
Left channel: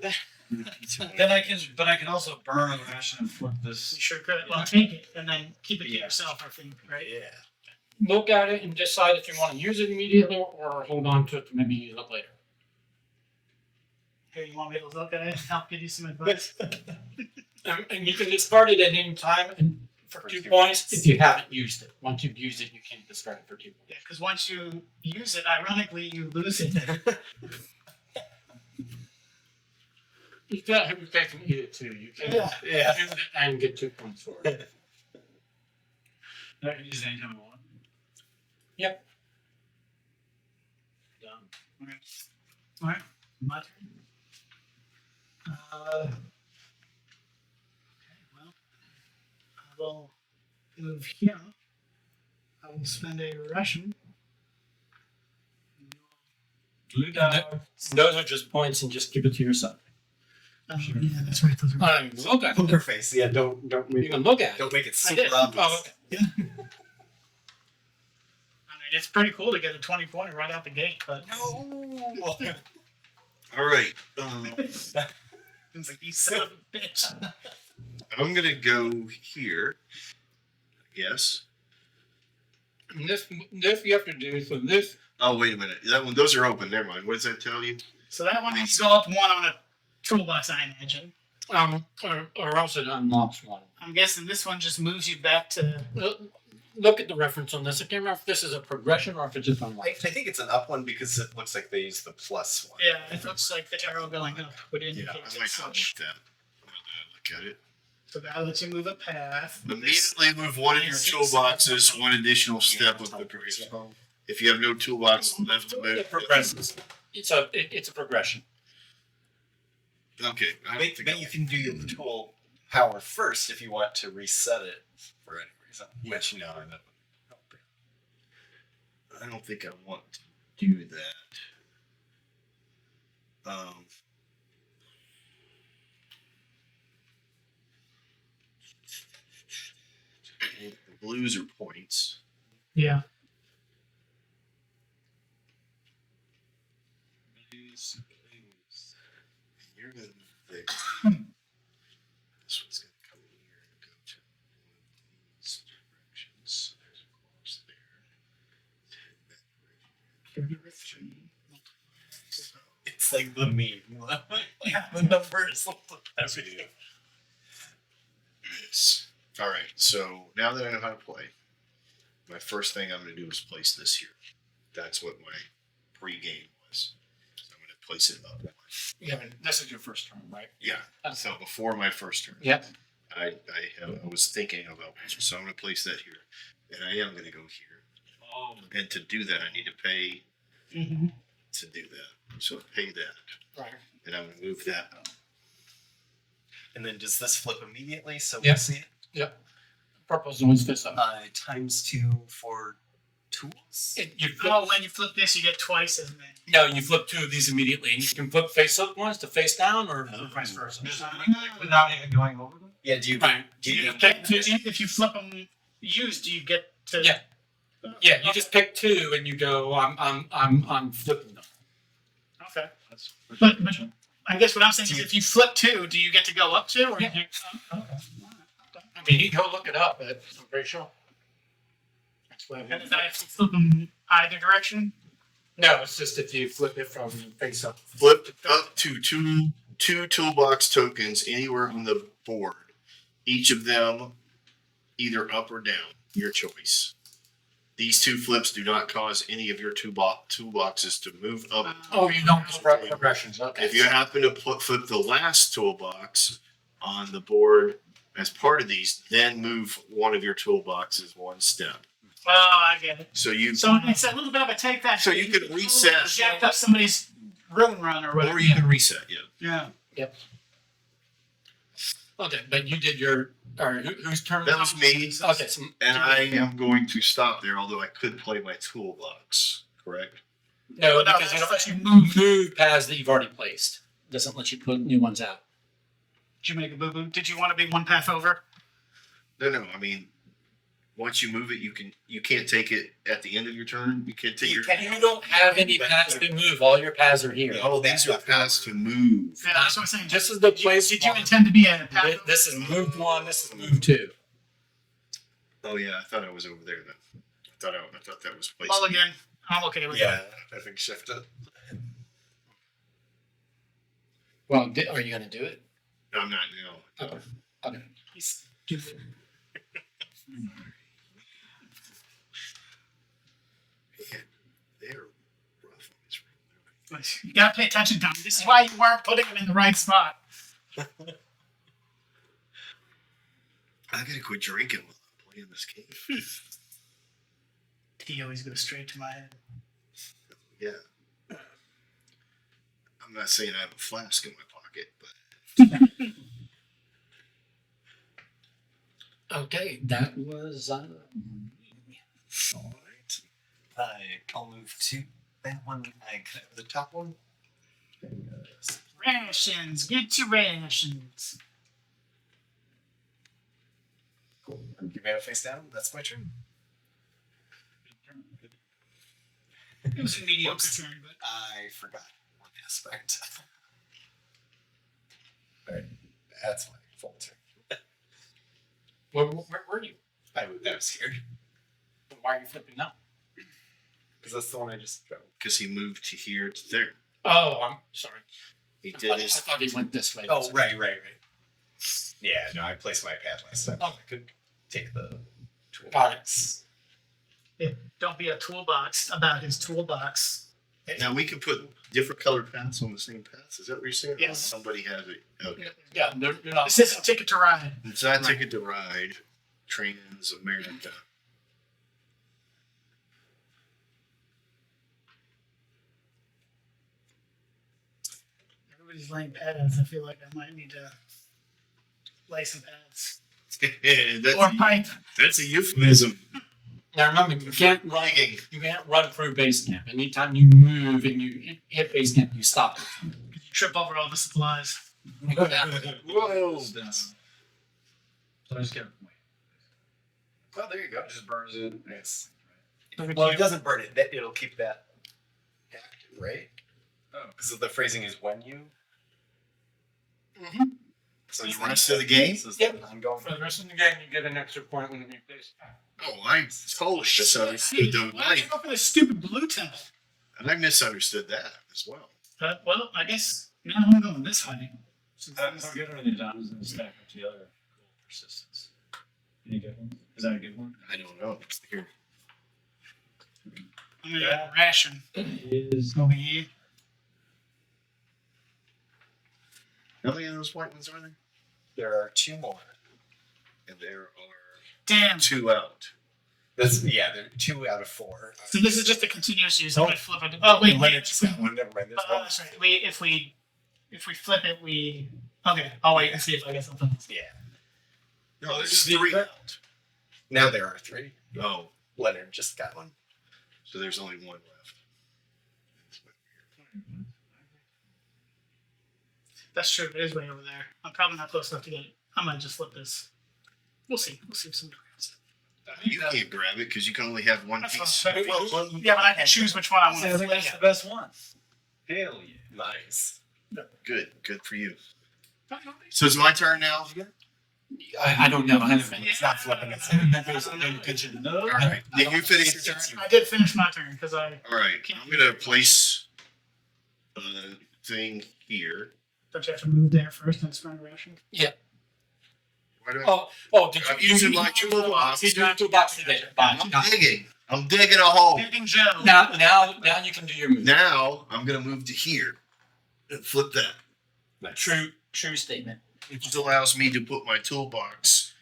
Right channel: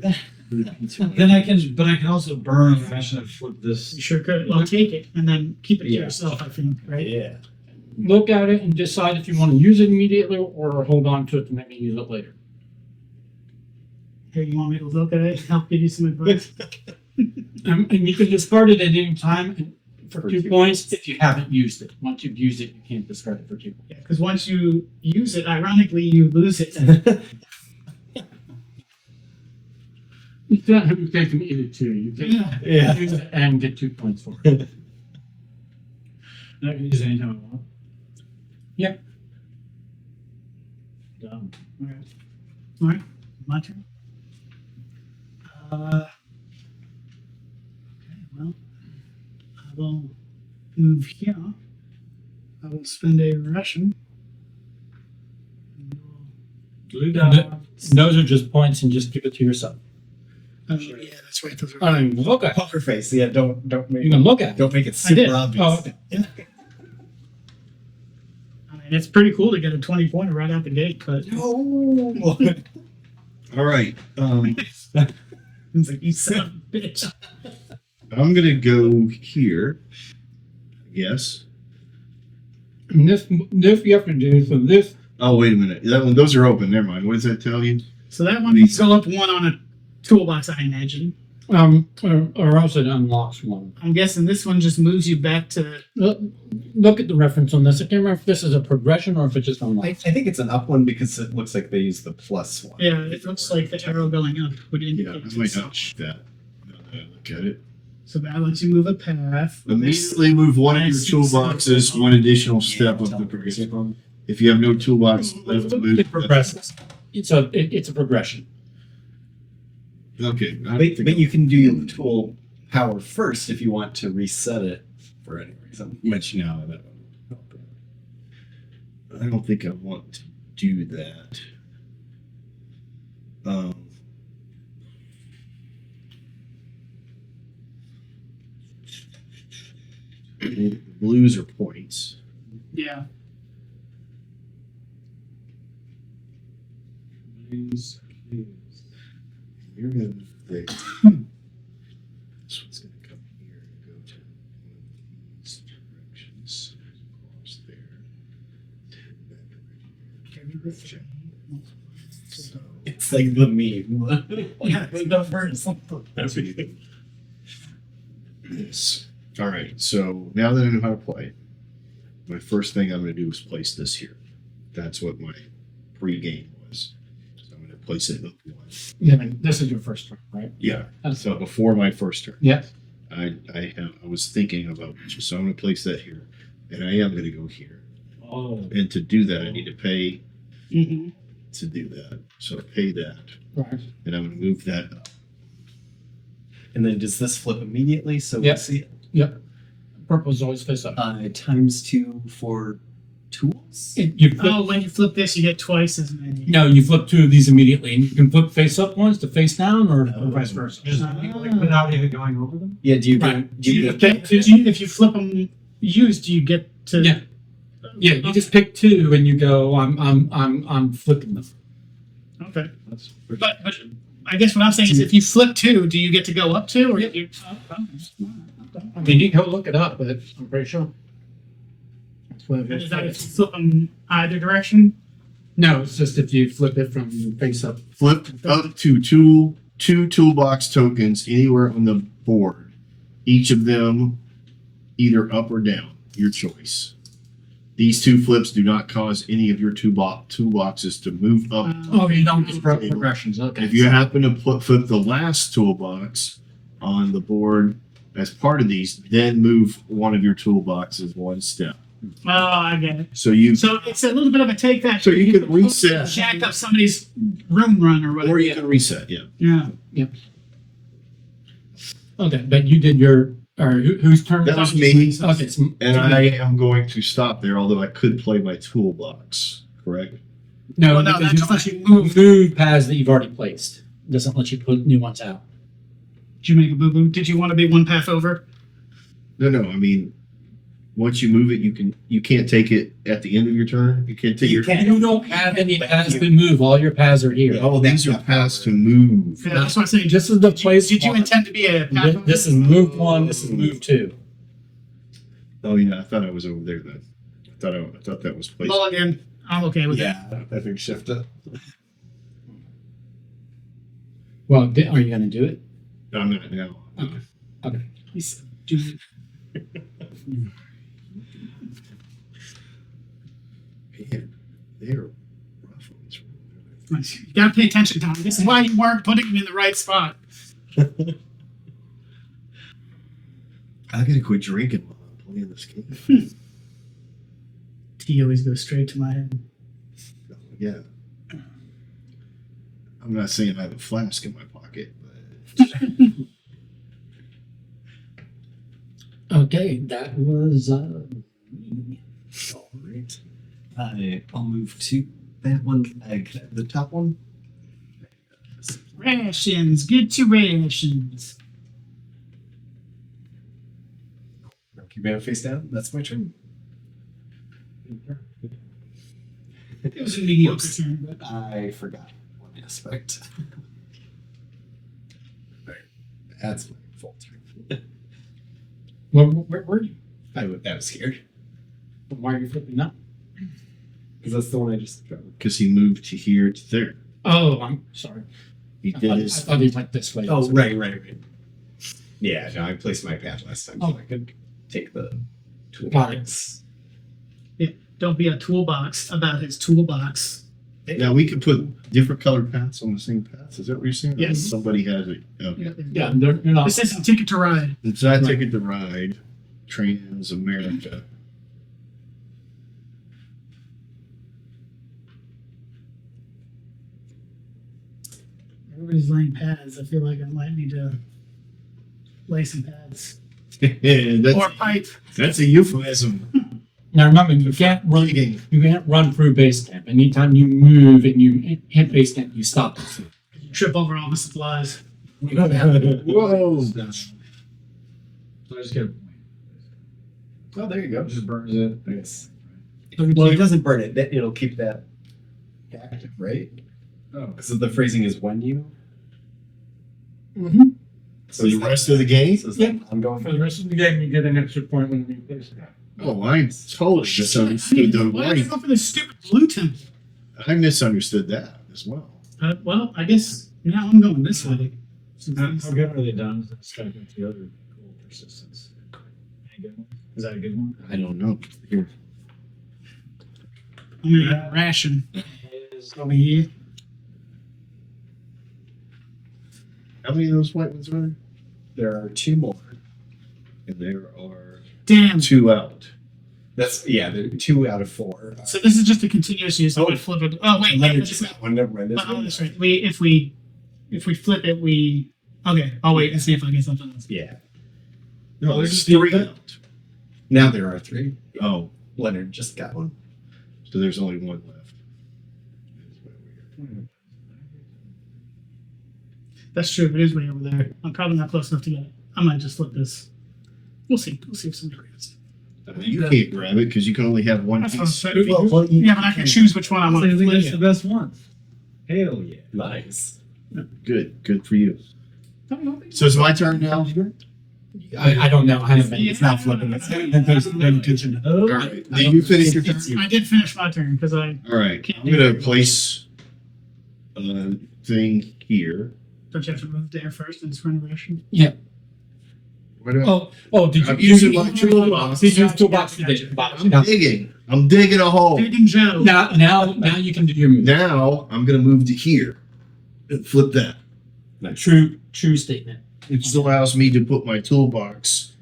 Then I can also burn a ration and flip this. You sure could. Well, take it and then keep it to Yeah. yourself, I think, right? Yeah. look at it and decide if you want to use it immediately or hold on to it to maybe use it later. Here, you want me to look at it and help give you some advice? And you can discard it at any time and for 2 points if you haven't used it. Once you've used it, you can't discard it for 2 points. Yeah, because once you use it, ironically, you lose it. You can't have your cake and eat it too. You can Yeah. use it and get 2 points for it. I can use it anytime I want. Yep. Done. All right, my turn. Okay, well, I will move here. I will spend a ration. Blue And dot. those are just points and just keep it to yourself. Sure. Yeah, that's right. Those are. I mean, look at it. Poker face. Yeah. Don't make You can look at it. don't make it I super did. obvious. Oh, okay. I mean, it's pretty cool to get a 20-pointer right out the gate, but No. All right. it's like, you son of a bitch. I'm gonna go here. I guess. And this you have to do, so this, Oh, wait a minute. That one. Those are open. Never mind. What does that tell you? So that one needs to go up 1 on a toolbox, I imagine. or else it unlocks one. I'm guessing this one just moves you back to. Look at the reference on this. I can't remember if this is a progression or if it just I unlocks. think it's an up one because it looks like they use the plus one. Yeah, it looks like the arrow going up would Yeah, indicate. I it's might a not switch. like that. Now that I look at it. So that lets you move a path. Immediately move one of your I see toolboxes one additional step of the progression. If you have no toolbox left to move, It progresses. It's a progression. Okay, I But, think but you can do your tool power first if you want to reset it for any reason. Which no, that wouldn't help you. I don't think I want to do that. The blues are points. Yeah. Blues. You're gonna move there. This one's gonna come here and go to one of these directions. Across there. To that direction. So It's like the meme. Yeah. The numbers. that's what you do. Yes. All right. So now that I know how to play, my first thing I'm going to do is place this here. That's what my pre-game was. So I'm going to place it up one. Yeah, I mean, this is your first turn, right? Yeah. So before my first turn, Yeah. I was thinking about this. So I'm going to place that here, and I am going to go here. Oh. And to do that, I need to pay Mm-hmm. to do that. So pay that, Right. and I'm going to move that up. And then does this flip immediately so Yep. we see it? Yep. Purple's always face up. ×2 for tools? You flip, Oh, when you flip this, you get twice as many. no, you flip 2 of these immediately. And you can flip face up ones to face down or Oh. vice versa. Just like, without even going over them. Yeah, do you get, Right. do you If get if you flip them used, you get to. Yeah. Yeah, you just pick 2 and you go, I'm flipping them. Okay. That's But I guess what I'm saying is, if you flip 2, do you get to go up 2? Or Yeah. you, okay. I mean, you can go look it up, but I'm pretty sure. That's what it And is that if is. you flip them either direction? No, it's just if you flip it from face up. Flip up to two toolbox tokens anywhere on the board. Each of them either up or down. Your choice. These 2 flips do not cause any of your toolboxes to move up. Oh, you don't just progressions. Okay. If you happen to flip the last toolbox on the board as part of these, then move one of your toolboxes one step. Oh, I get it. So you So it's a little bit of a take that. So you could reset. Jack up somebody's room run or whatever. or you can reset. Yeah. Yeah. Okay, but you did your, or whose turn? That was me. Okay, so, And I am going to stop there, although I could play my toolbox. Correct. no, Well, no, because that you just lets don't you move. move paths that you've already placed. Doesn't let you put new ones out. Did you make a boo boo? Did you want to be one path over? No. I mean, once you move it, you can't take it at the end of your turn. You can't take your. You don't have any paths to move. All your paths are here. Oh, these are paths to move. Yeah, that's what I'm saying. This is the place. Did you intend to be a path over? This is move 1. This is move 2. Oh yeah, I thought I was over there then. I thought that was placed. Mulligan. I'm okay with Yeah, I think shift it. Well, are you going to do it? No, I'm not now. Okay. Okay. that. He's doing it. Man, they're rough on this room. You gotta pay attention, Tom. This is why you weren't putting him in the right spot. I gotta quit drinking while I'm playing this game. Tea always goes straight to my head. Yeah. I'm not saying I have a flask in my pocket, but Okay, that was me. All right. I'll move to that one. The top one. Rations. Get your rations. Cool. I'm keeping it face down. That's my turn. It was a mediocre Whoops. turn, but I forgot one aspect. All right. That's my full turn. Where were you? I was scared Why are you flipping up? because that's the one I just dropped. because he moved to here to there. Oh, I'm sorry. He I did thought, his. I thought he went this way. Oh, right. Yeah, no, I placed my pad last time, so Oh. I could take the tool. Got it. box. don't be a toolbox about his toolbox. Now we could put different colored paths on the same paths. Is that what you're saying? Yes. Somebody has it. Okay. Yeah, they're not. This isn't Ticket to Ride. It's not Ticket to Ride. Trans America. Everybody's laying pads. I feel like I might need to lay some pads. that's, Or pipe. that's a euphemism. Now remember, you can't run. Digging. You can't run through base camp. Anytime you move and you hit base camp, you stop. You trip over all the supplies. Whoa. So I just get a point. Oh, there you go. Just burns it. Yes. Every Well, it time- doesn't burn it. It'll keep that active, right? Oh, Because the phrasing is when you. Mhm. For the rest of the game? So is Yep. that ongoing? For the rest of the game, you get an extra point when you base camp. Oh, I totally misunderstood the Why did you life. go for this stupid blue temple? I misunderstood that as well. Well, I guess now I'm going this way. Since how this- good are the diamonds and stack up together? Cool persistence. Any good one? Is that a good one? I don't know. Here. I'm gonna ration Is over here. How many of those white ones are there? There are two more. And there are Damn. 2 out. That's yeah. There are 2 out of 4. So this is just a continuous use. I would flip it. Oh wait, Leonard wait. just got one. Never mind. There's one. That's right. If we flip it, we okay. I'll wait and see if I get something else. Yeah. No, Oh, there's there's 3 the- out. Now there are 3. Oh, Leonard just got one. so there's only 1 left. That's way weird. That's true. It is way over there. I'm probably not close enough to get it. I might just flip this. We'll see. We'll see if somebody grabs it. You can't grab it because you can only have one That's piece. what I'm saying. Yeah, but I can choose which one I want I to think flip. that's the best one. Hell yeah. Nice. Good for you. So it's my turn now. I don't know. I haven't. Yeah. It's not flipping. It's paying attention. All right. Did you finish your turn? I did finish my turn because I All right. I'm gonna place a thing here. don't you have to move there first and it's run ration. Why do I? Oh, did you? I'm using my toolbox. Did you use toolbox today? I'm digging. I'm digging a hole. Digging Joe. Now you can do your move. Now I'm gonna move to here. And flip that. True statement. It just allows me to put my toolbox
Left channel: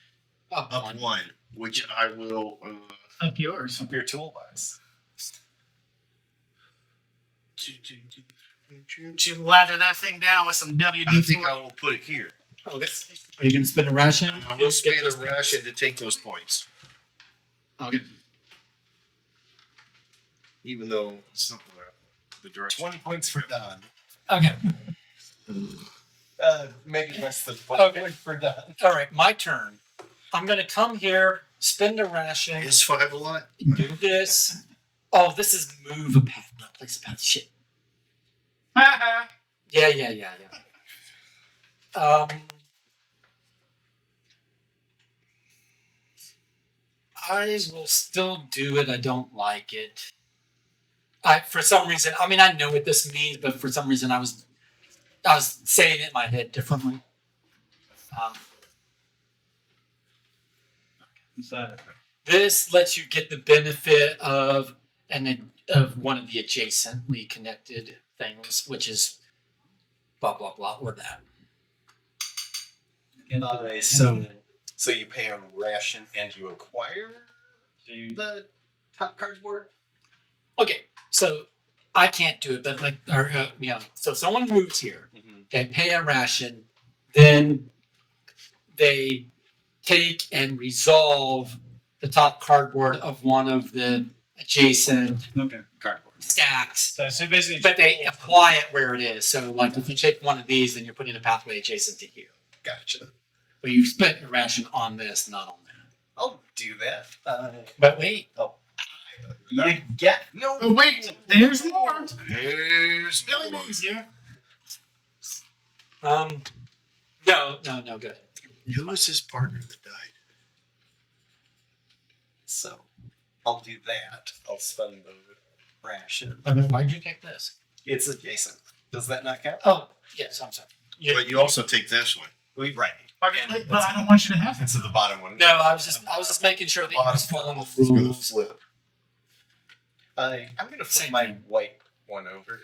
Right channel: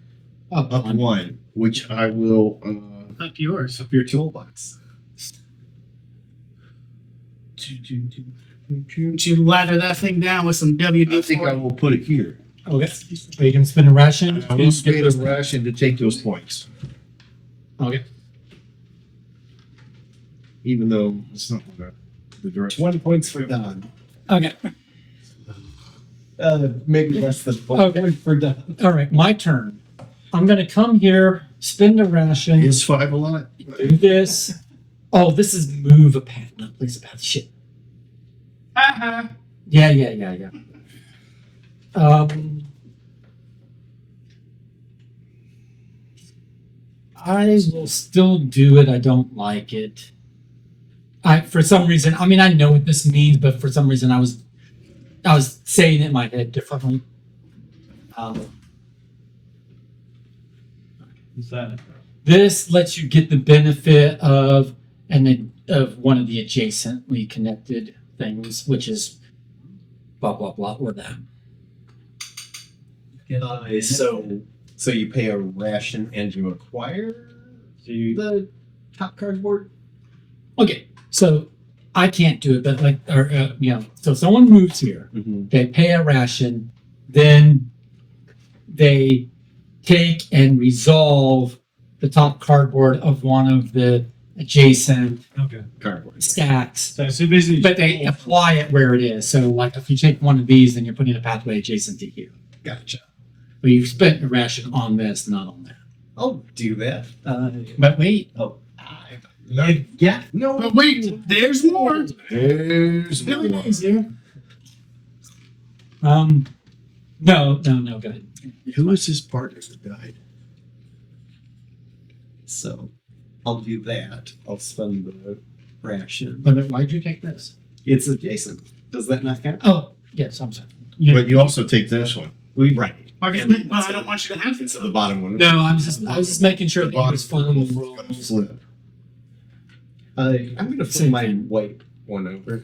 Up up one. one, which I will Up yours. Up your toolbox. To ladder that thing down with some WD-40. I think I will put it here. Okay. Are you gonna spend a ration? I will spend a ration to take those points, Okay. even though it's not the direction. 20 points for Don. Okay. Maybe less than 1 Okay. point for Don. All right. My turn. I'm gonna come here, spend a ration, Is 5 a lot? do this. Oh, this is move a path, not place a path. Shit. Uh-huh. Yeah. I will still do it. I don't like it. For some reason, I mean, I know what this means, but for some reason, I was saying it in my head differently. What's that? This lets you get the benefit of one of the adjacently connected things, which is blah blah blah or that. So you pay a ration and you acquire So you, the top cardboard? Okay, so I can't do it, but so someone moves here, Mm-hmm. they pay a ration, then they take and resolve the top cardboard of one of the adjacent okay. Cardboard. stacks, So basically, but they apply it where it is. So, like, if you take one of these, then you're putting a pathway adjacent to here. Gotcha. But you spent a ration on this, not on that. I'll do that. But wait, Yeah. No. But wait, there's more. There's Really more. easier. no, go ahead. Who was his partner that died? So I'll do that. I'll spend the ration. But then why'd you take this? It's adjacent. Does that not count? Oh, yes, I'm sorry. But you also take this one. Right. Okay, but I don't want you to have And it. so the bottom one. No, I was just making sure that you was following the It's gonna rules. flip. I'm gonna flip Same my thing. white one over.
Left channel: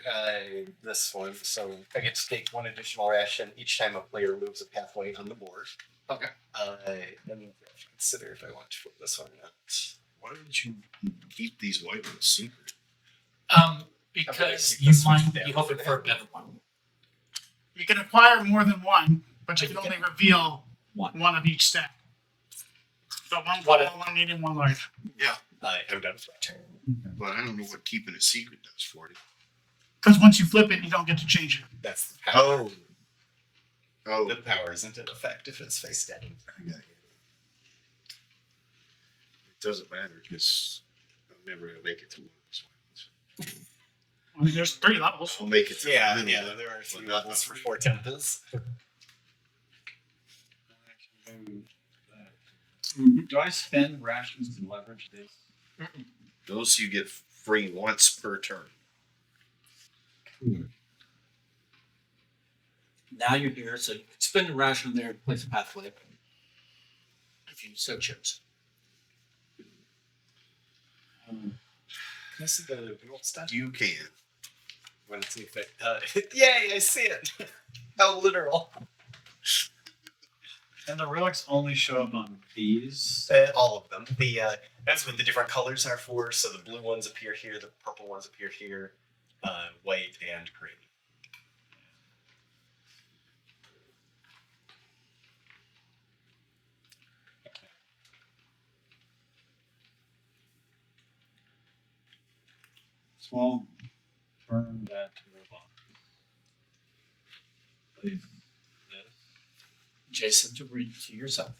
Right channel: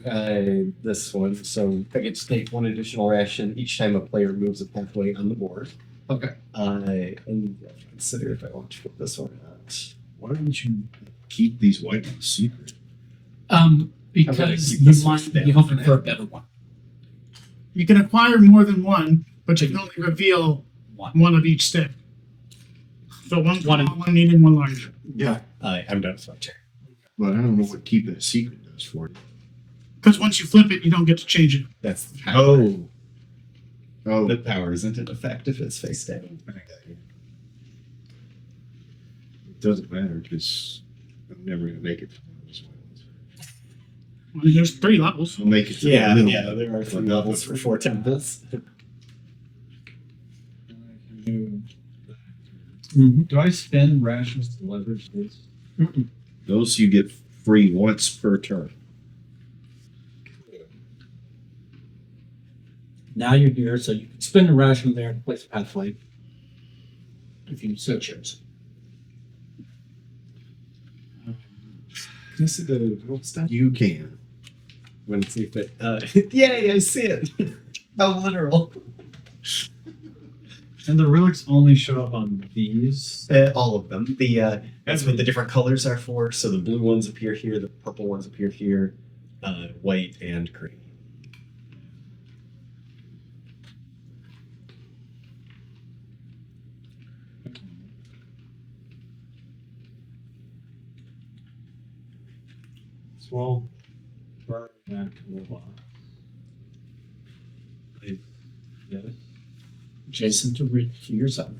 This one. So I get to take one additional ration each time a player moves a pathway on the board. Okay. And I have to consider if I want to flip this one or not. Why didn't you keep these white ones secret? Because keep you this one might be down hoping for for a now. better one. You can acquire more than one, but you can only reveal one of each stack. So one small, one medium, one large. Yeah, I'm done with my turn. but I don't know what keeping it secret does for you. Because once you flip it, you don't get to change it. That's the power. Oh, The power isn't in effect if it's face down. I got you. It doesn't matter because I'm never gonna make it to one of those white ones. I mean, there's 3 levels. I'll make it to the middle. there are 3 But not levels the- for 4 temples. I can move that. Mm-hmm. Do I spend rations to leverage these? Those you get free once per turn. Now you're here, so you can spend a ration there to place a pathway, if you so choose. Can I see the rule stuff? You can. I'm gonna see if it. Yay! I see it. How literal. And the relics only show up on these. All of them. That's what the different colors are for. So the blue ones appear here, the purple ones appear here, white and green. So I'll burn that robot. Place this. Adjacent to yourself.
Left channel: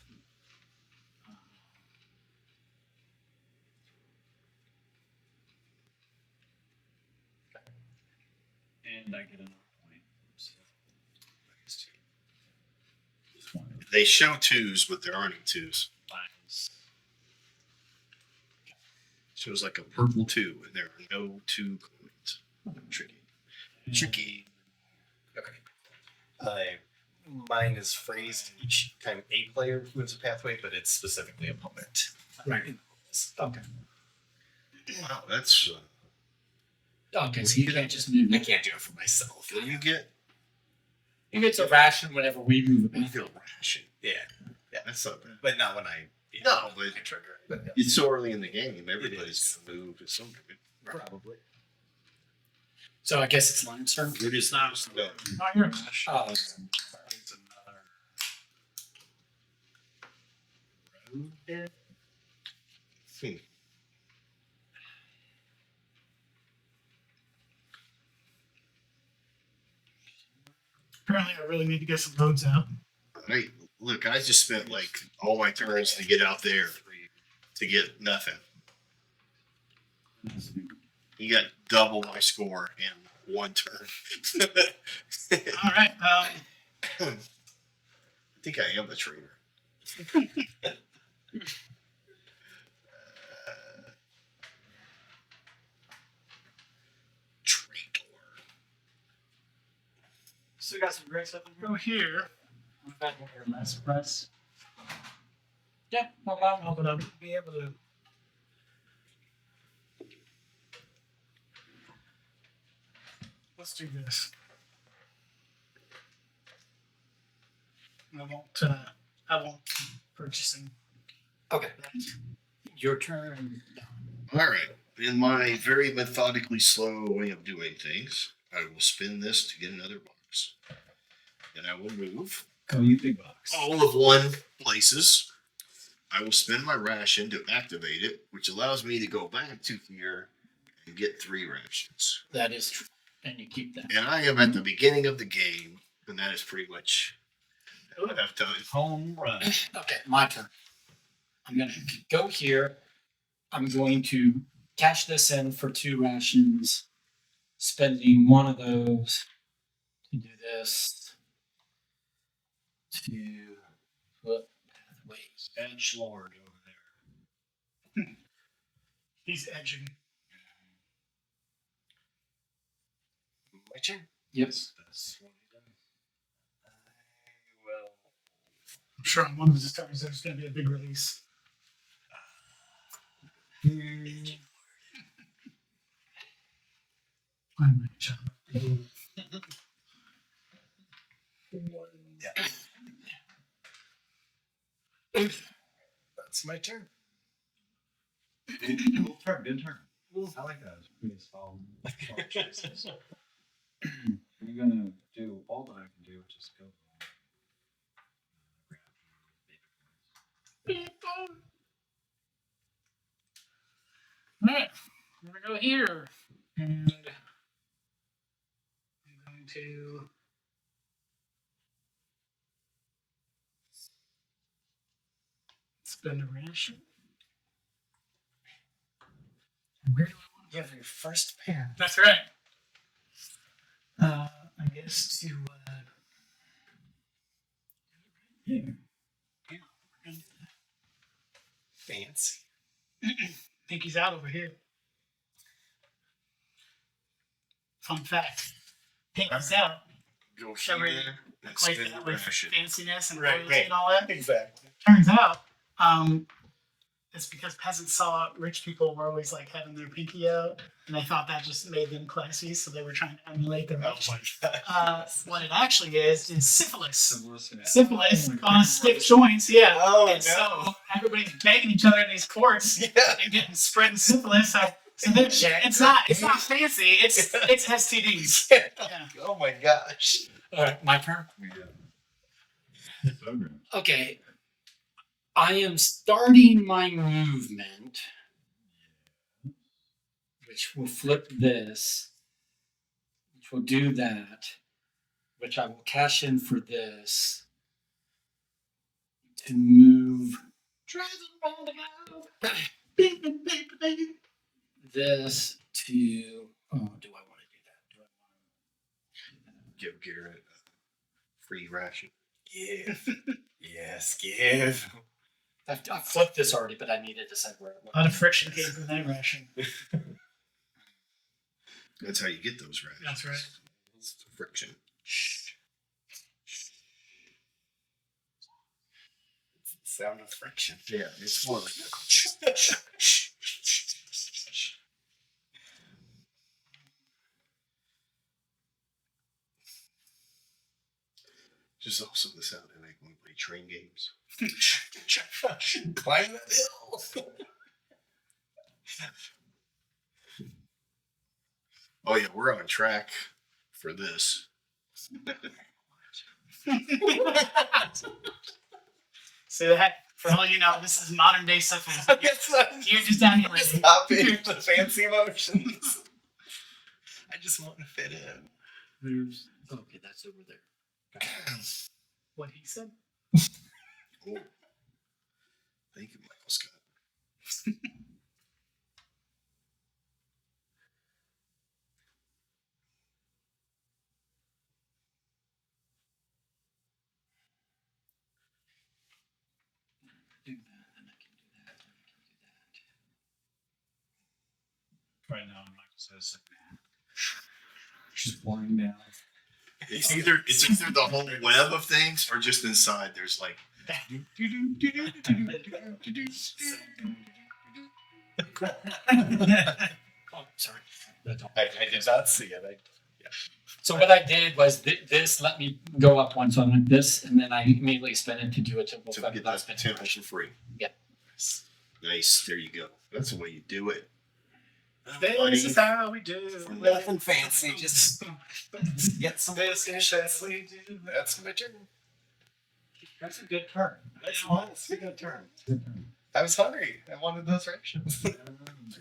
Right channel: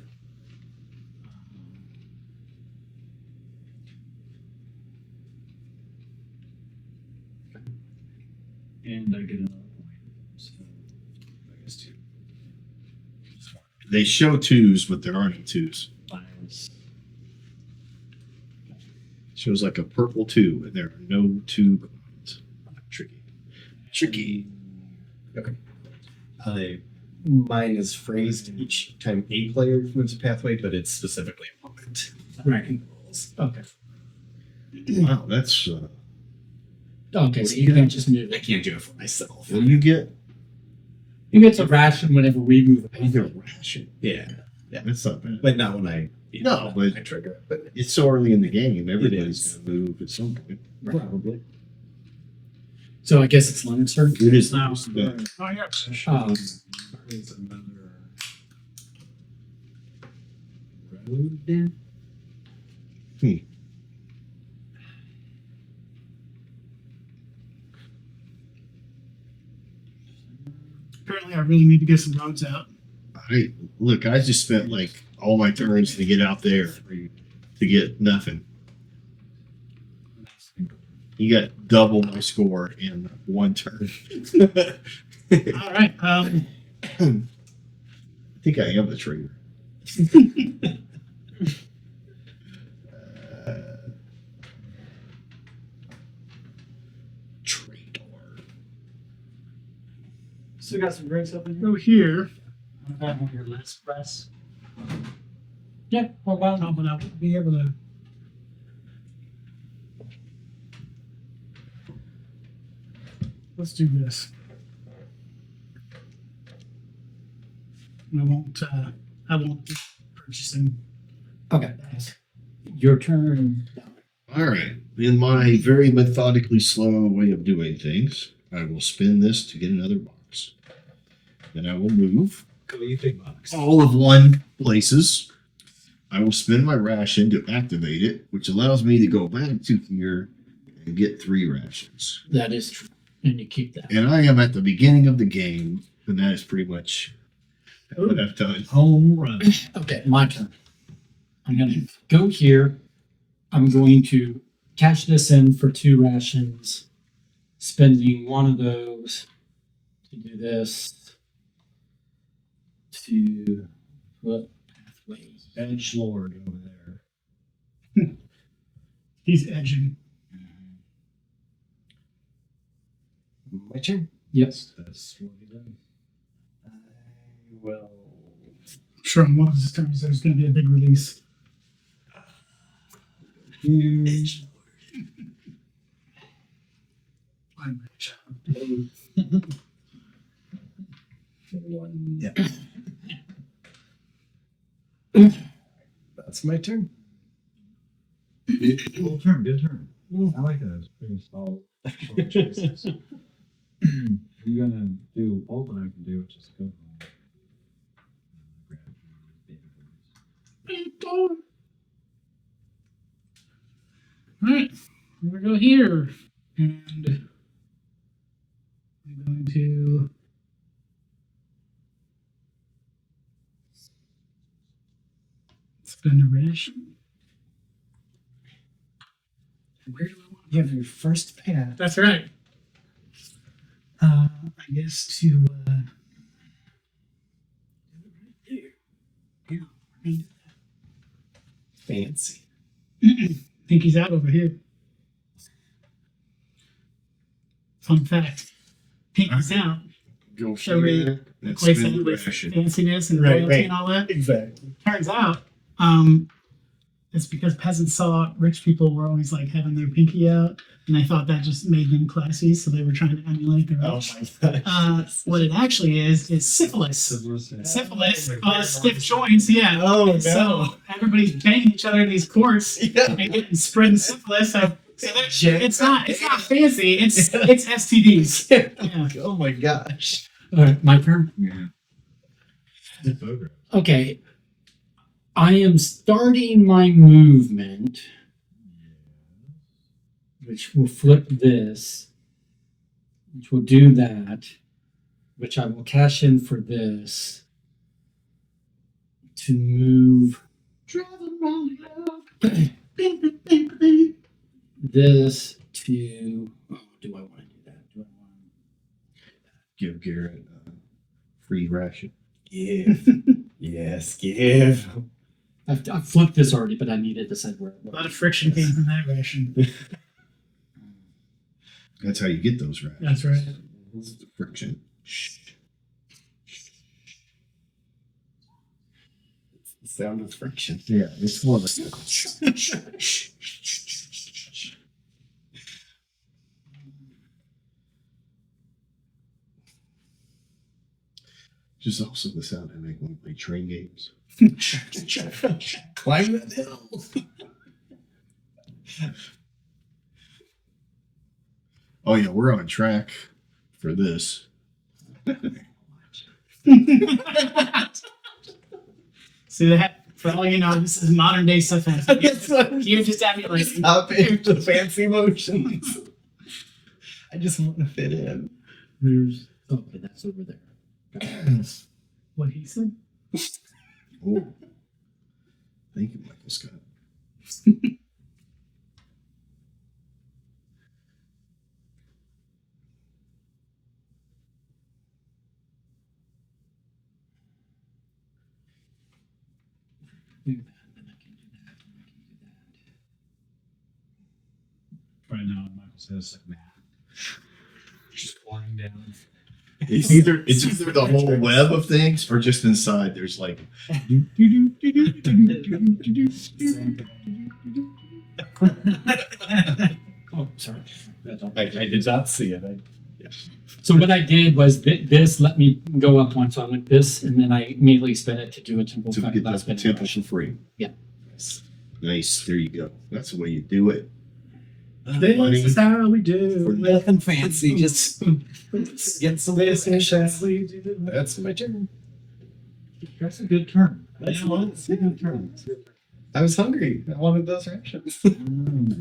And I get another point. So I guess 2. Just one. They show 2s, but there aren't any 2s. Minus. Shows like a purple 2, and there are no 2 coins. Tricky. Tricky. Mine is phrased each time a player moves a pathway, but it's specifically opponent. Right. In the rules. Okay. Wow, that's. Okay, so you can't just move I it. can't do it for myself. What do you get? You get to ration whenever we move a You get pathway. a ration. Yeah, That's not bad. but not when I No, but I trigger. But yeah. it's so early in the game. Everybody's is. going to move at some point. Probably. So I guess it's Lion's turn. It is No. the Oh, here. There's another road. Apparently, I really need to get some roads out. Look, I just spent like all my turns to get out there to get nothing. You got double my score in one turn. All right. I think I am the traitor. Traitor. Still got some breaks up in here. Go here. I've got one here less press. Yeah, how about I'll be able to. Let's do this. I won't be purchasing. okay? that. Your turn. All right. In my very methodically slow way of doing things, I will spin this to get another box. Then I will move Go, you big box. all of one places. I will spend my ration to activate it, which allows me to go back to here and get 3 rations. That is true, and you keep that. And I am at the beginning of the game, and that is pretty much what I've done. Home run. Okay, my turn. I'm gonna go here. I'm going to cash this in for 2 rations, spending one of those to do this. To put pathway. Edge Lord over there. He's edging. My turn. Yes. That's what he does. I will. I'm sure on one of his turns there's going to be a big release. I'm a child. Yeah. That's my turn. Good turn. Good turn. I like that. It's pretty solid choices. You're gonna do all that I can do, which is go home. All right, here we go here, and I'm going to spend a ration. And where do I want? You have your first path. That's right. I guess to here. Yeah. Fancy. Pinky's out over here. Fun fact. Pinky's out. Go Shall we here and Equates spend that the with ration. fanciness and Right, royalty right. and all that. Exactly. Turns out, it's because peasants saw rich people were always like having their pinky out, and they thought that just made them classy, so they were trying to emulate the rich. my god. What it actually is syphilis. Syphilis Oh, caused stiff joints, yeah. Oh, and so everybody's banging each other in these courts Yeah. and getting spreading syphilis. So Jack- it's not fancy. It's STDs. Yeah. Oh my gosh. All right, my turn. Yeah. The program. Okay. I am starting my movement, which will flip this, which will do that, which I will cash in for this to move Driving around the globe. Bing, bing, bing, bing. this to. Oh, do I want to do that? Do I want Give Garrett a free ration. Give. Yes, give. I've flipped this already, but I need to decide where. A lot of friction came from that ration. That's how you get those rations. That's right. It's the friction. It's the sound of friction. Yeah, it's more like Just also the sound I make when we play train games. Climb that hill. Oh yeah, we're on track for this. See that? For all you know, this is modern day stuff. You're just emulating. Stop it, the fancy motions. I just want to fit in. There's okay, that's over there. What he said? Oh. Thank you, Michael Scott. Do that, then I can do that, then I can do that. Right now, Michael says, "Man, just flying down." It's either the whole web of things or just inside there's like Oh, sorry. I did not see it. So what I did was this let me go up one, so I went this, and then I immediately spin it to do a temple to effect get without that spinning temple brush. for free. Yeah. Nice. There you go. That's the way you do it. This is how we do. For nothing fancy, just get some This is how locations. we do. That's my turn. That's a good turn. That's Yeah. a good turn. I was hungry. I wanted those rations.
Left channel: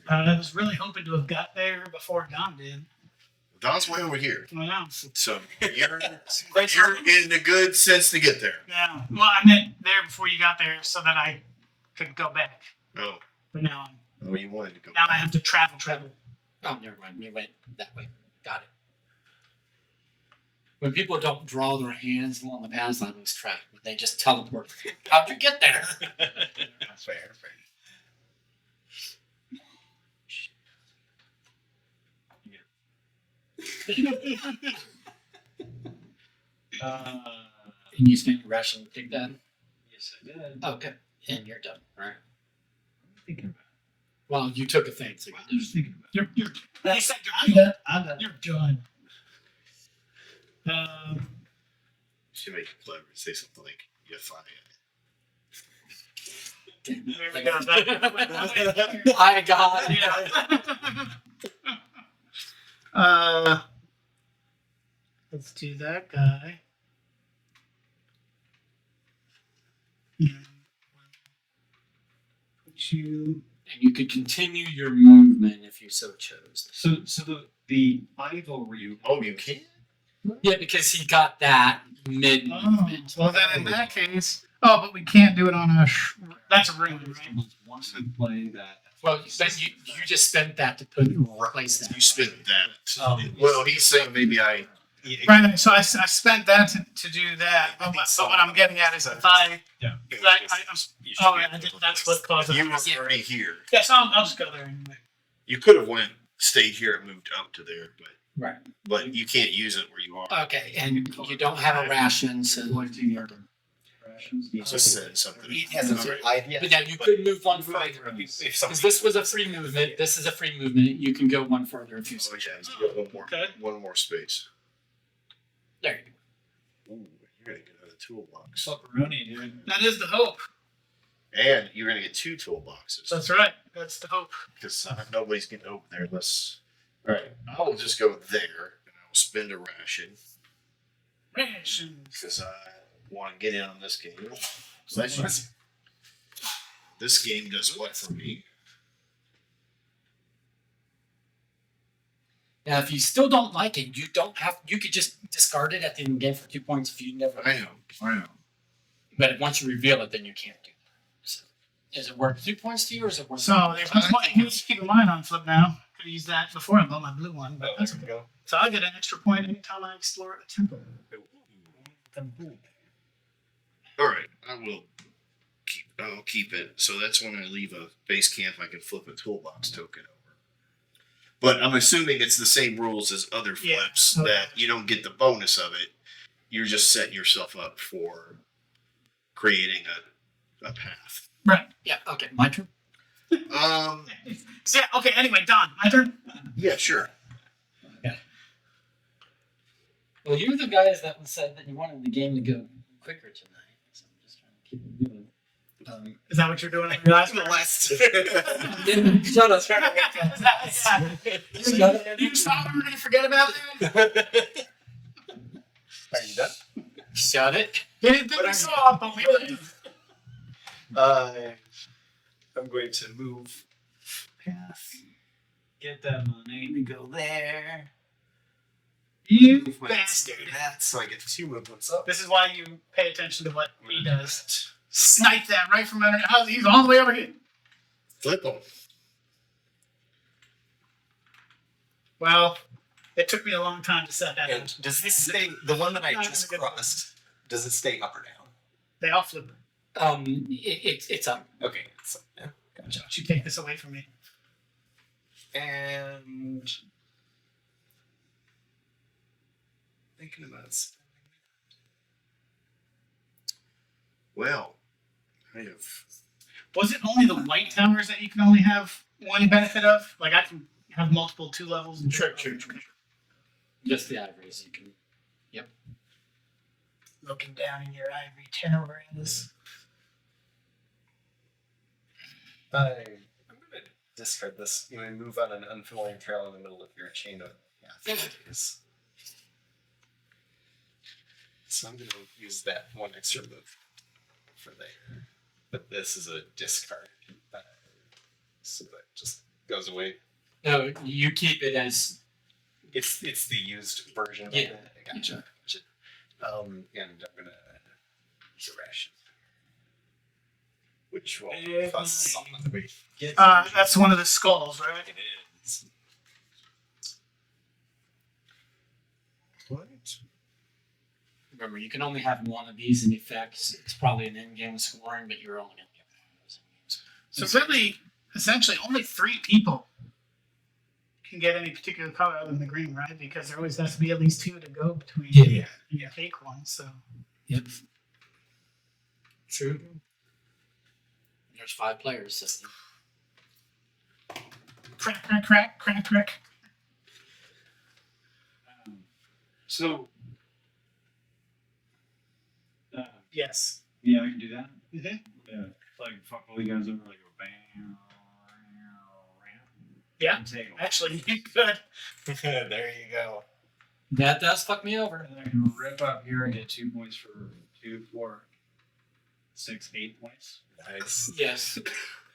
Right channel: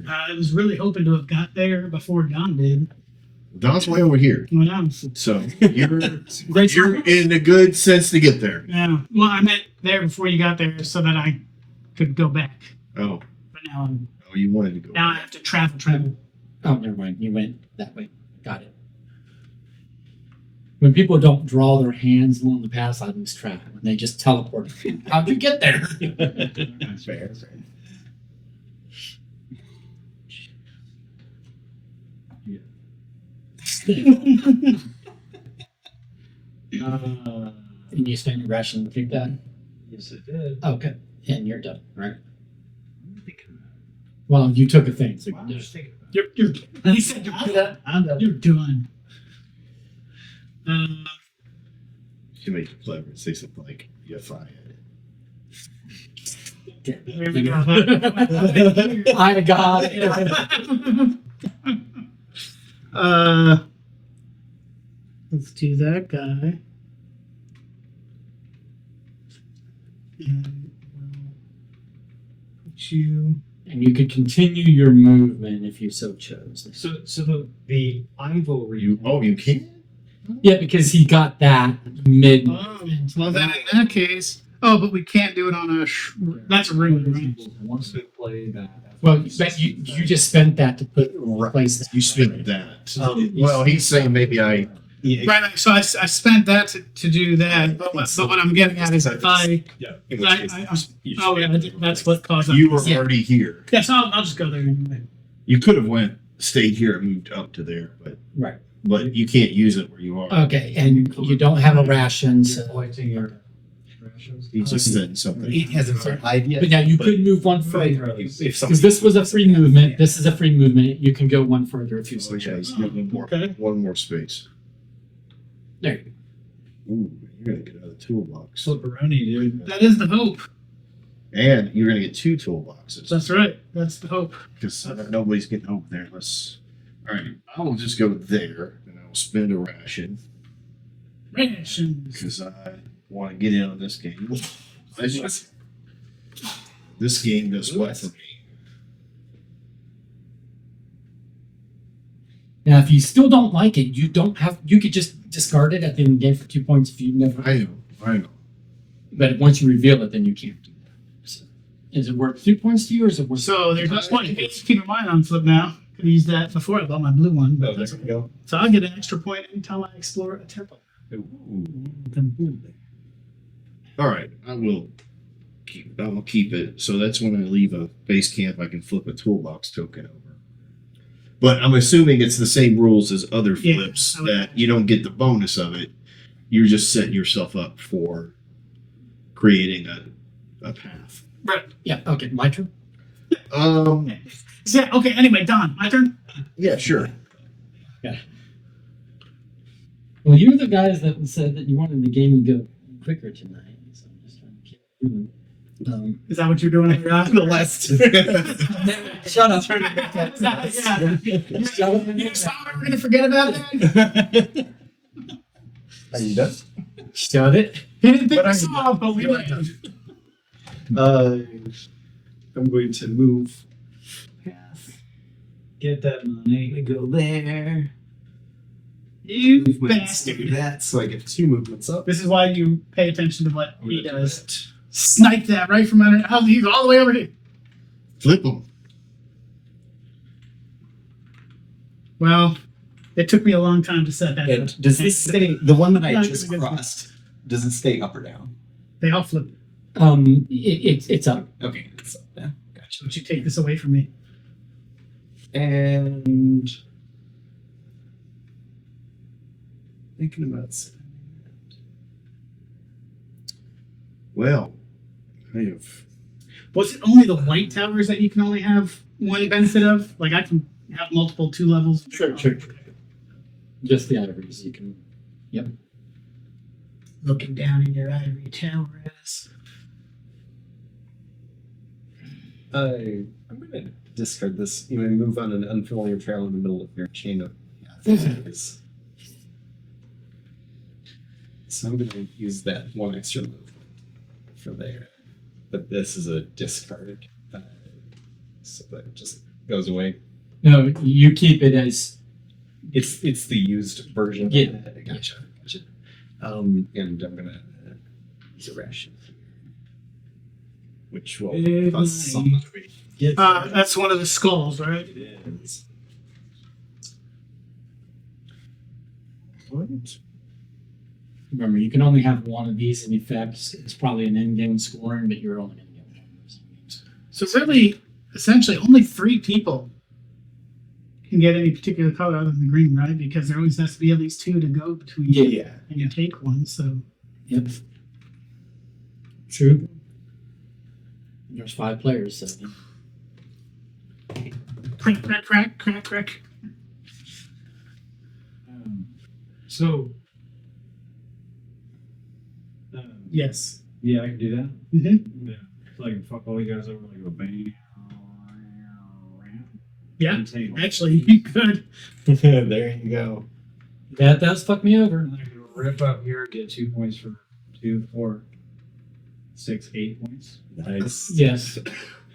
I was really hoping to have got there before Don did. Don's way over here. Well, So you're Great you're in a good sense to get there. yeah. Well, I meant there before you got there so that I could go back. Oh. But now You wanted to go. I have to travel. Oh, never mind. You went that way. Got it. When people don't draw their hands along the path, I lose track. When they just teleport, how'd you get there? Fair. Uh, And you spent your ration to take that? yes, it did. Okay. And you're done, right? I'm thinking about Well, you took a thing. So it. I'm just thinking about You're. He said you're it. done. I'm done. You're done. Should make it clever. Say something like "you're fired." There we go. I got it. Let's do that guy. And we'll put you. And you could continue your movement if you so chose. So the ivory. You can. Yeah, because he got that mid Oh, movement. well then in that case. Oh, but we can't do it on a. That's a rune, right? Once they play that. Well, but you just spent that to put replace that. You spent that. Um, Well, he's saying maybe I. Right. So I spent that to do that. But what I'm getting at is if I. Yeah. Oh, yeah, that's what caused it. You were Yeah. already here. Yeah, so I'll just go there anyway. You could have stayed here and moved up to there, Right. but you can't use it where you are. Okay, and you don't have a ration, You're so. pointing your rations. He just said something. He hasn't All right. survived yet. But now you could move one further. If Because this was a free movement. This is a free movement. You can go one further if you So so yeah, choose. you got Okay. one more space. There you go. Ooh, you're gonna get out of toolbox, Flipperoni, dude. That is the hope. and you're gonna get two toolboxes That's right. That's the hope. because nobody's getting over there unless. All right, I will just go there and I will spend a ration Rations. because I want to get in on this game. So that's just, this game does what for me? Now, if you still don't like it, you don't have. You could just discard it at the end of the game for 2 points if you never. I know. But once you reveal it, then you can't do that. So, is it worth 2 points to you, or is it worth? So there's I one point think you need to keep in mind on flip now. Could have used that before I bought my blue one, but that's okay. go. So I get an extra point anytime I explore a temple. All right, I'll keep it. So that's when I leave a base camp, I can flip a toolbox token over. But I'm assuming it's the same rules as other Yeah, flips okay. that you don't get the bonus of it. You're just setting yourself up for creating a path. Right. Yeah. Okay. My turn. Yeah, okay, anyway, Don, my turn. Yeah, sure. Well, you were the guys that said that you wanted the game to go quicker tonight, so I'm just trying to keep it moving. Is that what you're doing? The last. Shut up. Yeah. Shut up. You thought we were gonna forget about that? Are you done? Shut it. You didn't think we saw, but we did. I'm going to move path. Get that money. We go there. You Move my bastard. do that, so I get 2 movements up. This is why you pay attention to what I'm he gonna do does. that. Snipe that right from under. Oh, he's all the way over here. Flip them. Well, it took me a long time to set that up. And does this stay, the one that I No, just it's a good crossed, does it stay up or down? They all flip. It's up. Okay, it's up, yeah, gotcha. Don't you take this away from me? And thinking about Well, I have. Was it only the white towers that you can only have one benefit of? Like I can have multiple 2 levels. And Sure. Just the ivories. You can. Looking down in your ivory tower is. I'm gonna discard this. You may move on an unfamiliar trail in the middle of your chain of is. So I'm gonna use that 1 extra move for there. But this is a discard. So that just goes away. No, you keep it as. It's the used version of Yeah. that. Gotcha. And I'm gonna use a ration. Which will cost some money. That's one of the skulls, right? It is. What? Remember, you can only have one of these in effect. It's probably an in-game scoring, but you're only going to get one of those. So really, essentially, only 3 people can get any particular color other than the green, right? Because there always has to be at least 2 to go between. Yeah. And you take one, so. Yep. True. There's 5 players, so. Crack, crack, crack, crack, crack. So, Yes. yeah, I can do that. Mm-hmm. Yeah, like fuck all you guys over, like a bang. Yeah. And take them. Actually, you could. There you go. That does fuck me over. And then I can rip up here and get 2 points for 2, 4, 6, 8 points. Nice. Yes.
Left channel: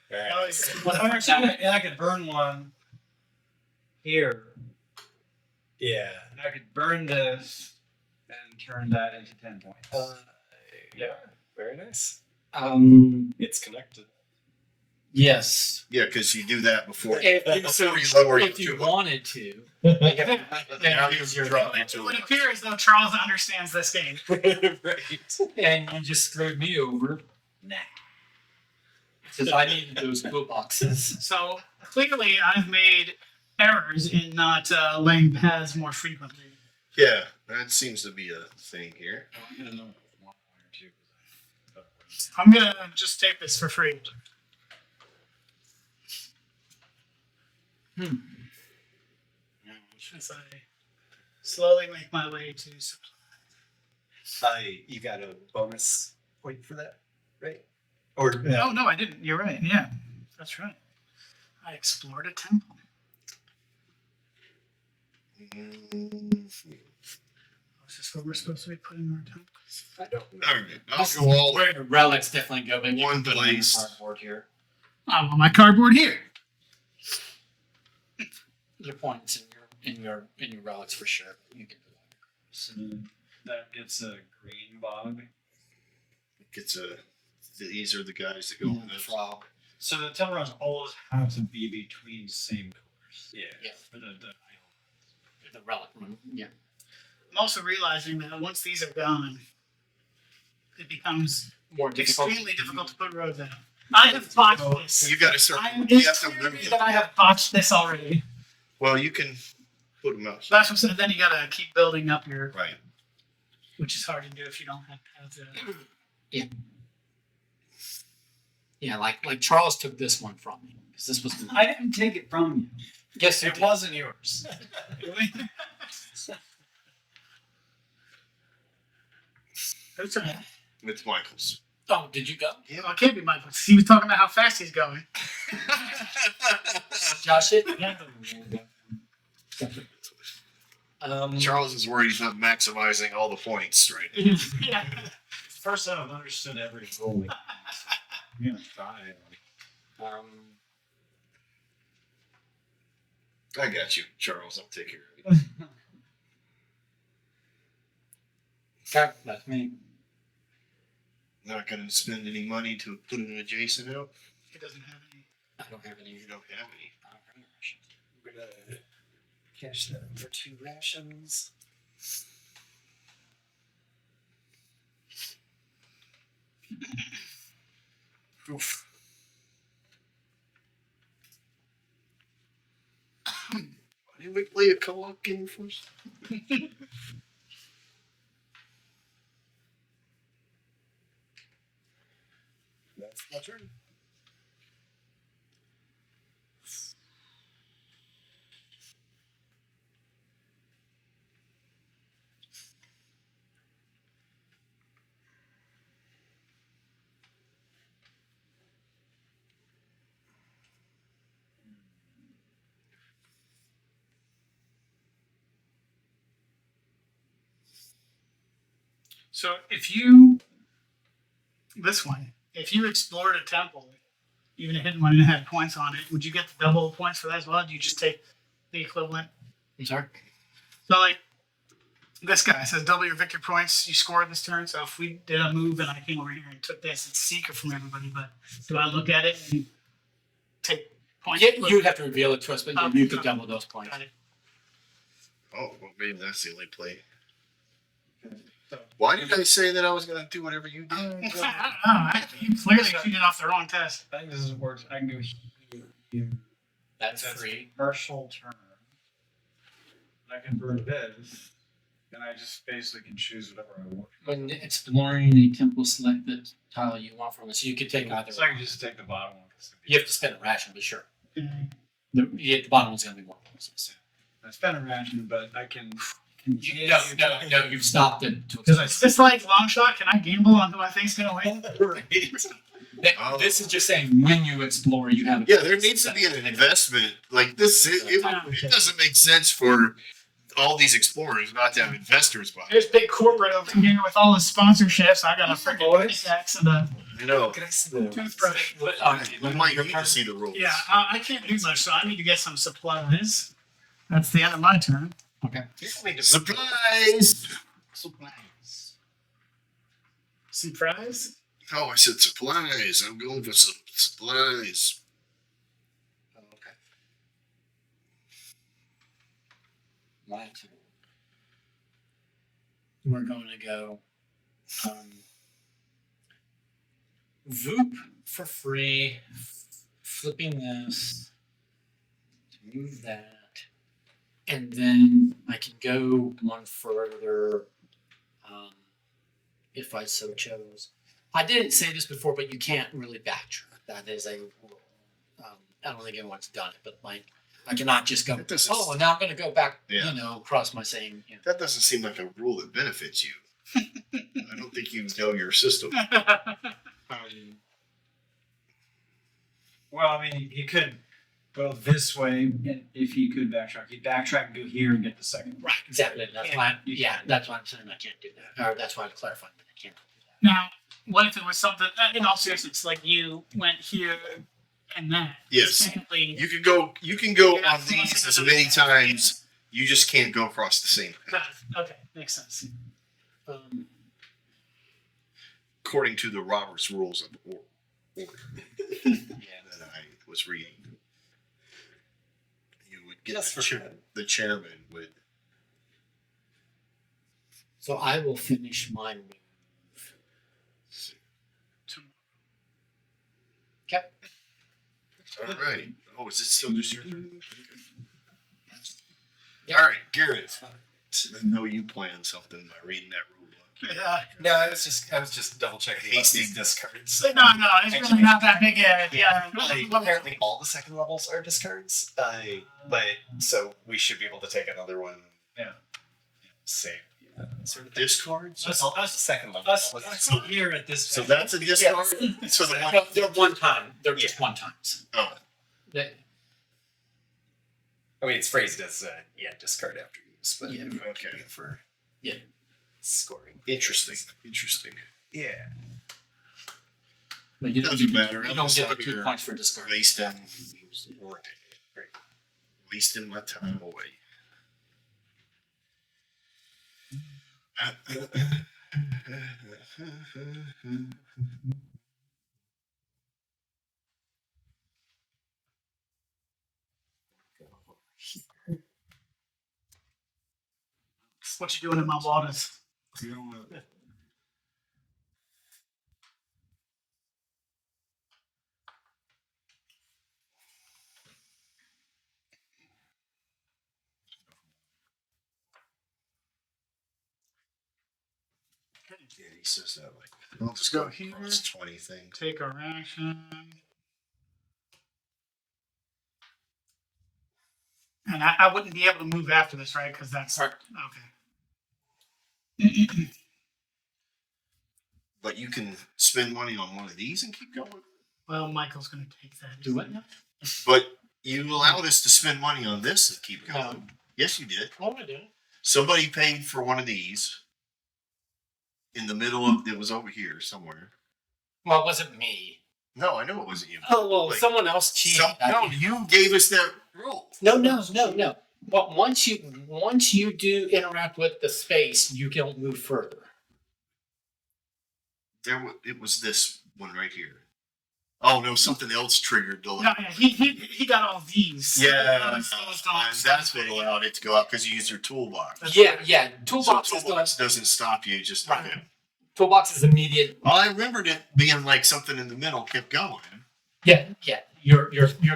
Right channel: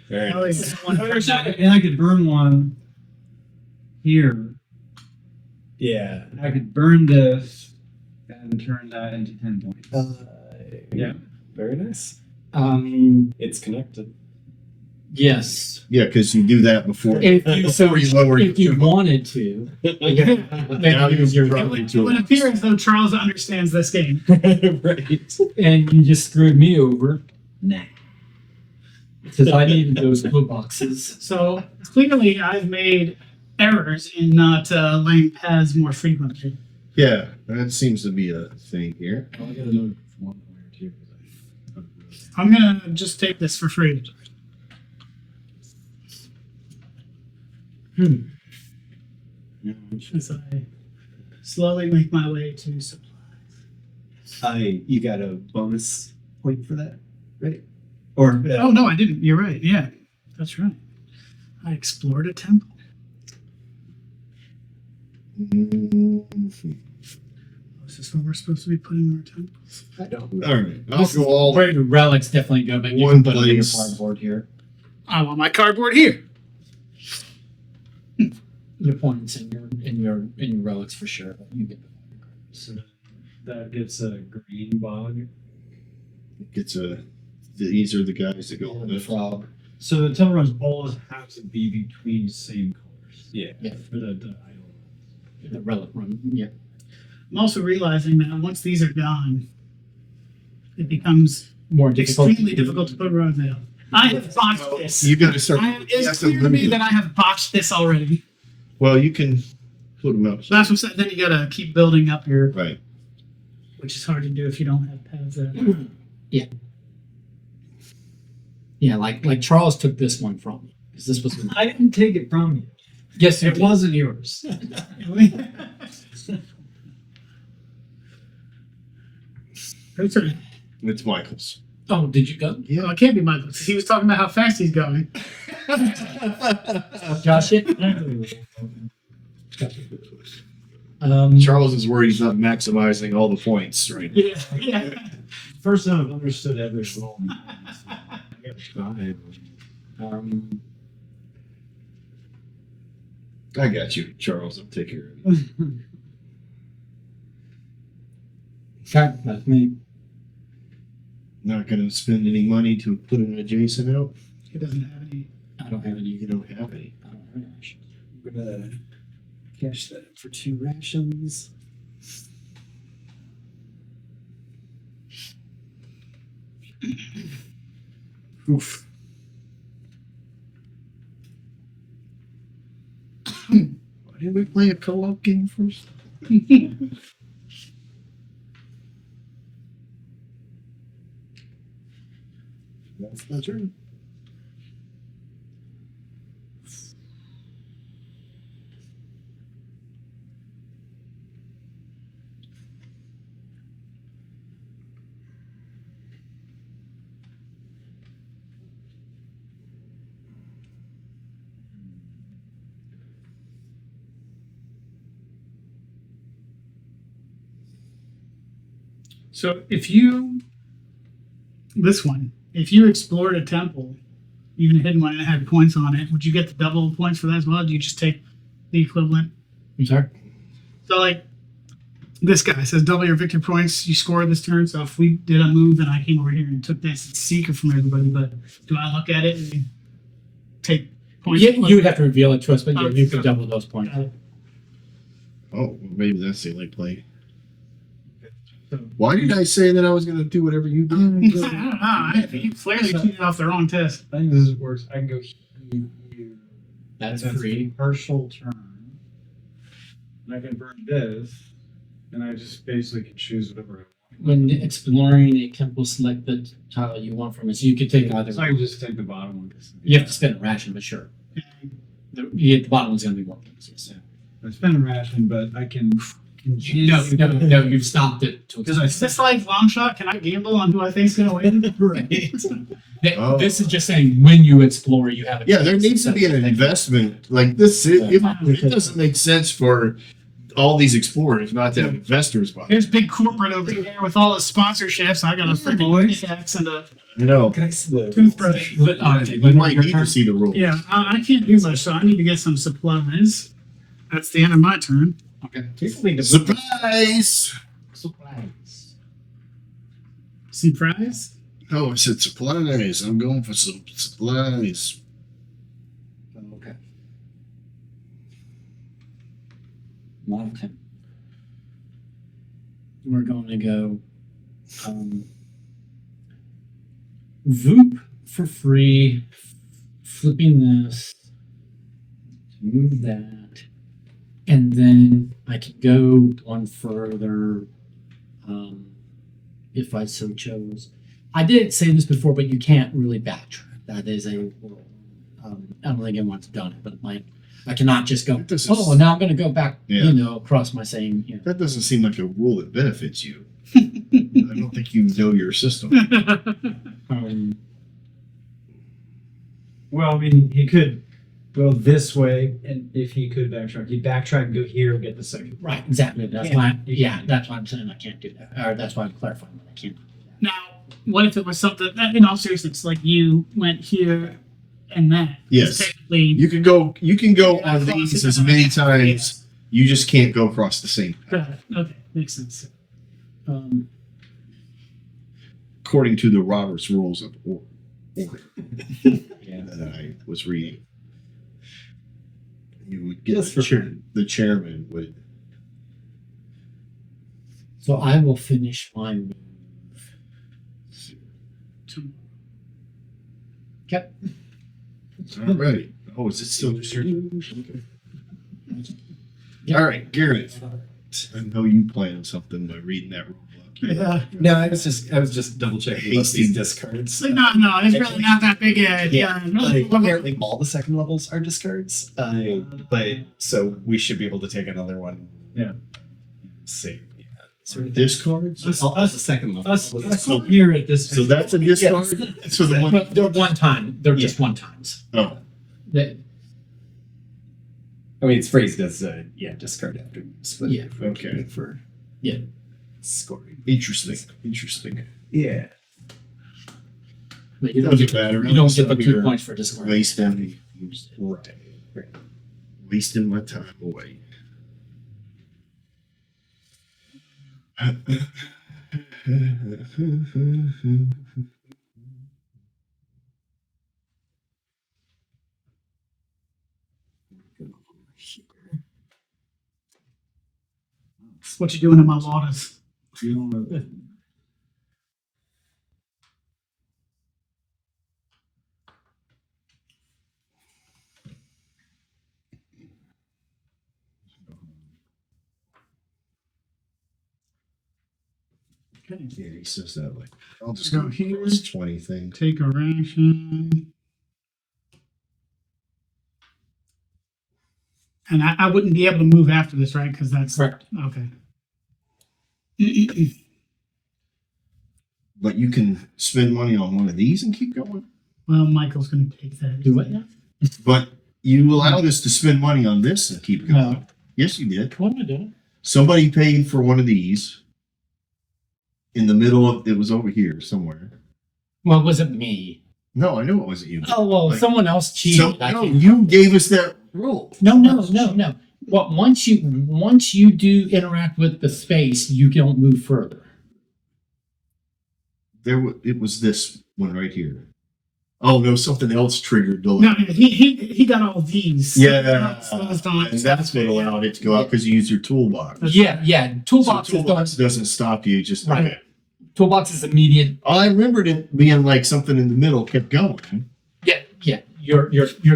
Very Oh, nice. yeah. One first And I could burn one here. Yeah. I could burn this and turn that into 10 points. Yeah. Very nice. It's connected. Yes. Yeah, because you do that before. If you, Before you lower if your you 2 wanted to. Now you drop your It 2. would appear as though Charles understands this game. Right. And you just screwed me over. Nah. Because I needed those blue boxes. So clearly, I've made errors in not laying paths more frequently. Yeah, that seems to be a thing here. I get another 1 point or 2. I'm gonna just take this for free. As I slowly make my way to supplies. You got a bonus point for that, right? Or Oh no, I didn't. You're right. Yeah, that's right. I explored a temple. Is this where we're supposed to be putting our temples? I don't. All right, I'll go all. Where the relics definitely go, but you One can put it on your place. cardboard here. I want my cardboard here. Your points and your relics for sure, but you get So that gets a green bog. Gets a. These are the guys that go with the it. frog. So the temple runs always have to be between same colors. Yeah. Yeah, For the idol. the relic run. Yeah. I'm also realizing that once these are gone, it becomes More difficult. extremely difficult to put roads out. I have botched this. You got to start. It You is have to clear to me remove that them. I have botched this already. Well, you can put them out. That's what I'm saying. Then you gotta keep building up your, Right. which is hard to do if you don't have paths out. Yeah, like Charles took this one from me because this was. I didn't take it from you. Yes, you It did. wasn't yours. Who's that? It's Michael's. Oh, did you go? Well, it can't be Michael. 'Cause he was talking about how fast he's going. Josh it? Charles is worried he's not maximizing all the points right now. Yeah. First time I've understood every rule. I'm gonna try. I got you, Charles. I'll take care of you. Okay, that's me. Not going to spend any money to put an adjacent out. He doesn't have any. I don't have any. You don't have any. I don't have any rations. We're gonna cash that for 2 rations. Oof. Why didn't we play a co-op game first? That's my turn. So if you explored a temple, even a hidden one, and it had points on it, would you get the double points for that as well? Do you just take the equivalent? I'm sorry? So like this guy says double your victory points you score this turn. So if we did a move and I came over here and took this, it's secret from everybody, but do I look at it and take points? Yeah, you would have to reveal it to us, but yeah, you could double those points. Got it. Oh, well, maybe that's the only play. So, Why did I say that I was going to do whatever you did? I don't know. You clearly cheated off the wrong test. I think this works. I can go here. That's That's free. Partial turn. And I can burn this, and I just basically can choose whatever I want. When exploring a temple, select the tile you want from it. So you could take either. So I can just take the bottom one. 'Cause You have to spend a ration, but sure. Yeah. The bottom one's going to be more points. I spend a ration, but I can. No, you've stopped it to Because I Is this like long shot? Can I gamble on who I think's gonna win? Oh. This is just saying when you explore, you have. Yeah, there needs to be an investment like this. It doesn't make sense for all these explorers not to have investors behind. Here's big corporate over here with all his sponsorships. I got a freaking pickaxe and a You know, Can I see the toothbrush. But, we might need to see the rules. Yeah, I can't do much, so I need to get some supplies. That's the end of my turn. Okay. Supplies. Surprise? Oh, I said supplies. I'm going for some supplies. Okay. My turn. We're going to go Voop for free, flipping this, move that, and then I can go one further if I so chose. I didn't say this before, but you can't really backtrack. That is a I don't think anyone's done it, but I cannot just go, This is- oh, now I'm going to go back, Yeah. across my same, That doesn't seem like a rule that benefits you. I don't think you know your system. Well, I mean, he could go this way, and if he could backtrack, he'd backtrack and go here and get the second. Right, exactly. That's Yeah. why. Yeah, that's why I'm saying I can't do that. Or that's why I'm clarifying that I can't. Now, what if it was something, in all seriousness, like you went here and that? Yes. Technically, You can go Yeah, on these as many times. You just can't go across the same path, got it. Okay, makes sense. according to the Robert's Rules of Order Yeah. that I was reading. You would get Just the, for fun. the chairman would. So I will finish my move. Okay. All right. Oh, is it still just your turn? Okay. Yeah. All right, Garrett. I know you planned something by reading that rule book. Yeah. No, I was just double checking what Hasty. these discards. So, no, it's really not that big a Yeah, like what- apparently all the second levels are discards. But so we should be able to take another one. Yeah. Same. Discards. Us, The us, second level. us here at this. So that's a discard. So the one. No, they're one time. They're just one times. Oh, That- I mean, it's phrased as discard after you split. Yeah. it Okay. For Yeah. scoring. interesting. Interesting. Yeah. But you don't Doesn't get matter. You don't get the It's 2 here. points for discard. Wasting Right. Right. wasting my time away. What you doing in my waters? You don't know. Yeah, he says that like I'll just go Go here. here. 20 thing. Take a ration. And I wouldn't be able to move after this, right? Because that's Correct. okay. But you can spend money on one of these and keep going. Well, Michael's going to take that. Do what now? But you allowed us to spend money on this and keep going. No. Yes, you did. What am I doing? Somebody paid for one of these. In the middle of it was over here somewhere. Well, it wasn't me. No, I know it wasn't you. Oh well, Like, someone else cheated. I no, can't- you gave us that rule. No. Well, once you do interact with the space, you don't move further. It was this one right here. Oh no, something else triggered the. No, he got all these. Yeah, Those don't- and that's what allowed it to go out because you used your toolbox. Yeah. Toolbox So is toolbox doesn't stop you. Just Right. okay. Toolbox is immediate. I remembered it being like something in the middle kept going. Yeah. Your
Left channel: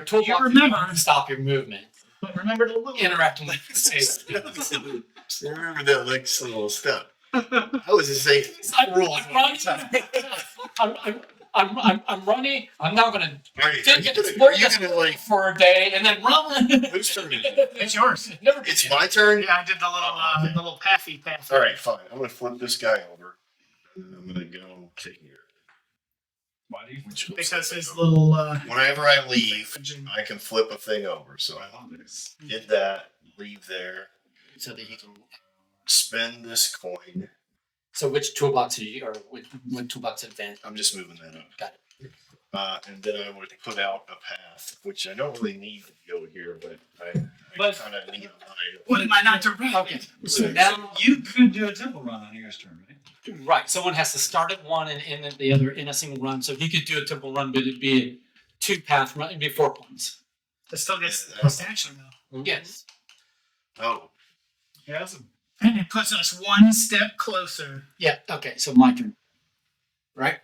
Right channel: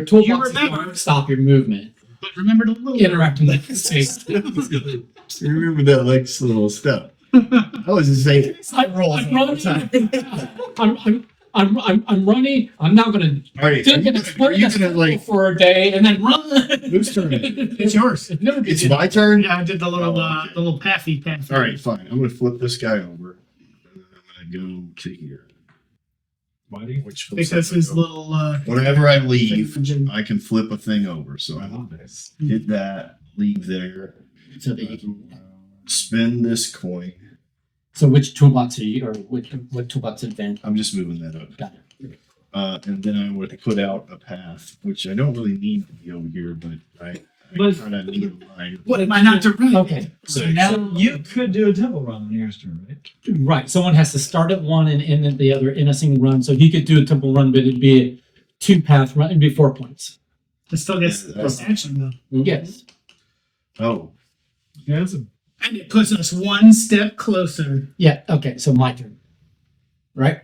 toolbox is remember. going to stop your movement. But remember the little Interacting with the space. I remember that like little step. I was just saying. I'm running. I'm running. I'm now going to All right, think and explore this like? for a day and then run. Whose turn is it? It's yours. Never It's did. my turn. Yeah, I did the little Oh, okay. the little pathy. All right, fine. I'm gonna flip this guy over. And I'm gonna go to here. Why do you? Which looks Because like his I go- little Whenever I leave, thing- I can flip a thing over. So I I love this. hit that, leave there, So that you can. spend this coin. So which toolbox are you, or what toolbox advance? I'm just moving that up. Got it. And then I would put out a path, which I don't really need to be over here, but I But- kind of need mine. What am I not to read? Okay. So Six. now You could do a temple run on your turn, right? right, someone has to start at one and end at the other in a single run. So he could do a temple run, but it'd be a 2-path run. It'd be 4 points. It still gets Yeah, that's- action though, Yes. Oh, Yeah, that's a. and it puts us one step closer. Yeah. Okay. So my turn. Right.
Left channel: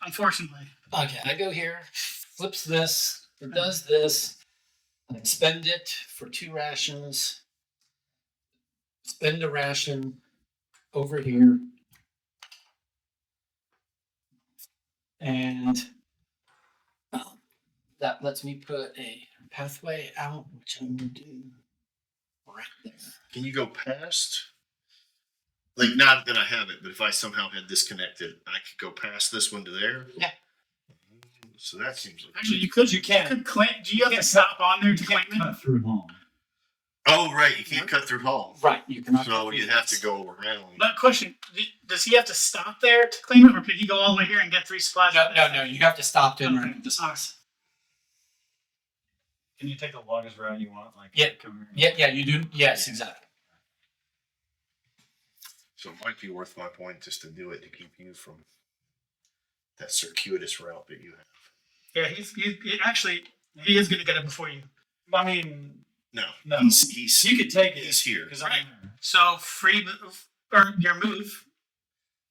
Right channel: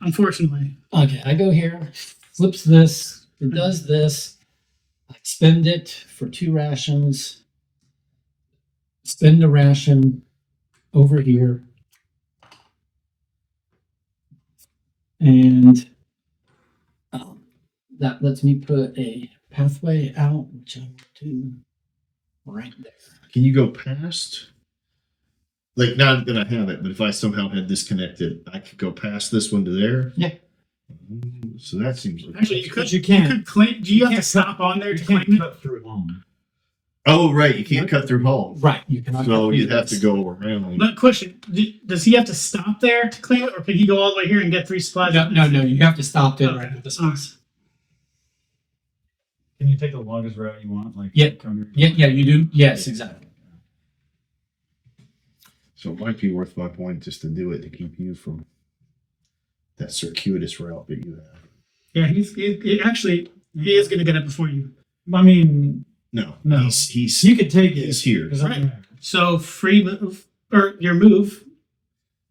Unfortunately, Okay. I go here, flips this, or does this. I spend it for 2 rations. Spend a ration over here. And that lets me put a pathway out, which I'm going to do right there. can you go past? Like, not that I have it, but if I somehow had this connected, I could go past this one to there. Yeah. So that seems like. actually, you could. you can't. You could claim. Do you have to can't stop on there You to can't claim it? cut through home. Oh, right. You can't cut through home. Right. You cannot. So go you'd through have to this. go around. But question: does he have to stop there to claim it, or can he go all the way here and get 3 supplies? No. You have to stop to interact Okay. with the All right. space. Can you take the longest route you want? Like Yeah. come here. Yeah. You do. Yes. Exactly. So it might be worth my point just to do it to keep you from that circuitous route that you have. Yeah, he actually he is going to get it before you. I mean, No, No. he's you could take it. He's here. 'cause I'm Right. there. So free move or your move.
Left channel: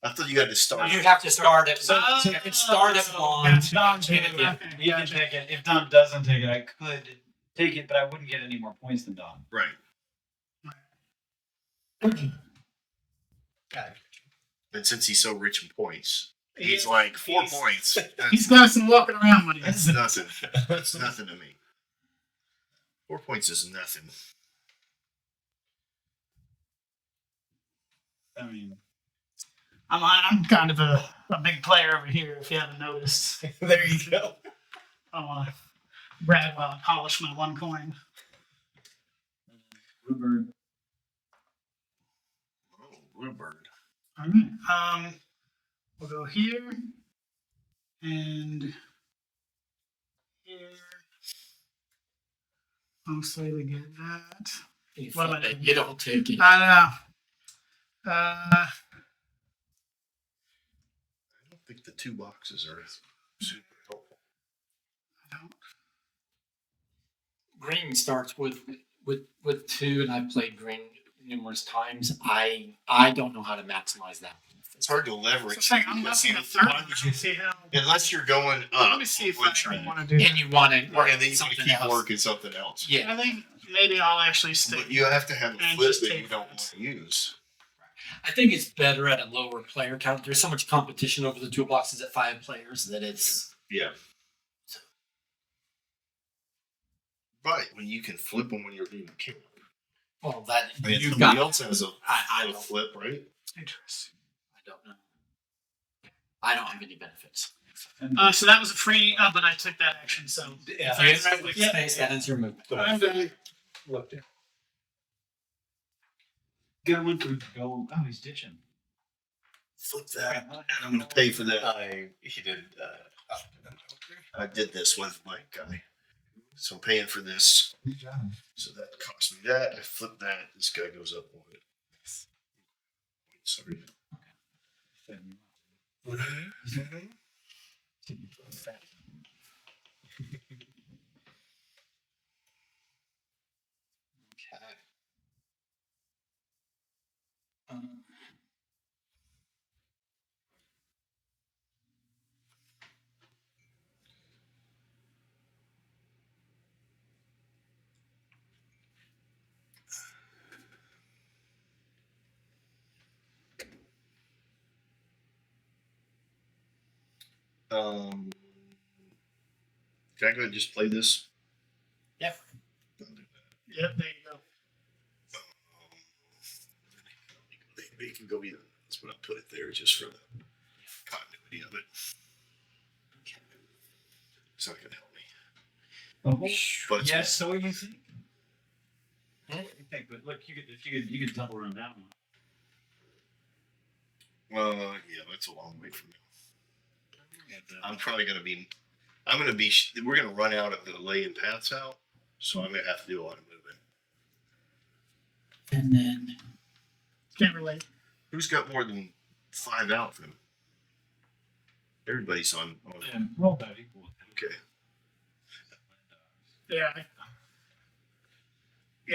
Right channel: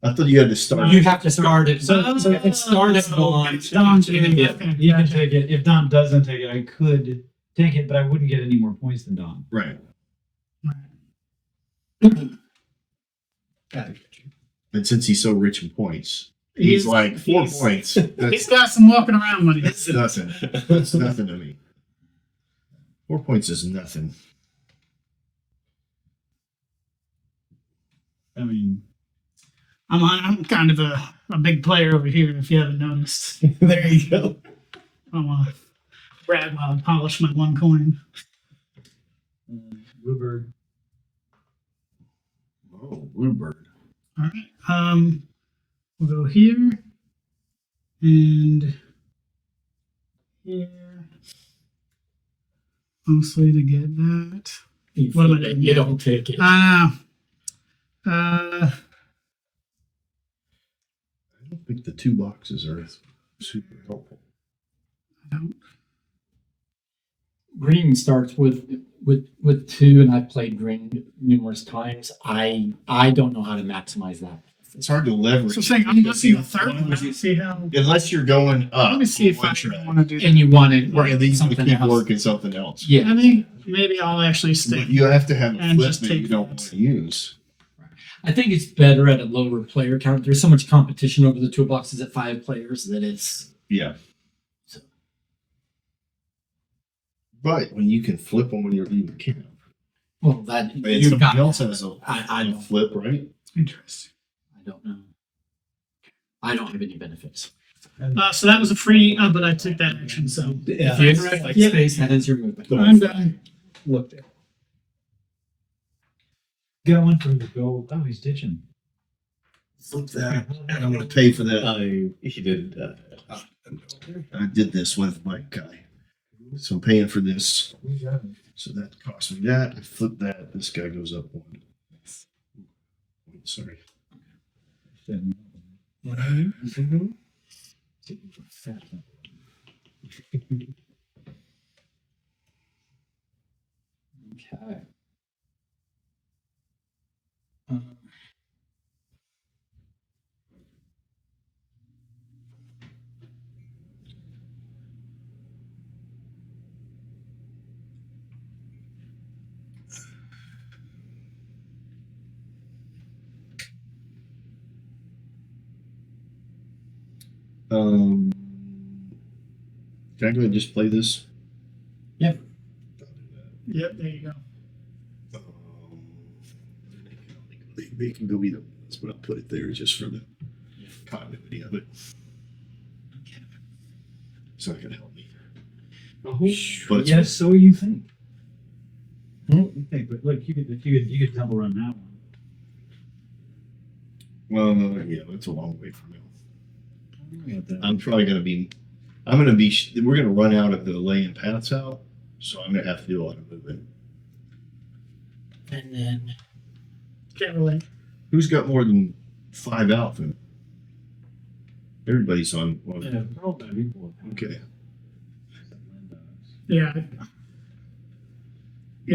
I thought you had to start. You have to start it. So Oh, it start at so one. that's Don too. Yeah. Okay, You can gotcha. take it. If Don doesn't take it, I could take it, but I wouldn't get any more points than Don. Right. Got it. And since he's so rich in points, he's He's- like 4 he's- points. He's That's, got some walking around money. that's nothing. That's nothing to me. 4 points is nothing. I mean, I'm kind of a big player over here, if you haven't noticed. There you go. I'll brag while I polish my one coin. Bluebird. Oh, bluebird. All right. We'll go here and here. Mostly to get that. You What am I flip it, doing? you don't take it. I know. I don't think the 2 boxes are super helpful. Green starts with 2, and I've played green numerous times. I don't know how to maximize that. It's hard to leverage. So I'm saying I'm because looking at the third why one. would you- See how. Unless you're going up. Let me see if on one I track. want to do that. And you want to And work then you something keep else. working something else. Yeah, I think maybe I'll actually stick. But you have to have a And flip just that you take don't that. want to use. I think it's better at a lower player count. There's so much competition over the toolboxes at 5 players that it's. Yeah. But when you can flip them when you're leaving camp. Well, that And you've somebody got. else has a I don't. flip, right? Interesting. I don't know. I don't have any benefits. So that was a free, but I took that action. So If you interact like Yeah. space, that is your movement. I'm done. Looked at. Going for the gold. Oh, he's ditching. Flip that. And I'm going to pay for that. He did. I did this with my guy. So I'm paying for this. Good job. So that cost me that. I flip that. This guy goes up 1. Sorry. Mm-hmm. Okay. Can I go ahead and just play this? Yeah. Yep, there you go. They can go either. That's what I'll put it there just for the continuity of it. It's not gonna help me. Oh, But it's yes. So what do you think? Hmm? What do you think? But look, you could double run that one. yeah, that's a long way from now. Yeah, I'm probably gonna be. We're gonna run out of the laying paths out, so I'm gonna have to do a lot of moving. And then Can't relate. Who's got more than 5 out then? Everybody's on. We're all about equal. Okay. Yeah.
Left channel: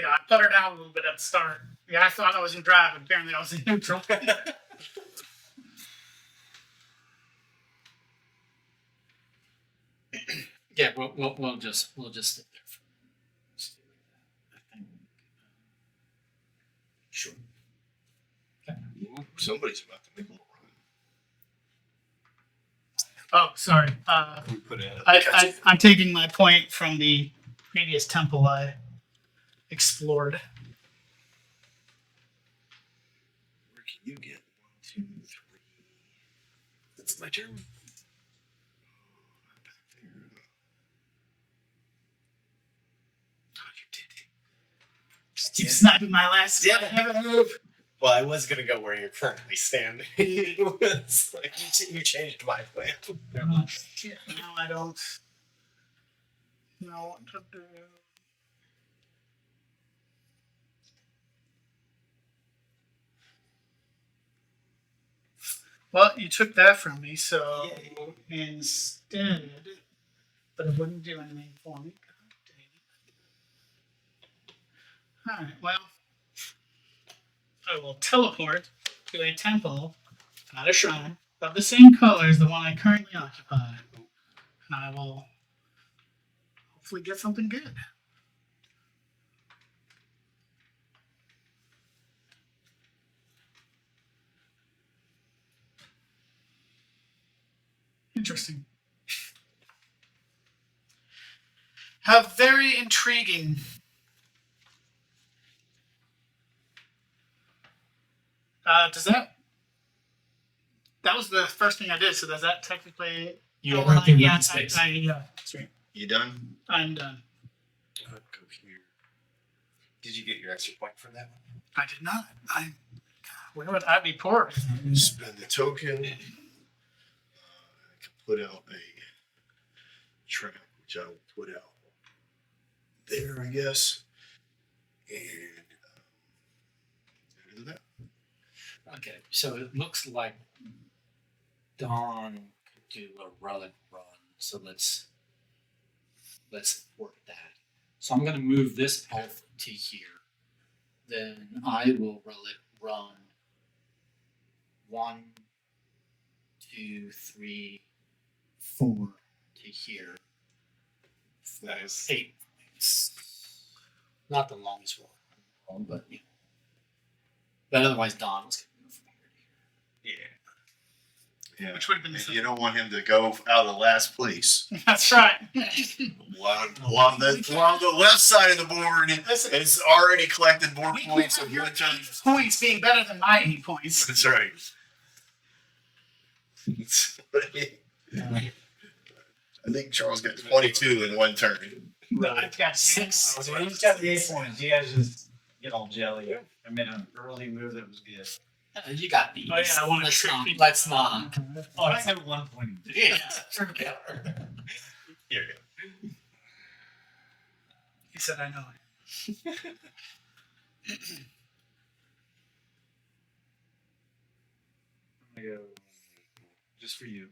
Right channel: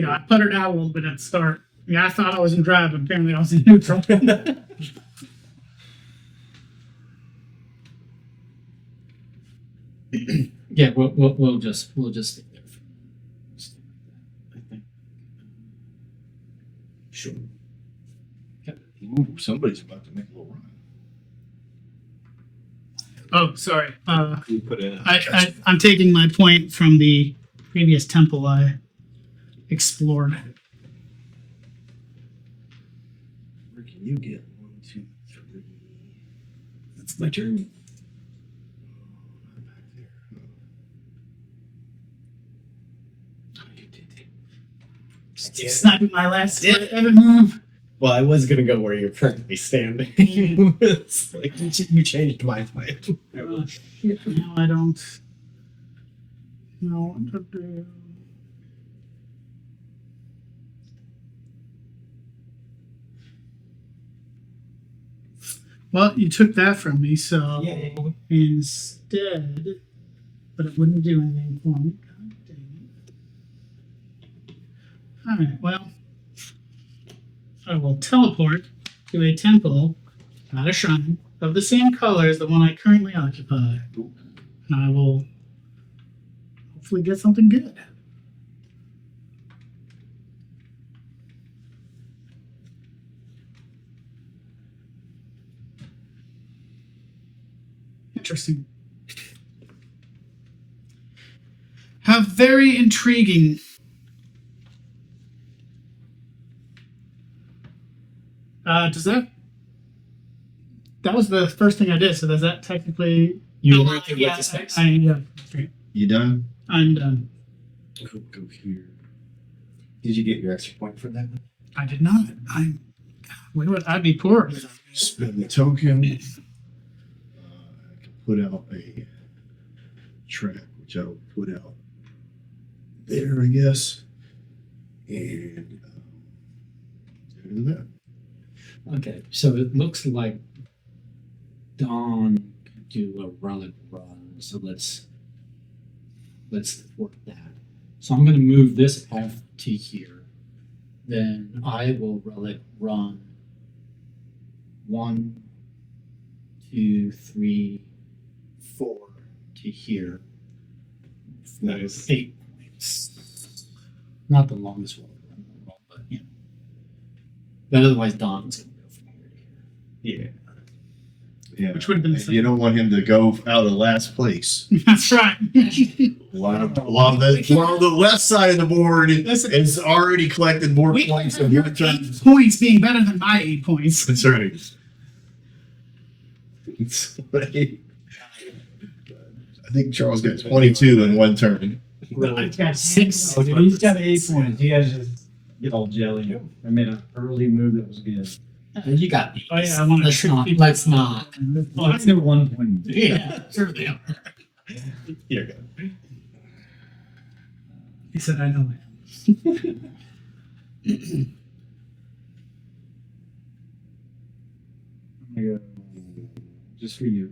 I puttered out a little bit at the start. Yeah, I thought I was in drive, but apparently I was in neutral. yeah, we'll just stick there. Just stick like that, I think. Sure. Okay. Ooh, somebody's about to make a little run. Oh, sorry. Can we put in? I'm taking my point from the previous temple I explored. Where can you get 1, 2, 3? It's my turn. Back there. Huh? Oh, you did it. Keep sniping my last Yeah. ever move. Well, I was gonna go where you're currently standing. It's like you changed my plan. Oh, shit. No, I don't. No. What to do. Well, you took that from me, so Yay. instead, but it wouldn't do anything for me. God dang it. Alright, well, I will teleport to a temple, not a shrine, of the same color as the one I currently occupy. And I will hopefully get something good. Interesting. How very intriguing. Does that? That was the first thing I did. So does that technically? You Oh, only can yeah, with the space. yeah, that's right. You done? I'm done. I'll go here. Did you get your extra point for that one? I did not. Where would I be poor? Spend the token. I can put out a track, which I will put out there, I guess. And other than that. Okay, so it looks like Dawn could do a relic run. So let's work that. So I'm going to move this path to here. Then I will relic run 1, 2, 3, 4 to here. For Nice. 8 points. Not the longest roll, but you know. But otherwise, Dawn's going to go from here to here. Yeah. Yeah. Which would have been And you don't want him to go out of last place. That's right. While the left side of the board Listen, is already collected more we points have of your your turn. 8 points being better than my 8 points. That's right. I think Charles got 22 in one turn. I got 6. So he's got 8 points. You guys just get all jelly. I made an early move that was good. You got these. Oh, yeah, I wanna let's trick not. people. Let's not. Oh, I said 1 point. Yeah, sure they are. Here you go. He said, I know it. I'm gonna go just for you.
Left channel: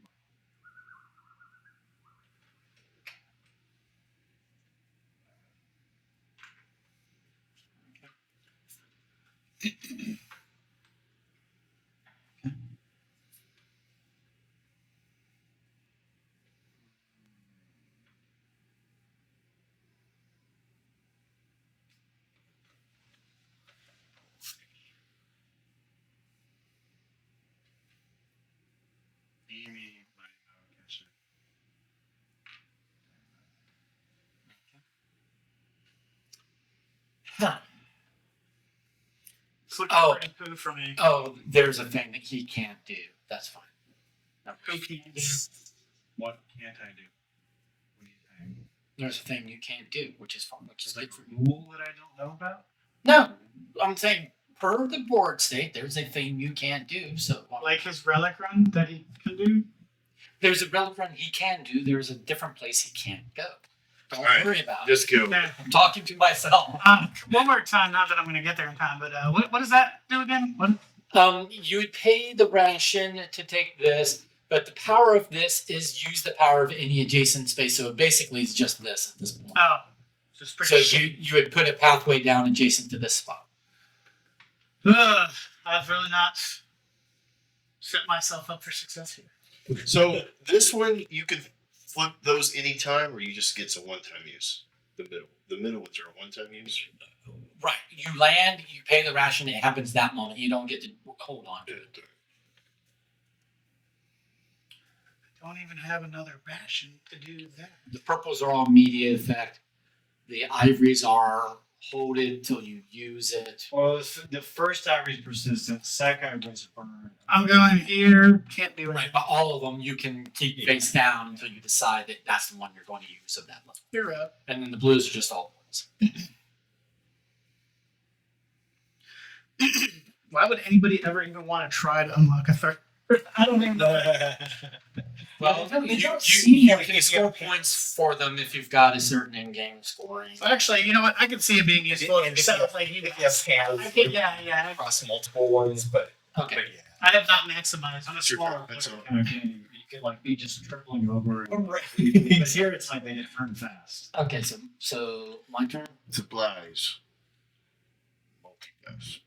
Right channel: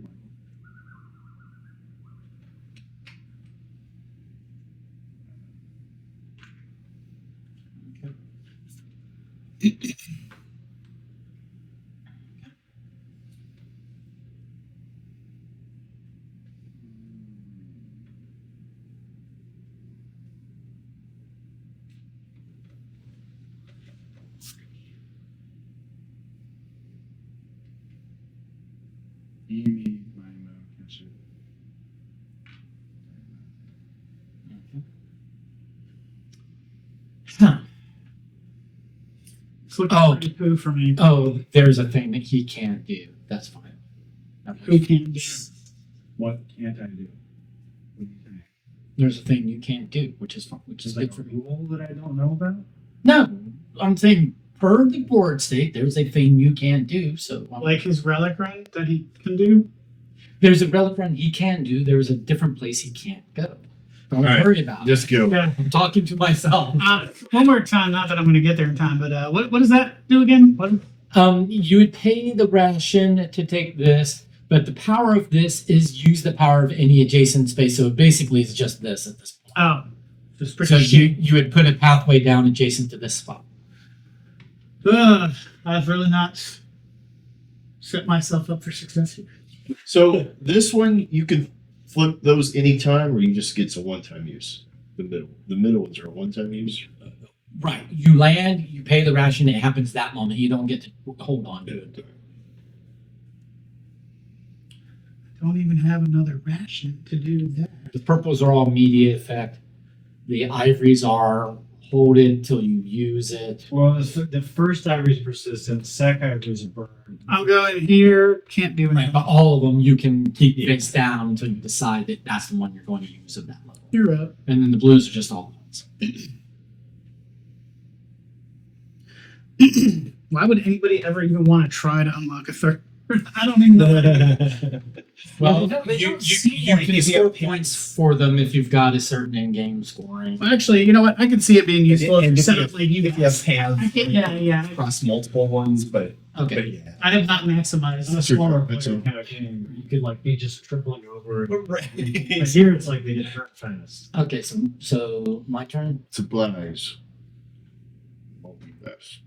Amy, my catch it. Huh. It's looking Oh. pretty poo for me. Oh, there's a thing that he can't do. That's fine. Who can do? What can't I do? What do you think? There's a thing you can't do, which is fine, which is Is good like for a me. rule that I don't know about? No, I'm saying per the board state, there's a thing you can't do. So Like his relic run that he can do? there's a relic run he can do. There's a different place he can't go. Don't All right, worry about it. Just go. Yeah. I'm talking to myself. One more time, not that I'm going to get there in time, but what does that do again? What? You would pay the ration to take this, but the power of this is use the power of any adjacent space. So basically, it's just this at this point. Oh. Just pretty So shit. you would put a pathway down adjacent to this spot. Ugh, I've really not set myself up for success here. So this one, you can flip those anytime, or you just gets a one-time use. The middle ones are a one-time use. Right. You land, you pay the ration, it happens that moment. You don't get to hold on to it. Don't even have another ration to do that. The purples are all immediate effect. The ivories are hold it till you use it. Well, the first ivory is persistent. Second ivory is a burn. I'm going here, can't do Right, anything. but all of them you can keep face down until you decide that that's the one you're going to use of that level. You're up. And then the blues are just all ones. Why would anybody ever even want to try to unlock a third? I don't even know. Well, They you don't seem like can they score have points for them if you've got a certain in-game scoring. Well, actually, you know what? I can see it being useful And if you if set you up like you If you guys. have I can, yeah. across multiple ones, but Okay. yeah. I have not maximized. On a Sure, smaller that's player all. kind of game, you could like be just tripling over. Right. But here it's like they get turned fast. Okay, so my turn. Supplies. Multi-pass.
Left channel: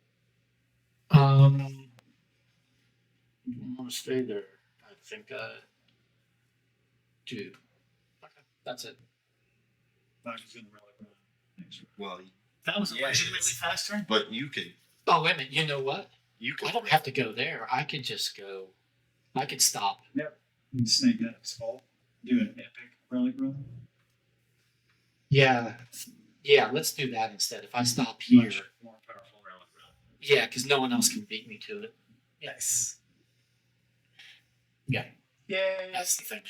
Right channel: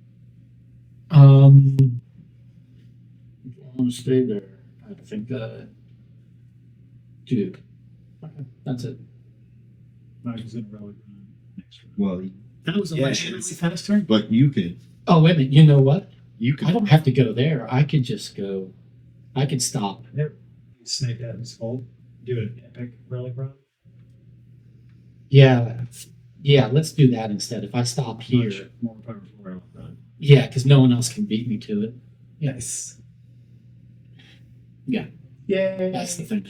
I want to stay there. I think 2. Okay, that's it. Not just gonna relic run next round. Well, That was a Yeah, really it's- fast turn. but you can. Oh wait a minute. You know what? You I can. don't have to go there. I could just go. I could stop. You can snake that in skull. Do an epic relic run. Yeah. Yeah. Let's do that instead. If I stop here. Much more powerful relic run. Yeah, because no one else can beat me to it. Nice. Yeah, Yay. that's the thing.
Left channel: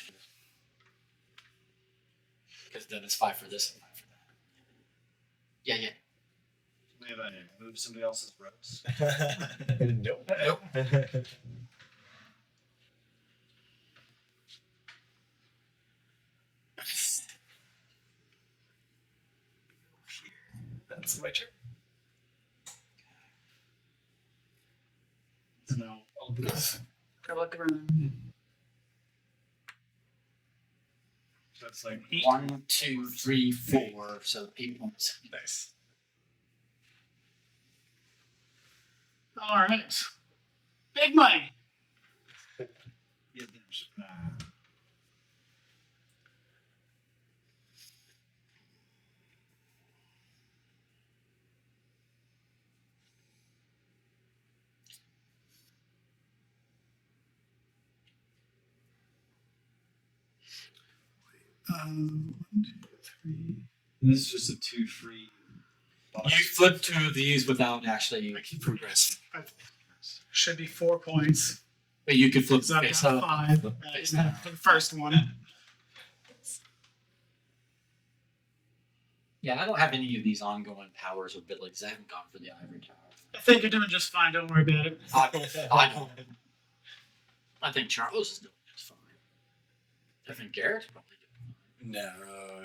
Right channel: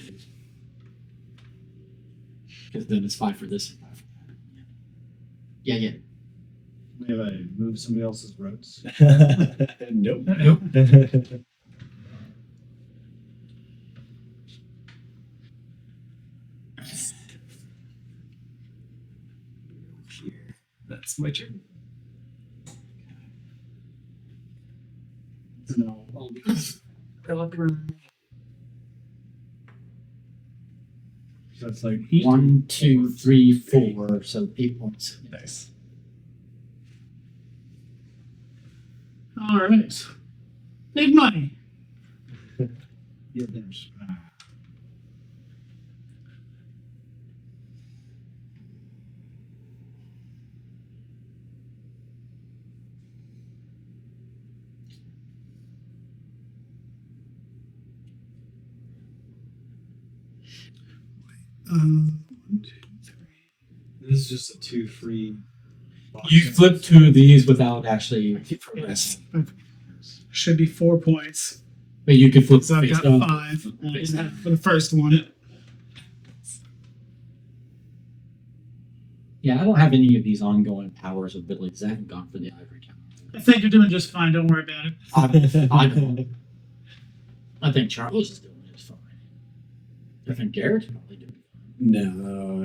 Because then it's 5 for this and 5 for that. Yeah, yeah. Maybe I move somebody else's roads. Nope. Nope. That's my turn. No, all these. Relic Runners. So it's like 1, 2, 3, 4. So 8 points. Nice. All right. Big money. yeah, there's One, two, three. this is just a 2 free. You flip 2 of these without actually progressing. Should be 4 points. But you could flip So I've face got up. 5 flip face for down. the first one. Yeah, I don't have any of these ongoing powers or abilities. I haven't gone for the ivory tower. I think you're doing just fine. Don't worry about it. I don't. I think Charles is doing just fine. I think Garrett's probably doing No,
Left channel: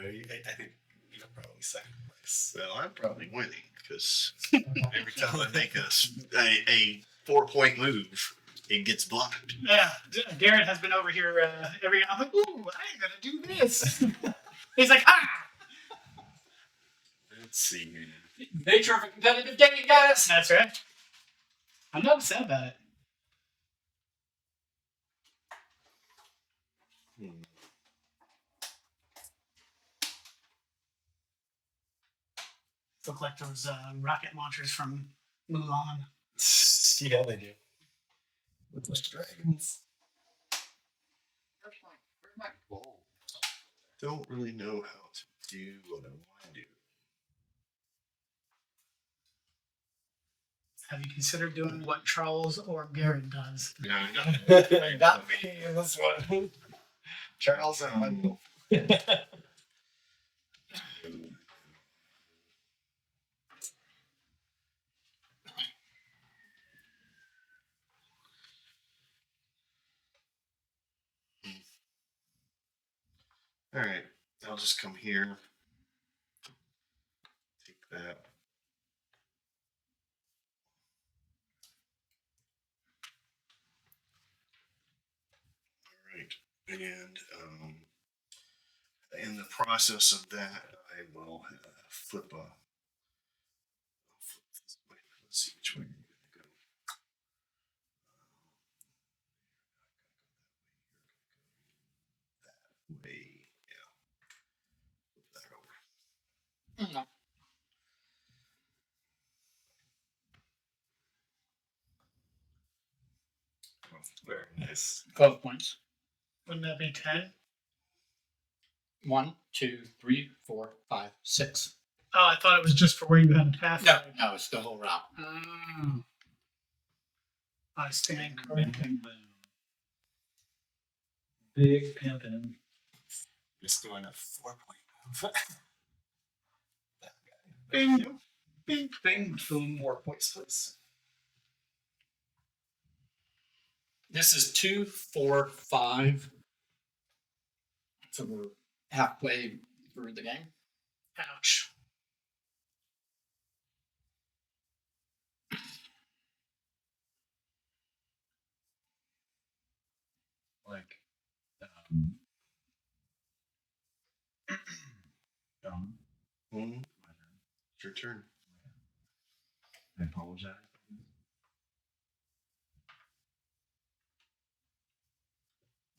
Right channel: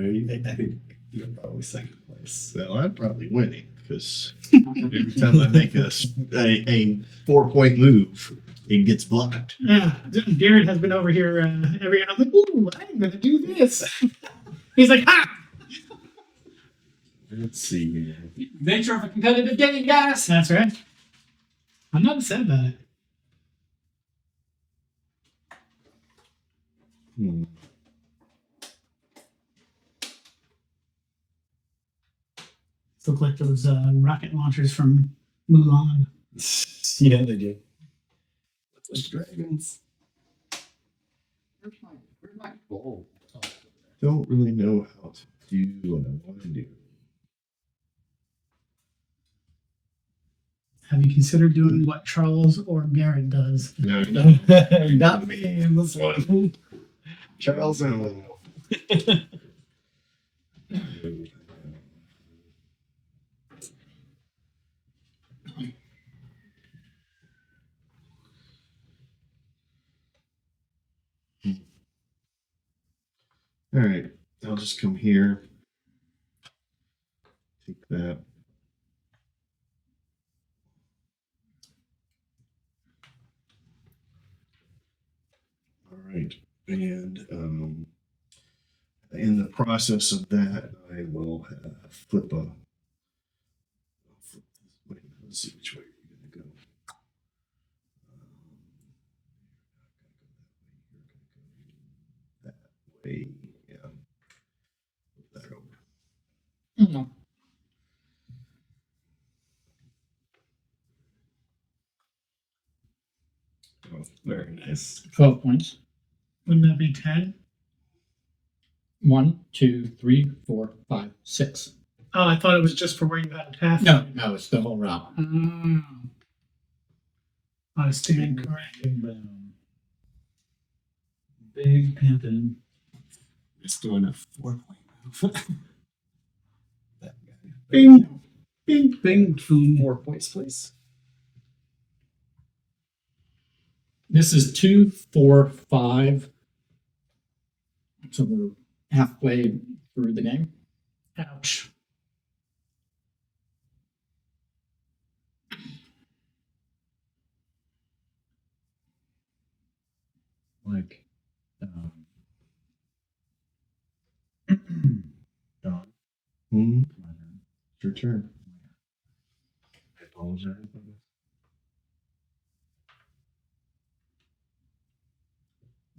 I think you're probably second place. Well, I'm probably winning because fine. every time I make a 4-point move, it gets blocked. Yeah, Garrett has been over here every year. I'm like, ooh, I'm gonna do this. He's like, ah. Let's see here. Nature of a competitive game, guys. That's right. I'm not upset about it. Hmm. Look like those rocket launchers from Mulan. Yeah, they do. Look like dragons. Where's my bowl? Don't really know how to do what I want to do. Have you considered doing what Charles or Garrett does? No, no. Not me in this one. Charles and Wendell. All right, I'll just come here. Take that. All right, and in the process of that, I will flip a. I'll flip this way. Let's see which way you're going to go. That way, yeah. Flip that over. No. Oh, Very nice. 12 points. Wouldn't that be 10? 1, 2, 3, 4, 5, 6. Oh, I thought it was just for where you had a path. No, it's the whole route. Oh. I stand Big corrected. bang boom. Big pimpin'. Just doing a 4-point move. That guy. Bing, bing, bing, boom. 4 points, please. This is 2, 4, 5. So we're halfway through the game. Ouch. Like, Don, Hmm, my turn. it's your turn. I apologize.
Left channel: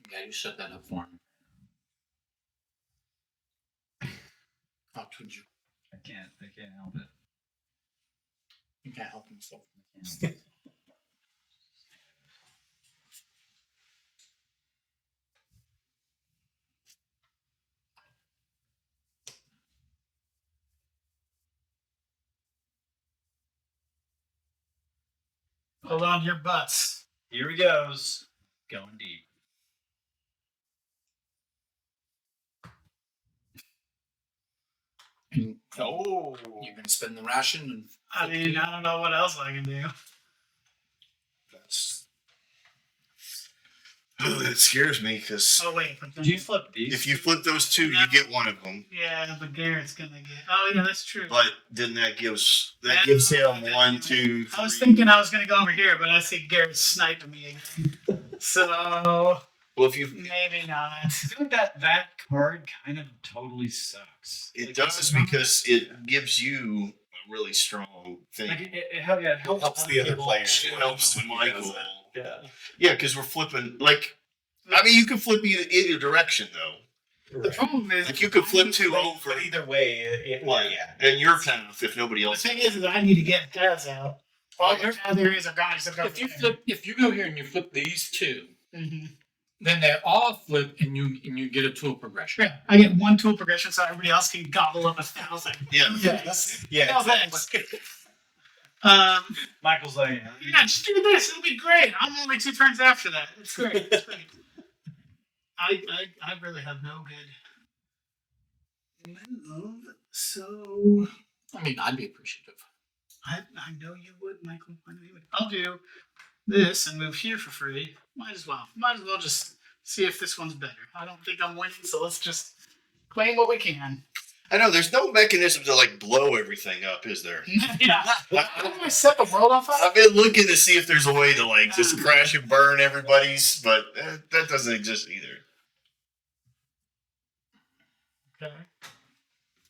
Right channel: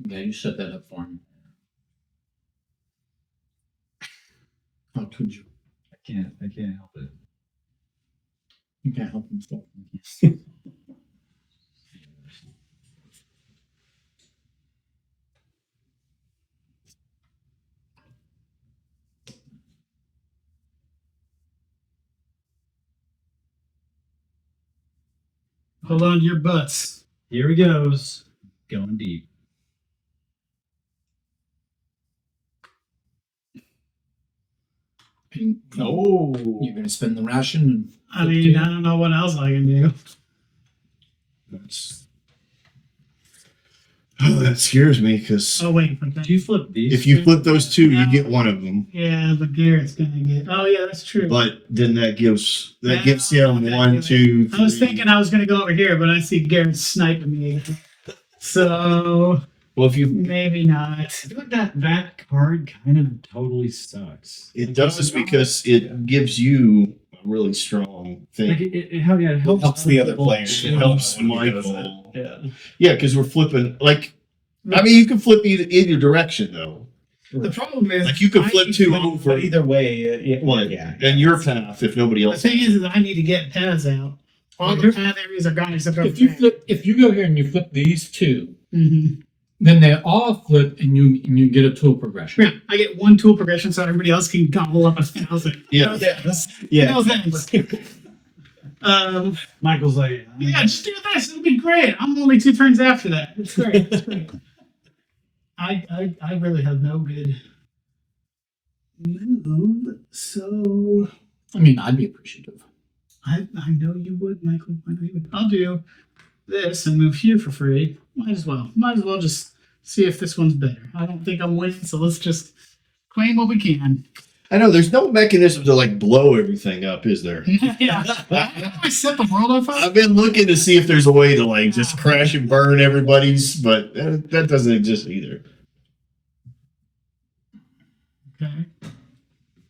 Yeah, you set that up for him. How could you? I can't help it. You can't help himself. I can't. Hold on to your butts. Here he goes. Going deep. And Oh, you're going to spend the ration. And I mean, I don't know what else I can do. That's. Oh, that scares me because Oh wait, but Did then, you flip these? if you two? flip those two, you get one of them. yeah, but Garrett's gonna get. Oh yeah, that's true. But then that gives Yeah, him okay, one, yeah. two, I was three. thinking I was gonna go over here, but I see Garrett sniping me again. So Well, if you maybe not. I feel like that card kind of totally sucks. it Like, does it's not- because it gives you a really strong thing. Like it helps the other people. players. It helps Michael. Yeah. Yeah, because we're flipping. Like, I mean, you can flip either direction though. The problem is, Like you can I flip need two to- over. But either way, Right. yeah. And your path if nobody The else. thing is I need to get paths out. All the path areas are gone except if you go here and you flip these two, Mm-hmm. then they all flip and you get a tool progression. Yeah, I get one tool progression so everybody else can gobble up 1,000. Yeah. Yeah. No thanks. Michael's like, Yeah, just do this. It'll be great. I'm only 2 turns after that. It's great. It's great. I really have no good move. So I mean, I'd be appreciative. I know you would, Michael. I know you would. I'll do this and move here for free. Might as well. Might as well just see if this one's better. I don't think I'm winning, so let's just claim what we can. I know there's no mechanism to like blow everything up, is there? Yeah. How do I set the world on fire? I've been looking to see if there's a way to like just crash and burn everybody's, but that doesn't exist either. Okay.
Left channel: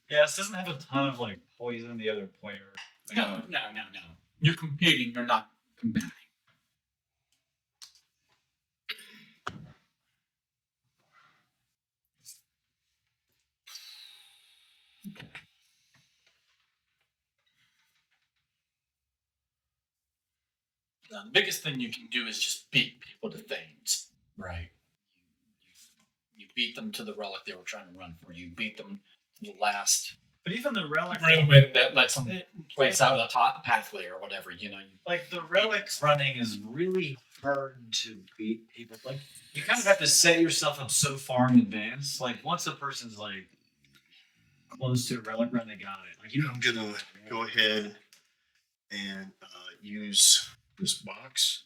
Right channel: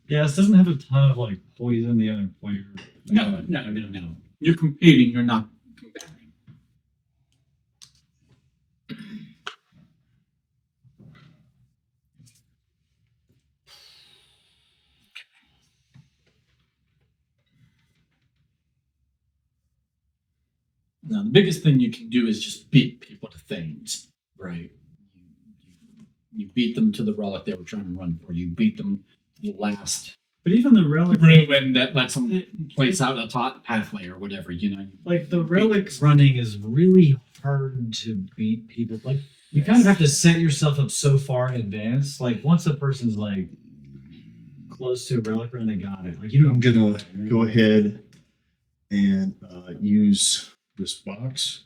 yeah, this doesn't have a ton of like poison the other player. No. You're competing. You're not combating. Okay. Now, the biggest thing you can do is just beat people to things, right? You beat them to the relic they were trying to run for. You beat them to the last But even the relic, ruin that lets them place out a top pathway or whatever, you know. like the relic running is really hard to beat people. Like you kind of have to set yourself up so far in advance. Like once a person's like close to a relic run, they got it. Like you I'm don't. gonna go ahead and use this box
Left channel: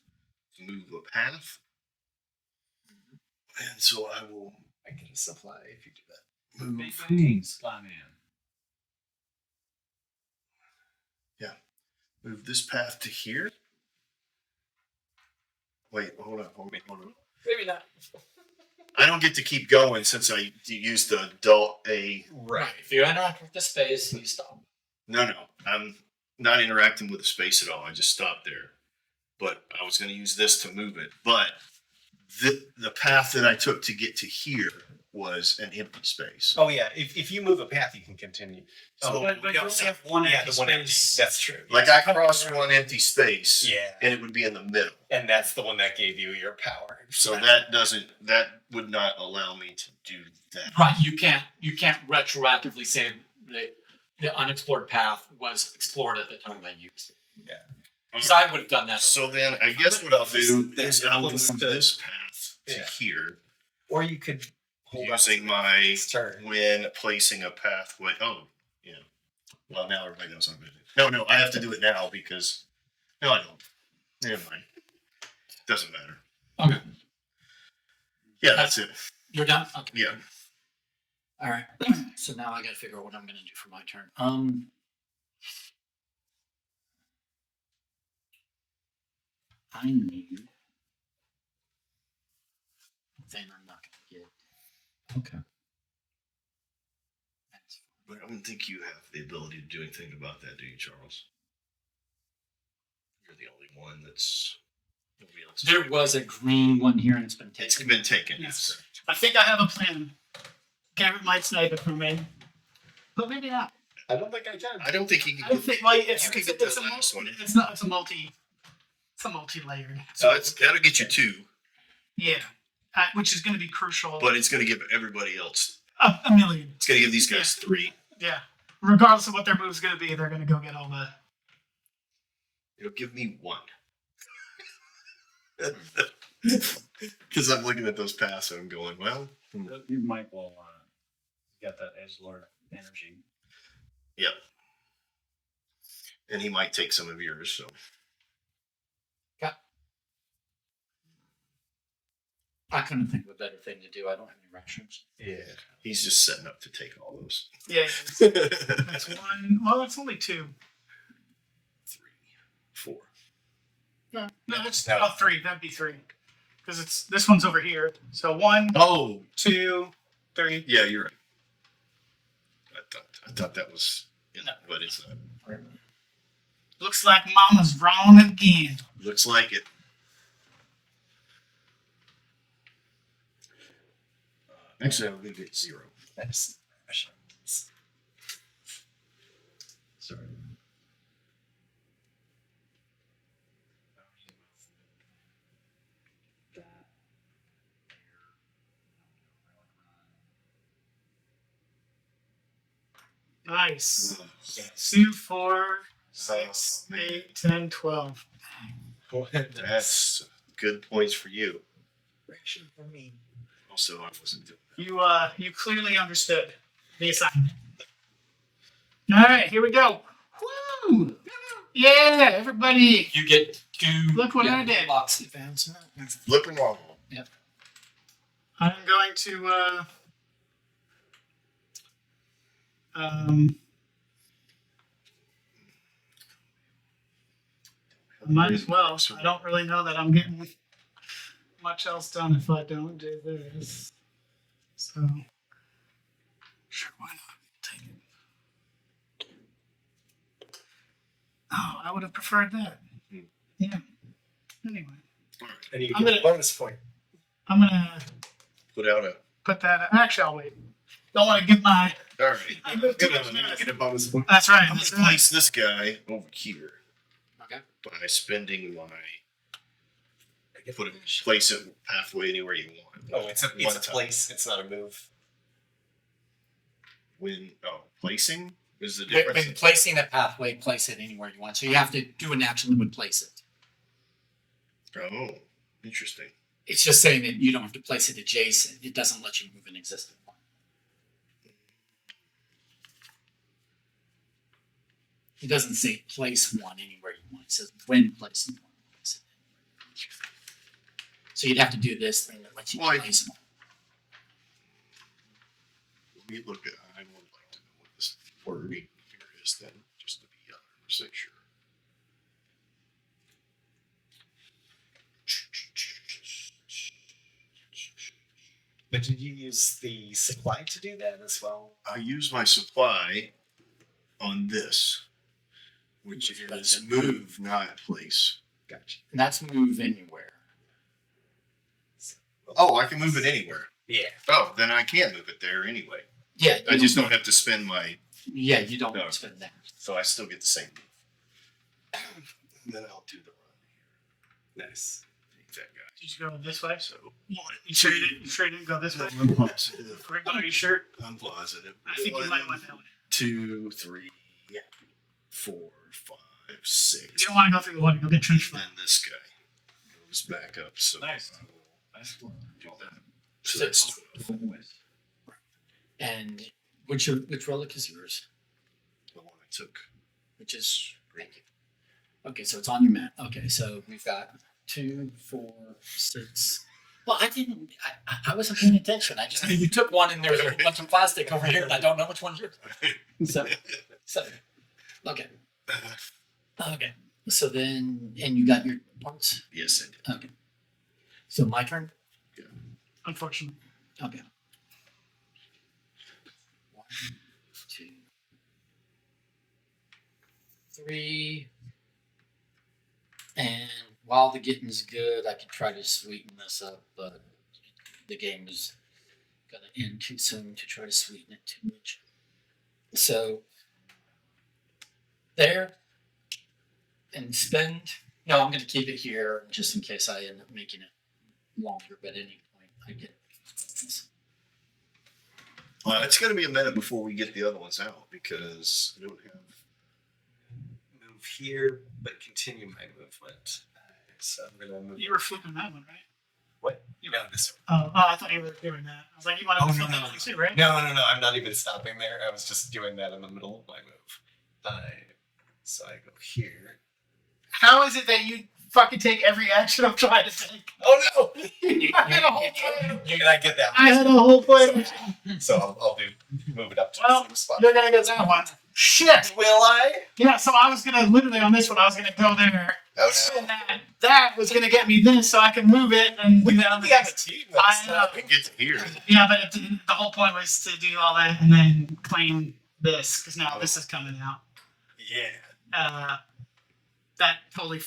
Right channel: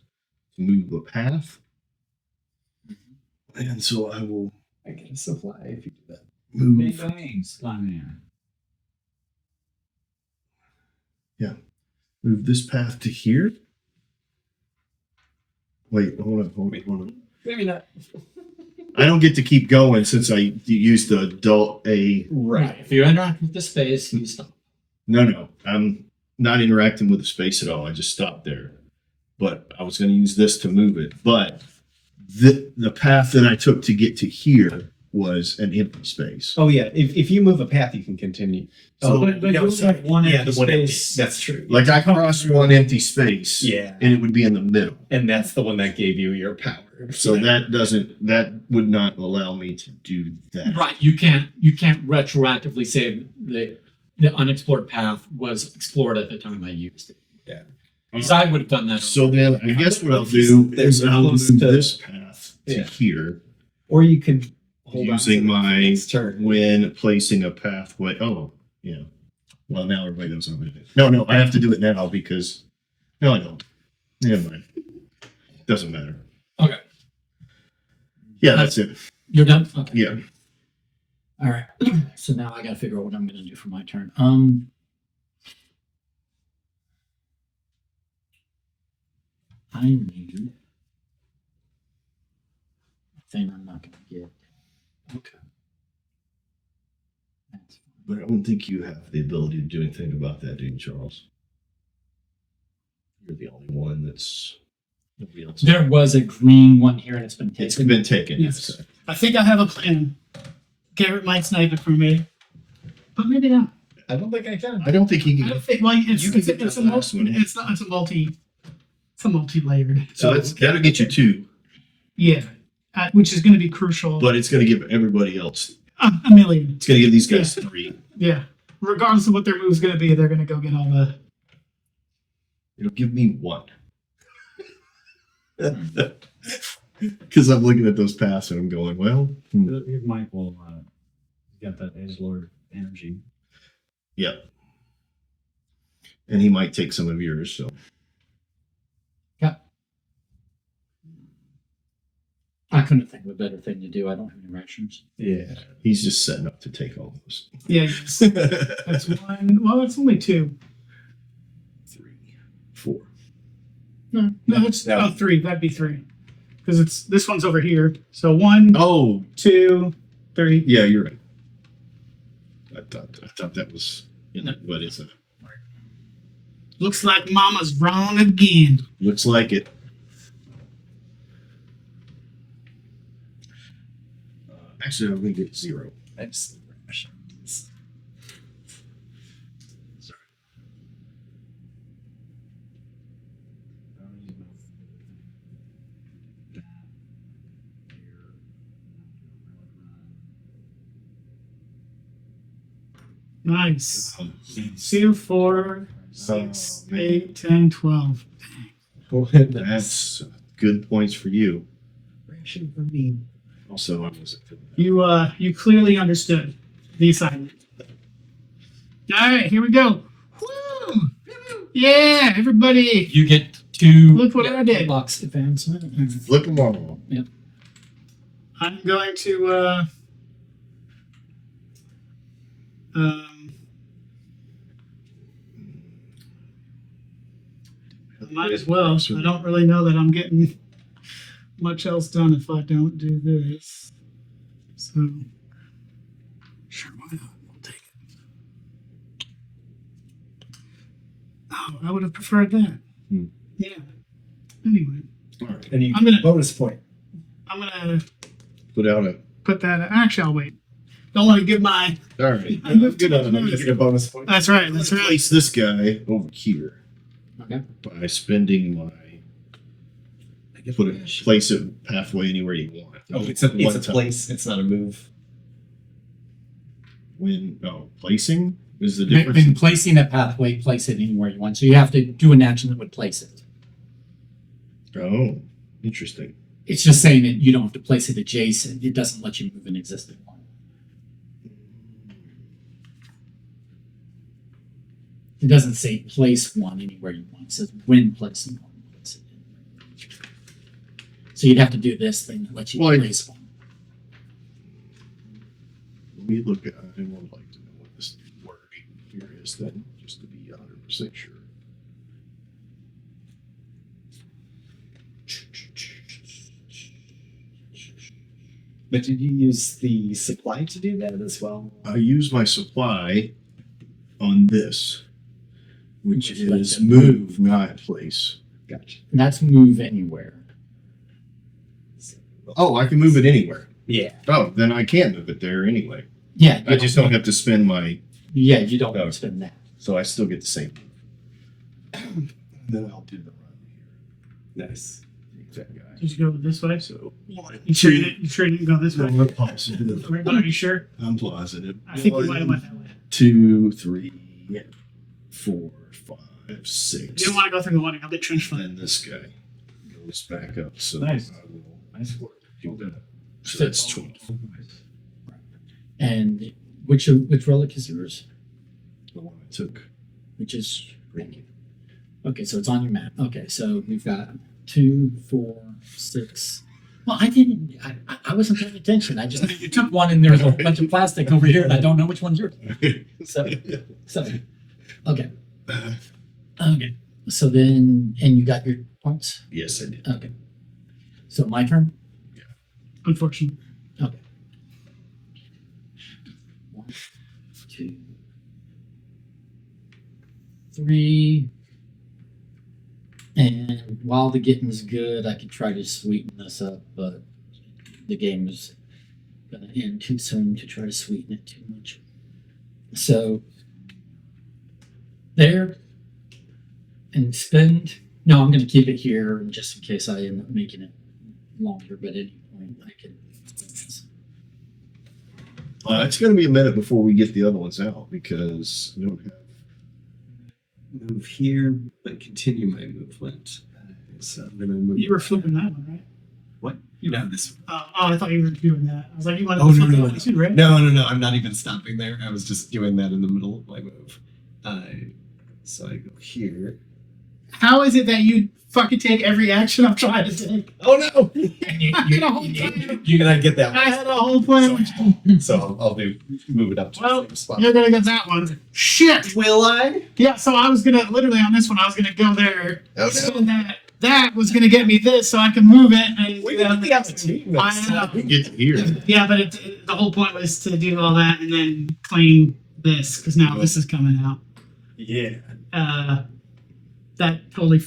to move a path, and so I will I get a supply if you do that. Big move. bang, Sly Man. Move this path to here. Wait, hold on. Maybe not. I don't get to keep going since I used the adult A. Right. If you interact with the space, you stop. No, I'm not interacting with the space at all. I just stopped there. But I was going to use this to move it. But the path that I took to get to here was an empty space. Oh yeah, if you move a path, you can continue. So- but you only have one empty the one empty. space. That's true. Like I crossed one empty space, Yeah, and it would be in the middle. and that's the one that gave you your power. So that would not allow me to do that. Right. You can't retroactively say the unexplored path was explored at the time I used it. Yeah. Because I would have done that. So then I guess what I'll do is I'll move this path to Yeah. here Or you could hold on using to the my next turn. when placing a pathway. Oh, yeah. Well, now everybody knows what I'm going to do. No, I have to do it now because no, I don't. Never mind. Doesn't matter. Okay. Yeah, that's it. You're done? Okay. Yeah. All right. So now I got to figure out what I'm going to do for my turn. I need a thing I'm not going to get. Okay. That's fine. But I don't think you have the ability to do anything about that, do you, Charles? You're the only one that's. Nobody else. There was a green one here and it's been It's taken. been taken. Yes. I think I have a plan. Garrett might snipe it from me, but maybe not. I don't think I can. I don't think he I can. don't think. Well, it's, You can it's, get it's that a last multi. one. It's not. It's a multi. It's a multi-layered. So that'll get you 2, Yeah, which is going to be crucial. but it's going to give everybody else. A million. It's going to give these guys 3. Yeah. Regardless of what their move's going to be, they're going to go get all the. It'll give me 1. Because I'm looking at those paths and I'm going, well, Your Mike will got that edgelord energy. yeah. And he might take some of yours, so. I couldn't think of a better thing to do. I don't have any rations. Yeah. He's just setting up to take all those. Yeah, that's one. Well, it's only two. 3, 4. No, it's three. That'd be three, because it's this one's over here. So 1, Oh, 2, 3. yeah, you're right. I thought that was, No. but it's not. Looks like Mama's wrong again. Looks like it. Actually, I'm going to get 0. I just rations. Sorry. Nice. 2, 4, 6, man. 8, 10, 12. That's good points for you. ration for me. Also, I wasn't doing You clearly understood the assignment. All right, here we go. Woo! Yeah, everybody. You get 2. Look what I did. Box advancement. that. Flip them all. I'm going to might as well. I don't really know that I'm getting much else done if I don't do this. So sure, why not? We'll take it. Oh, I would have preferred that. Hmm. Yeah. Anyway, All right. And you I'm get gonna- a bonus point. I'm gonna Put out a. put that. Actually, I'll wait. Don't want to give my. All right. I'm You get a bonus point. That's right. I'm going That's to right. place this guy over here Okay. by spending my. Place it halfway anywhere you want. Oh, it's a One time. place. It's not a move. Placing is the In difference. placing a pathway, place it anywhere you want. So you have to do an action that would place it. Oh, interesting. It's just saying that you don't have to place it adjacent. It doesn't let you move an existing one. It doesn't say place one anywhere you want. It says when placing one. Place it anywhere. So you'd have to do this thing that lets you Well, place one. Let me look at. I would like to know what this word here is then, just to be 100% sure. But did you use the supply to do that as well? I use my supply on this, which Which lets is it move, not place. Gotcha. And that's move anywhere. Oh, I can move it anywhere. Yeah. Oh, then I can't move it there anyway. Yeah. you I just don't have to spend my. Yeah, you don't No. spend that. So I still get the same. And then I'll do the run here. Nice. Take that guy. Did you go this way? So 1, You sure you didn't go this way? I'm positive. Are you sure? I'm positive. I think you might have went that way. 2, 3, 4, 5, 6. You don't want to go through the water. You'll get trench foot. And this guy goes back up. So Nice. I will Nice work. do that. So So- that's 12. And which relic is yours? The one I took. Which is thank you. Okay, so it's on your map. Okay, so we've got 2, 4, 6. Well, I wasn't paying attention. I just you took one and there's a bunch of plastic over here and I don't know which one's yours. So okay. Okay. So then and you got your points? Yes, I did. Okay. So my turn? Unfortunately. Okay. 1, 2, 3. And while the getting's good, I could try to sweeten this up, but the game is gonna end too soon to try to sweeten it too much. So there and spend. No, I'm gonna keep it here just in case I end up making it longer, but at any point I can. It's going to be a minute before we get the other ones out because I don't have. Move here, but continue my movement. So I'm gonna move. You were flipping that one, right? What? No, this. Oh, I thought you were doing that. I was like, you wanted Oh, to no, flip no, that no. one too, right? No, no, no. I'm not even stopping there. I was just doing that in the middle of my move. So I go here. How is it that you fucking take every action I'm trying to take? Oh no! I had a whole plan. You're gonna get that. I had a whole plan. So I'll move it up to Well, the same spot. you're gonna get that one. Shit. Will I? Yeah, so I was gonna literally on this one. I was gonna go there. Oh, no. Spin that. That was gonna get me this, so I can move it and We do that. on really the have a next team. one. I That's know. We get to hear. Yeah, but the whole point was to do all that and then claim this because now this is coming out. Yeah. That totally.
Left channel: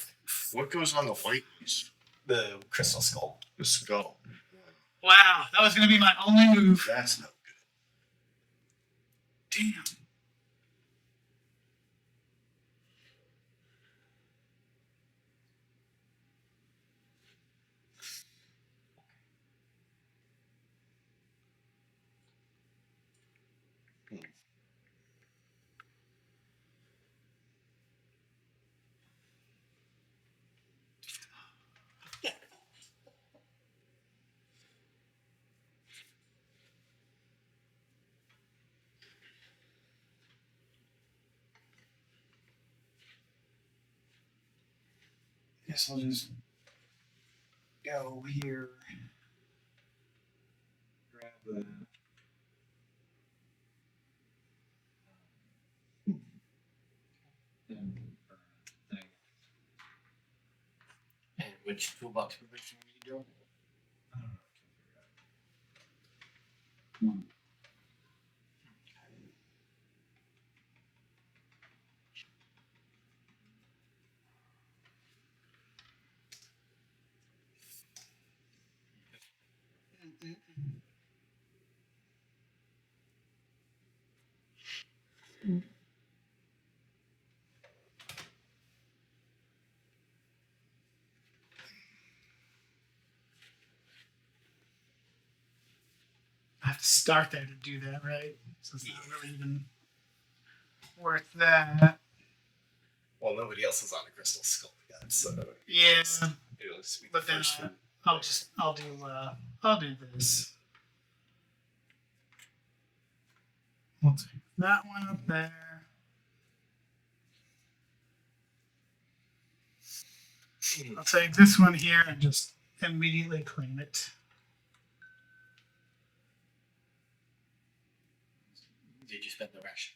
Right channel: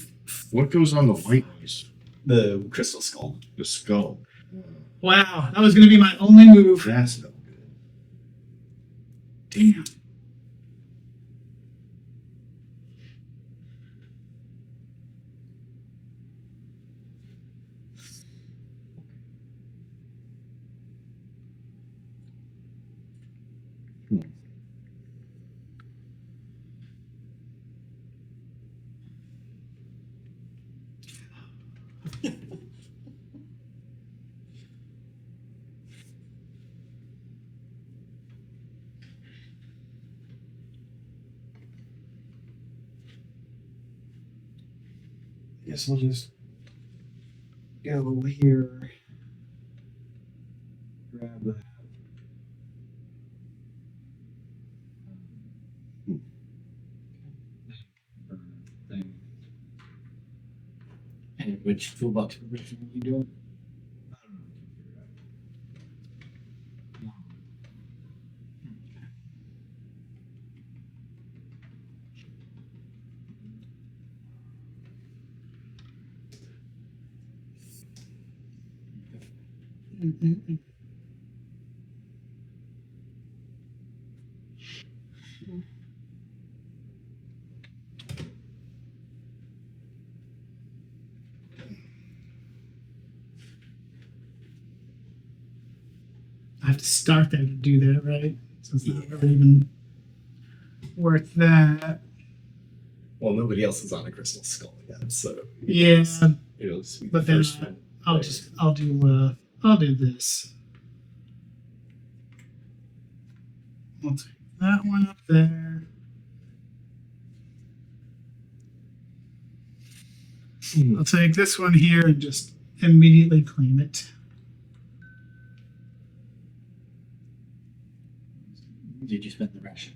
What goes on the white ones? The crystal skull. The skull. Wow, that was gonna be my only move. That's no good. Damn. Guess I'll just go here, grab that. Then burn thing. And which toolbox position are you doing? I don't know. Hmm. I have to start there to do that, right? So it's not really even worth that. Well, nobody else is on a crystal skull yet, so Yeah, it'll just be the but then first one. I'll do this. I'll take that one up there. I'll take this one here and just immediately claim it. Did you spend the ration?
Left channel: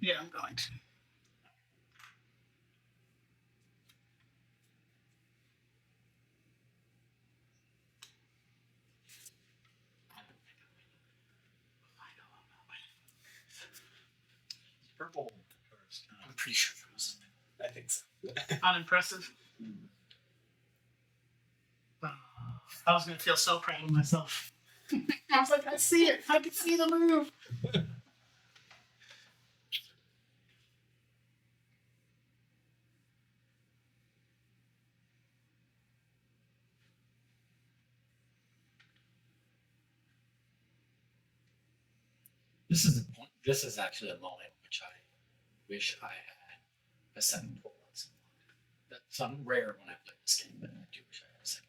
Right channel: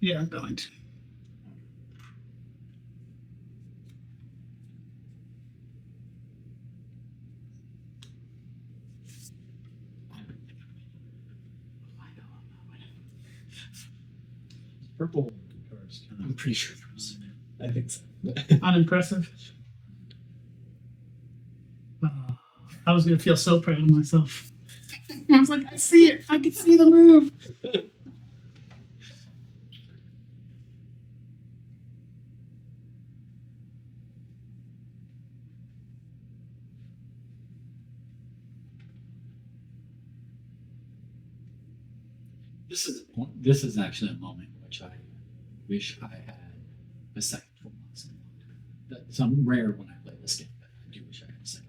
Yeah, I'm going to. Purple first. I'm pretty sure there was. I think so. Unimpressive. Oh, I was gonna feel so proud of myself. I was like, I see it. I can see the move. This is the point. This is actually a moment in which I wish I had a second toolbox. That's rare when I play this game, but I do wish I had a second.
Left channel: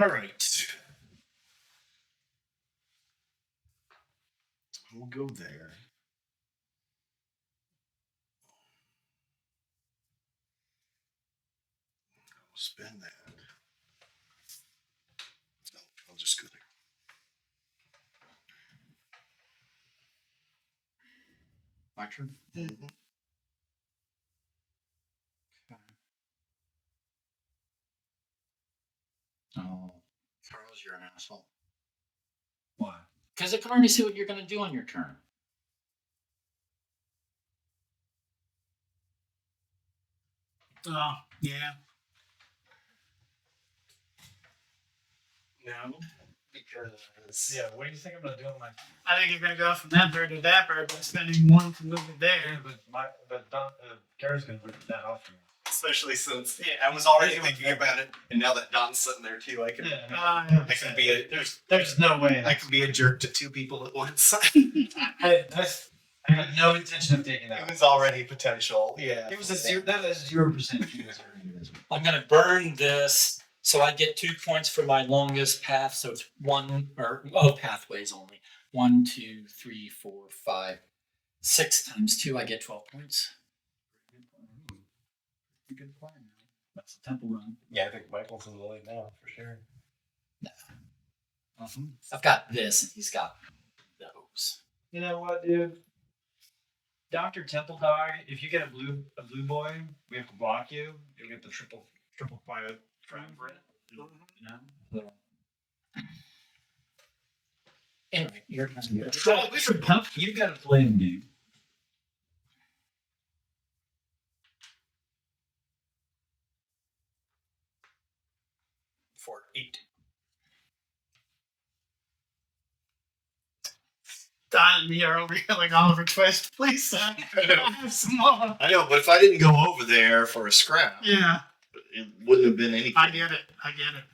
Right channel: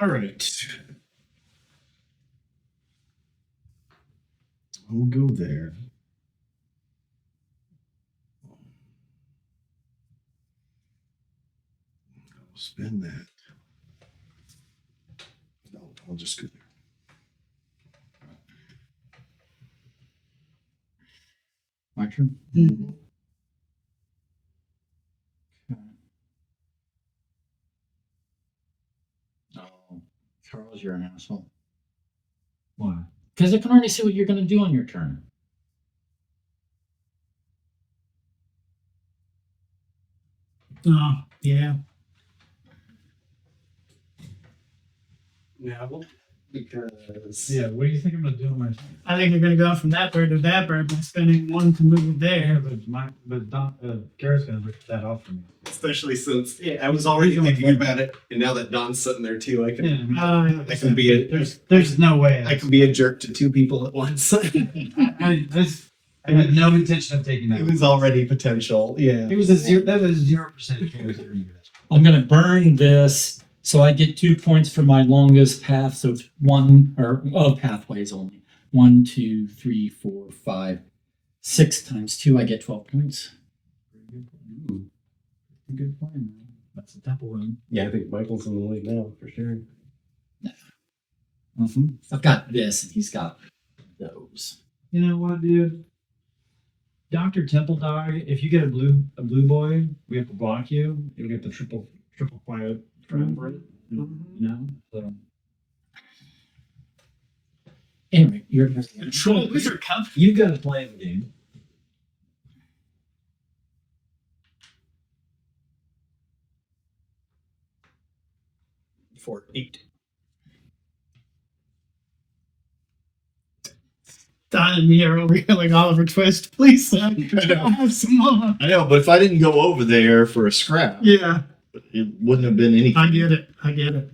All right. We'll go there. I'll spend that. No, I'll just go there. My turn. Mm-hmm. Oh, Charles, you're an asshole. Why? Because I can already see what you're going to do on your turn. Oh, yeah. Now, because Yeah, what do you think I'm gonna do on my? I think you're gonna go from that bird to that bird by spending one to move it Yeah, there. but Garrett's gonna rip that off from especially since I was already thinking about it, and now that Don's sitting there too, I can you. I can be a There's no way. I can be a jerk to two people at once. I had no intention of taking that. It was already potential. Yeah. It was a zero. That was 0% chance. I'm gonna burn this, so I get 2 points for my longest path. So it's pathways only. 1, 2, 3, 4, 5, 6 times 2. I get 12 points. Good plan, man. That's the temple run. Yeah, I think Michael's in the lead now for sure. I've got this, and he's got those. You know what, dude? Dr. Temple Dog, if you get a blue boy, we have to block you. You'll get the triple quiet friend. You know? So Anyway, you're gonna Wizard Cup. you've got to play in the game. For 8. Don and me are over here like Oliver Twist. Please, Sam, I'll have some more. I know, but if I didn't go over there for a scrap, Yeah, it wouldn't have been anything. I get it.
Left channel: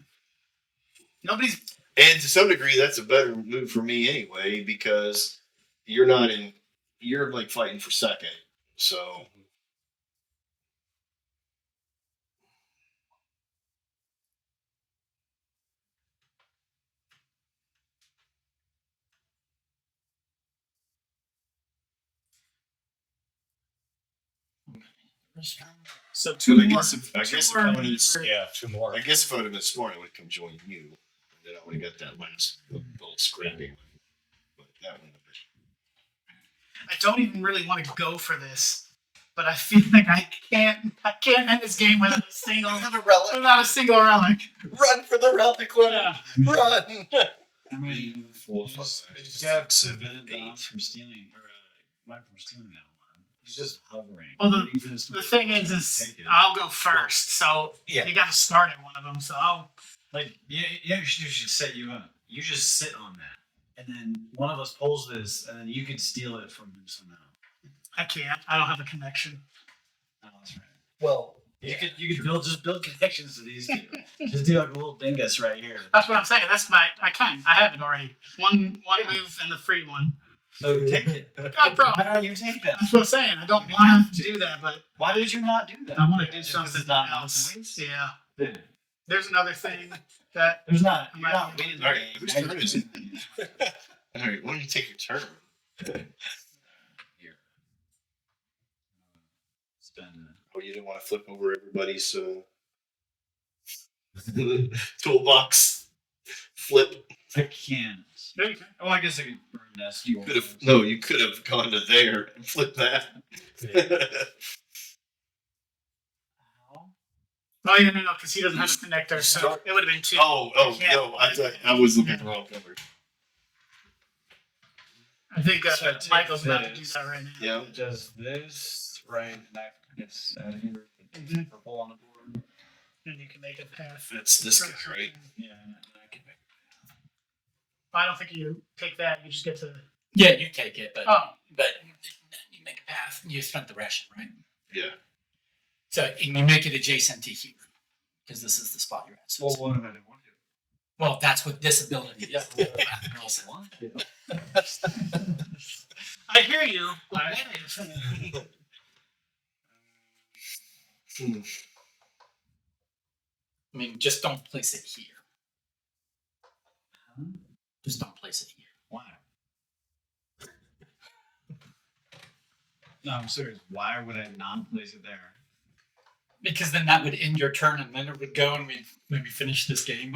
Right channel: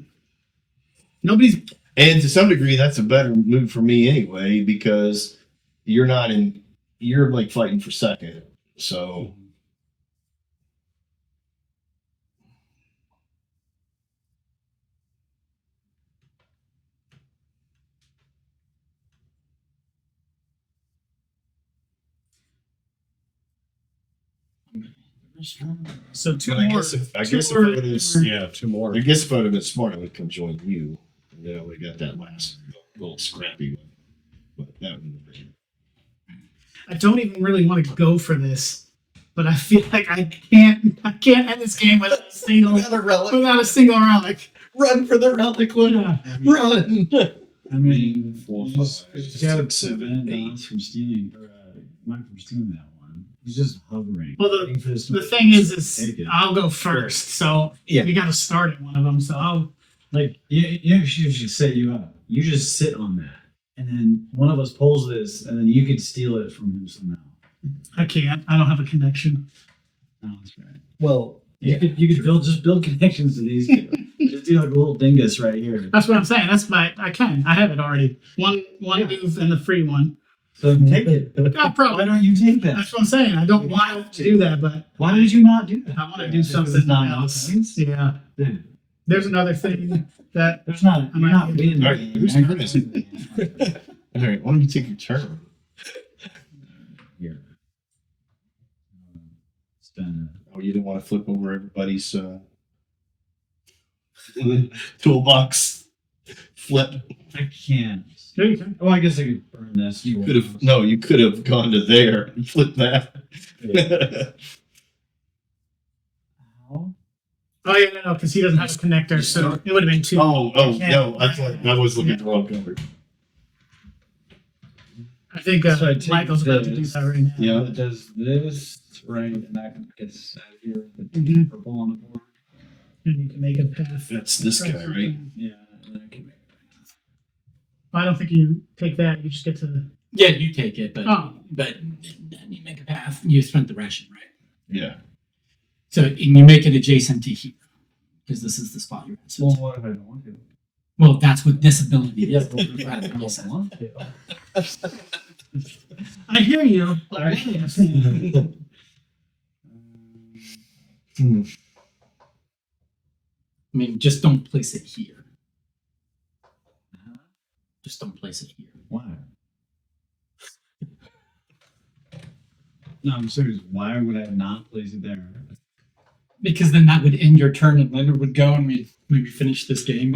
Nobody's. And to some degree, that's a better move for me anyway, because you're like fighting for second. So So two and I more. guess if I more- would have, Yeah, 2 more. I guess if I would have been smart, I would come join you, and then I would have got that last little scrappy one. But that wouldn't have been. I don't even really want to go for this, but I feel like I can't end this game without a single relic. Run for the relic one. Yeah. Run. I mean, 4, just 5, got 6, 7, 8. from stealing, or Mike from stealing that one. He's just hovering. Well, waiting for this The to- thing is Take it. I'll go first, so Yeah. you got to start at one of them. So I'll. Like, you should set you up. You just sit on that. And then one of us pulls this, and then you could steal it from him somehow. I can't. I don't have a connection. Oh, that's right. Well, You could build connections to these two. Just do like a little dingus right here. That's what I'm saying. I have it already. One move and the free one. So take it. Yeah, Why don't you take that? That's what I'm saying. I don't want to do that, but Why did you not do that? I want to do Because something it's not else. points? Yeah. Dude, There's another thing that there's not. You're not winning. All right, whose turn is it? All right, why don't you take your turn? Here. Spend Oh, you didn't want to flip over everybody's toolbox. Flip. I can't. there you go. Oh, I guess I could burn this. You could have gone to there and flipped that. Oh yeah, no, because he doesn't have a connector, so it would have been 2. Oh, no, I thought I was looking at the wrong cover. I think So I take Michael's about to do this. that right now. Yeah. It does this, right, and that gets out of here. The Mhm. purple on the board. And you can make a path. That's this guy, right? Yeah, and I can make I don't think you take that. You just get to the. Yeah, you take it, but Oh. you make a path. You spent the ration, right? Yeah. So and you make it adjacent to here because this is the spot you're at. So Well, it's- what if I don't want to? well, that's what this ability is. I don't want to. I hear you. I mean, just don't place it here. Just don't place it here. Why? No, I'm serious. Why would I not place it there? Because then that would end your turn and Leonard would go and we'd maybe finish this game.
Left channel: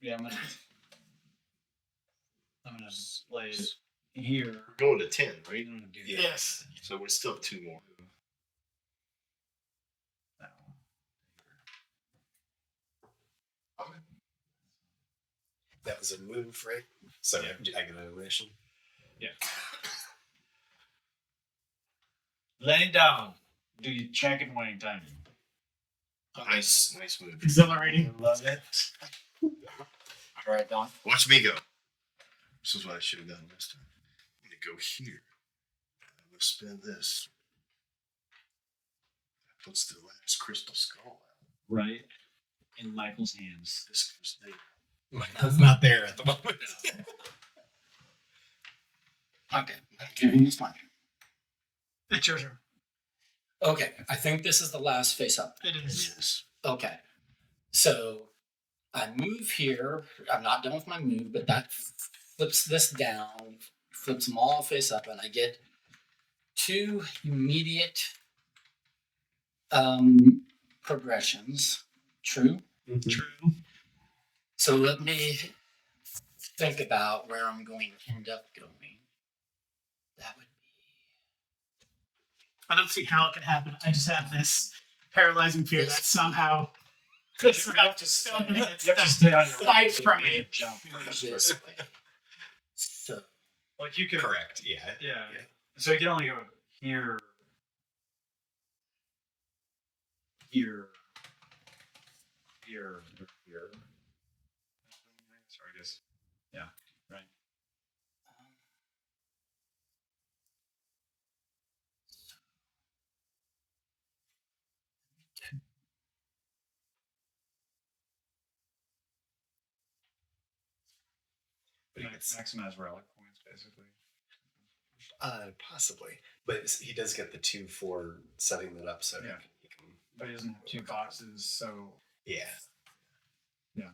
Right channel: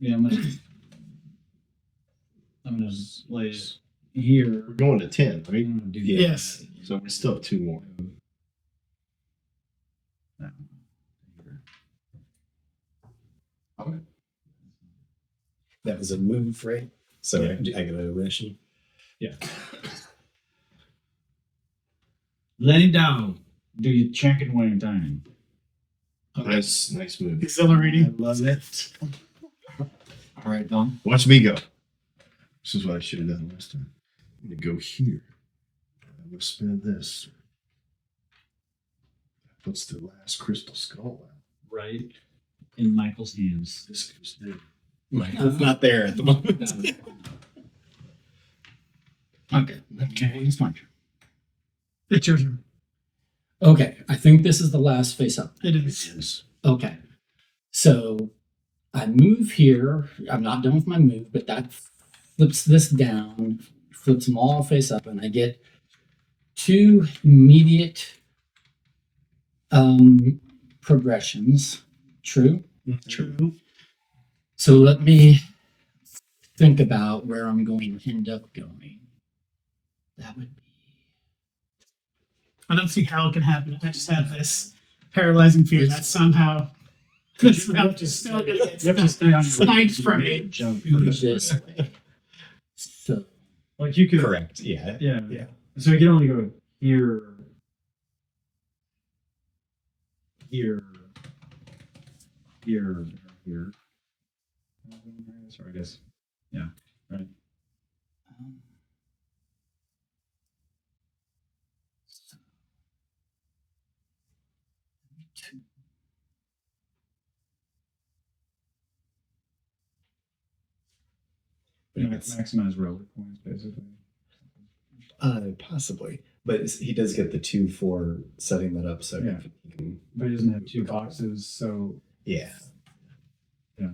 Yeah, I'm gonna lay it here. We're going to 10, right? I'm gonna do Yes. So we still have 2 more. that one. that was a move, right? So Yeah. I got a ration. Lay down. do you check it one at a time? Nice move. Exhilarating. Love it. All right, Don. Watch me go. This is what I should have done last time. I'm gonna go here. I'm gonna spin this. That puts the last crystal skull out. Right in Michael's hands. This goes there. Michael's not there at the moment. Okay. Okay, it's mine. It's your turn. Okay, I think this is the last face up. It It is. is. Okay. So I move here. I'm not done with my move, but that flips this down, flips them all face up, and I get 2 immediate progressions. True? True. So let me think about where I'm going to end up going. That would be. I don't see how it can happen. I just have this paralyzing fear that somehow this route is still going to get You have to stay on your sniped from me. jump. this way. So Like you could. Correct. Yeah. Yeah. Yeah. So you can only go here, here, here, here. Sorry, I guess. Yeah. Right. Maximize relic points, basically. Possibly, but he does get the 2 for setting that up, so Yeah. he can. But he doesn't have 2 boxes, so Yeah. yeah.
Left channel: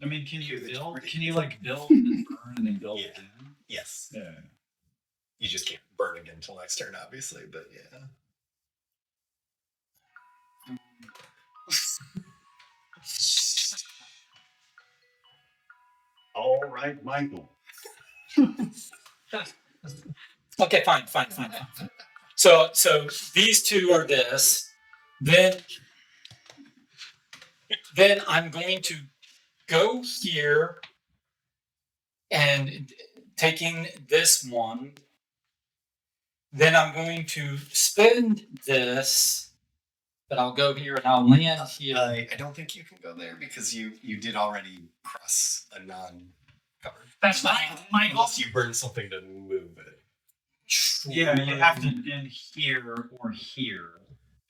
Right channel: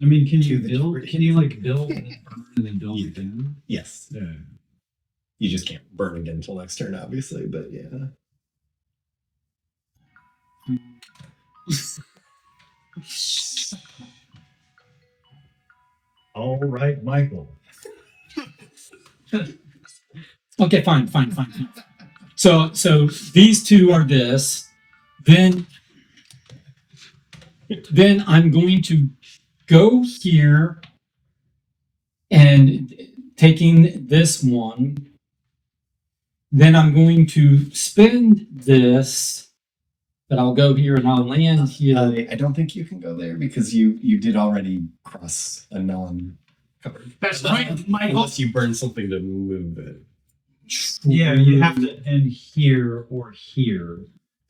I mean, can you To the build? degree. Can you like build and then burn and then build Yeah. again? Yes. Yeah. You just can't burn again until next turn, obviously. But yeah. All right, Michael. okay, fine. So these 2 are this. Then I'm going to go here and taking this one. Then I'm going to spend this, but I'll go here and I'll land here. I don't think you can go there because you did already cross a non-covered. That's right, Michael. Unless you burn something to move it. Yeah, you have to end here or here,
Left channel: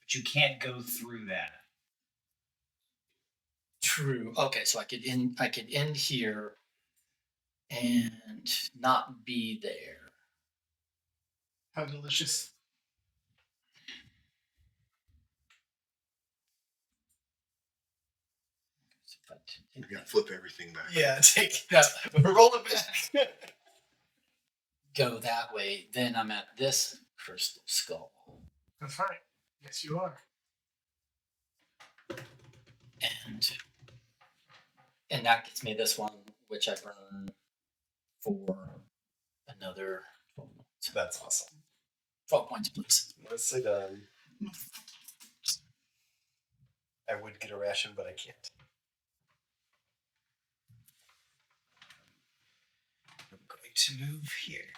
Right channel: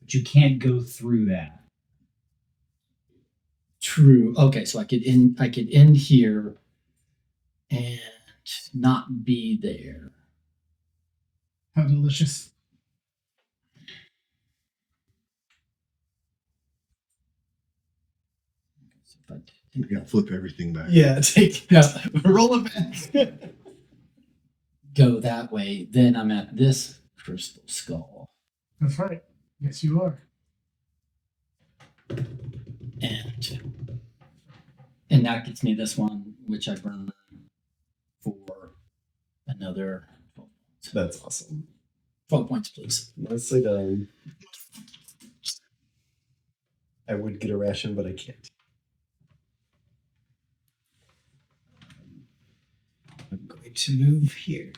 but you can't go through that. True. Okay, so I could end here and not be there. How delicious. So if I We got to flip everything back. Yeah, take No. roll it back. go that way, then I'm at this crystal skull. That's right. Yes, you are. And that gets me this one, which I burn for another 12 points. That's awesome. 12 points, please. Nicely done. I would get a ration, but I can't. I'm going to move here.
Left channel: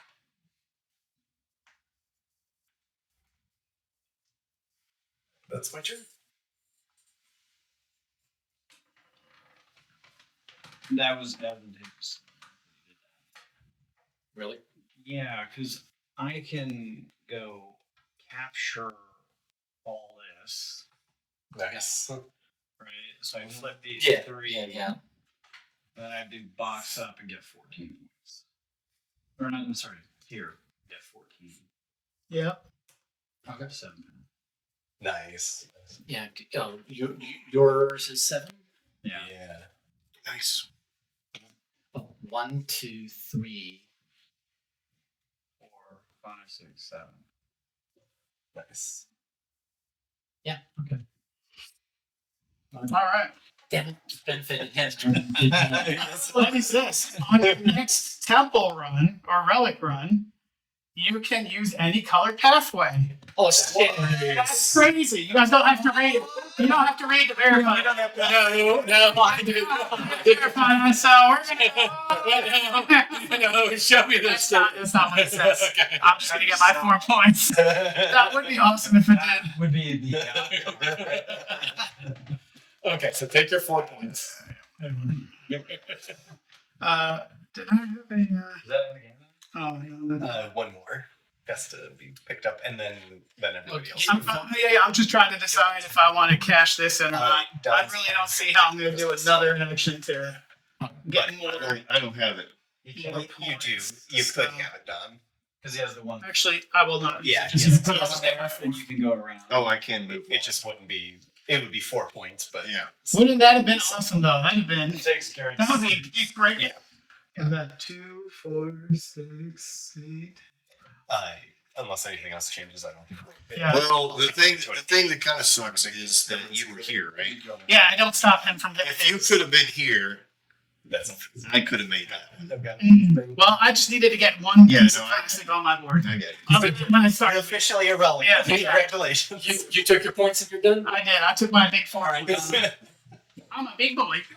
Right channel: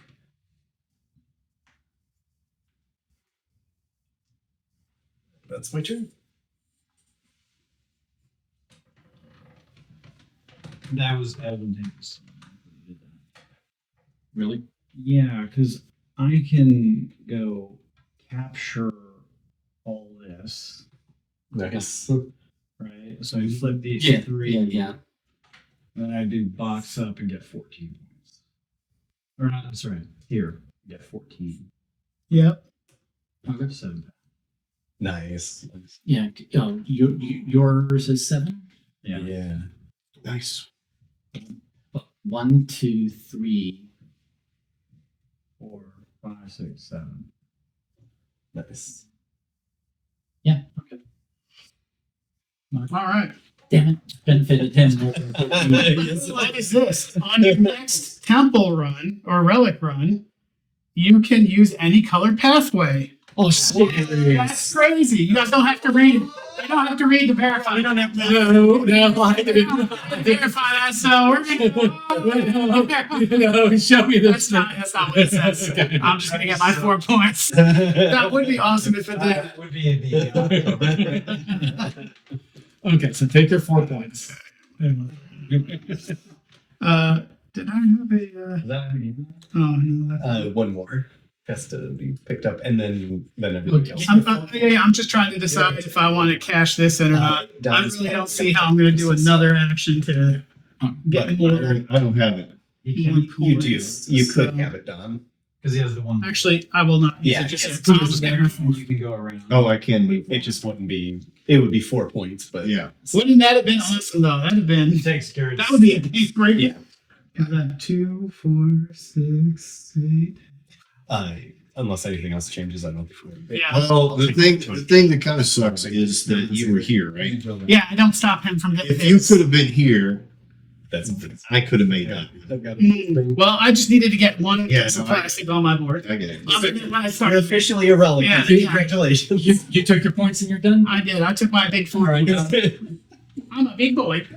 That's my turn. That was advantageous. You did that. Really? Yeah, because I can go capture all this, Nice. right? So I flip these Yeah, 3. yeah. And then I do box up and get 14 points. Or not, I'm sorry, here, get 14. Yep. Okay. 7. Nice. Yeah. Oh, yours is 7? Yeah. Yeah. Nice. Well, 1, 2, 3. 4, 5, 6, 7. Nice. Yeah, okay. All right. Damn it. Benefited him more than it did me. So what is this? On your next temple run or relic run, you can use any colored pathway. Oh shit! That's crazy. You guys don't have to read. You don't have to read to verify. You don't have to No, I didn't. verify that. So we're gonna. No, show me this. That's not what it says. Okay. I'm just gonna get my 4 points. That would be awesome if it did. That would be the Okay, so take your 4 points. Did I have a? Is that a game? Oh, no, that's. One more has to be picked up, and then everybody else. I'm just trying to decide if I want to cash this in or not. I really don't see how I'm going to do another action to get more. I don't have it. You do. points, You could so- have it done. Because he has the one. Actually, I will not. use Yeah, it, just yes, use the total yes. scanner. And you can go around. Oh, I can move. It just wouldn't be. It would be 4 points, but Yeah. Wouldn't that have been awesome though? That'd have been. It takes care of That would be a big break. Yeah. Is that 2, 4, 6, 8? unless anything else changes, I don't think we're gonna be. Yeah. Well, the thing that kind of sucks is that you were here, right? Yeah, I don't stop him from getting If you could have been here, That's I could have made that. Well, I just needed to get one Yeah, piece no, of I- plastic on my board. I get it. When I You're started, officially irrelevant. Yeah, Congratulations. You took your points and you're done? I did. I took my big All 4. right. I'm a big boy.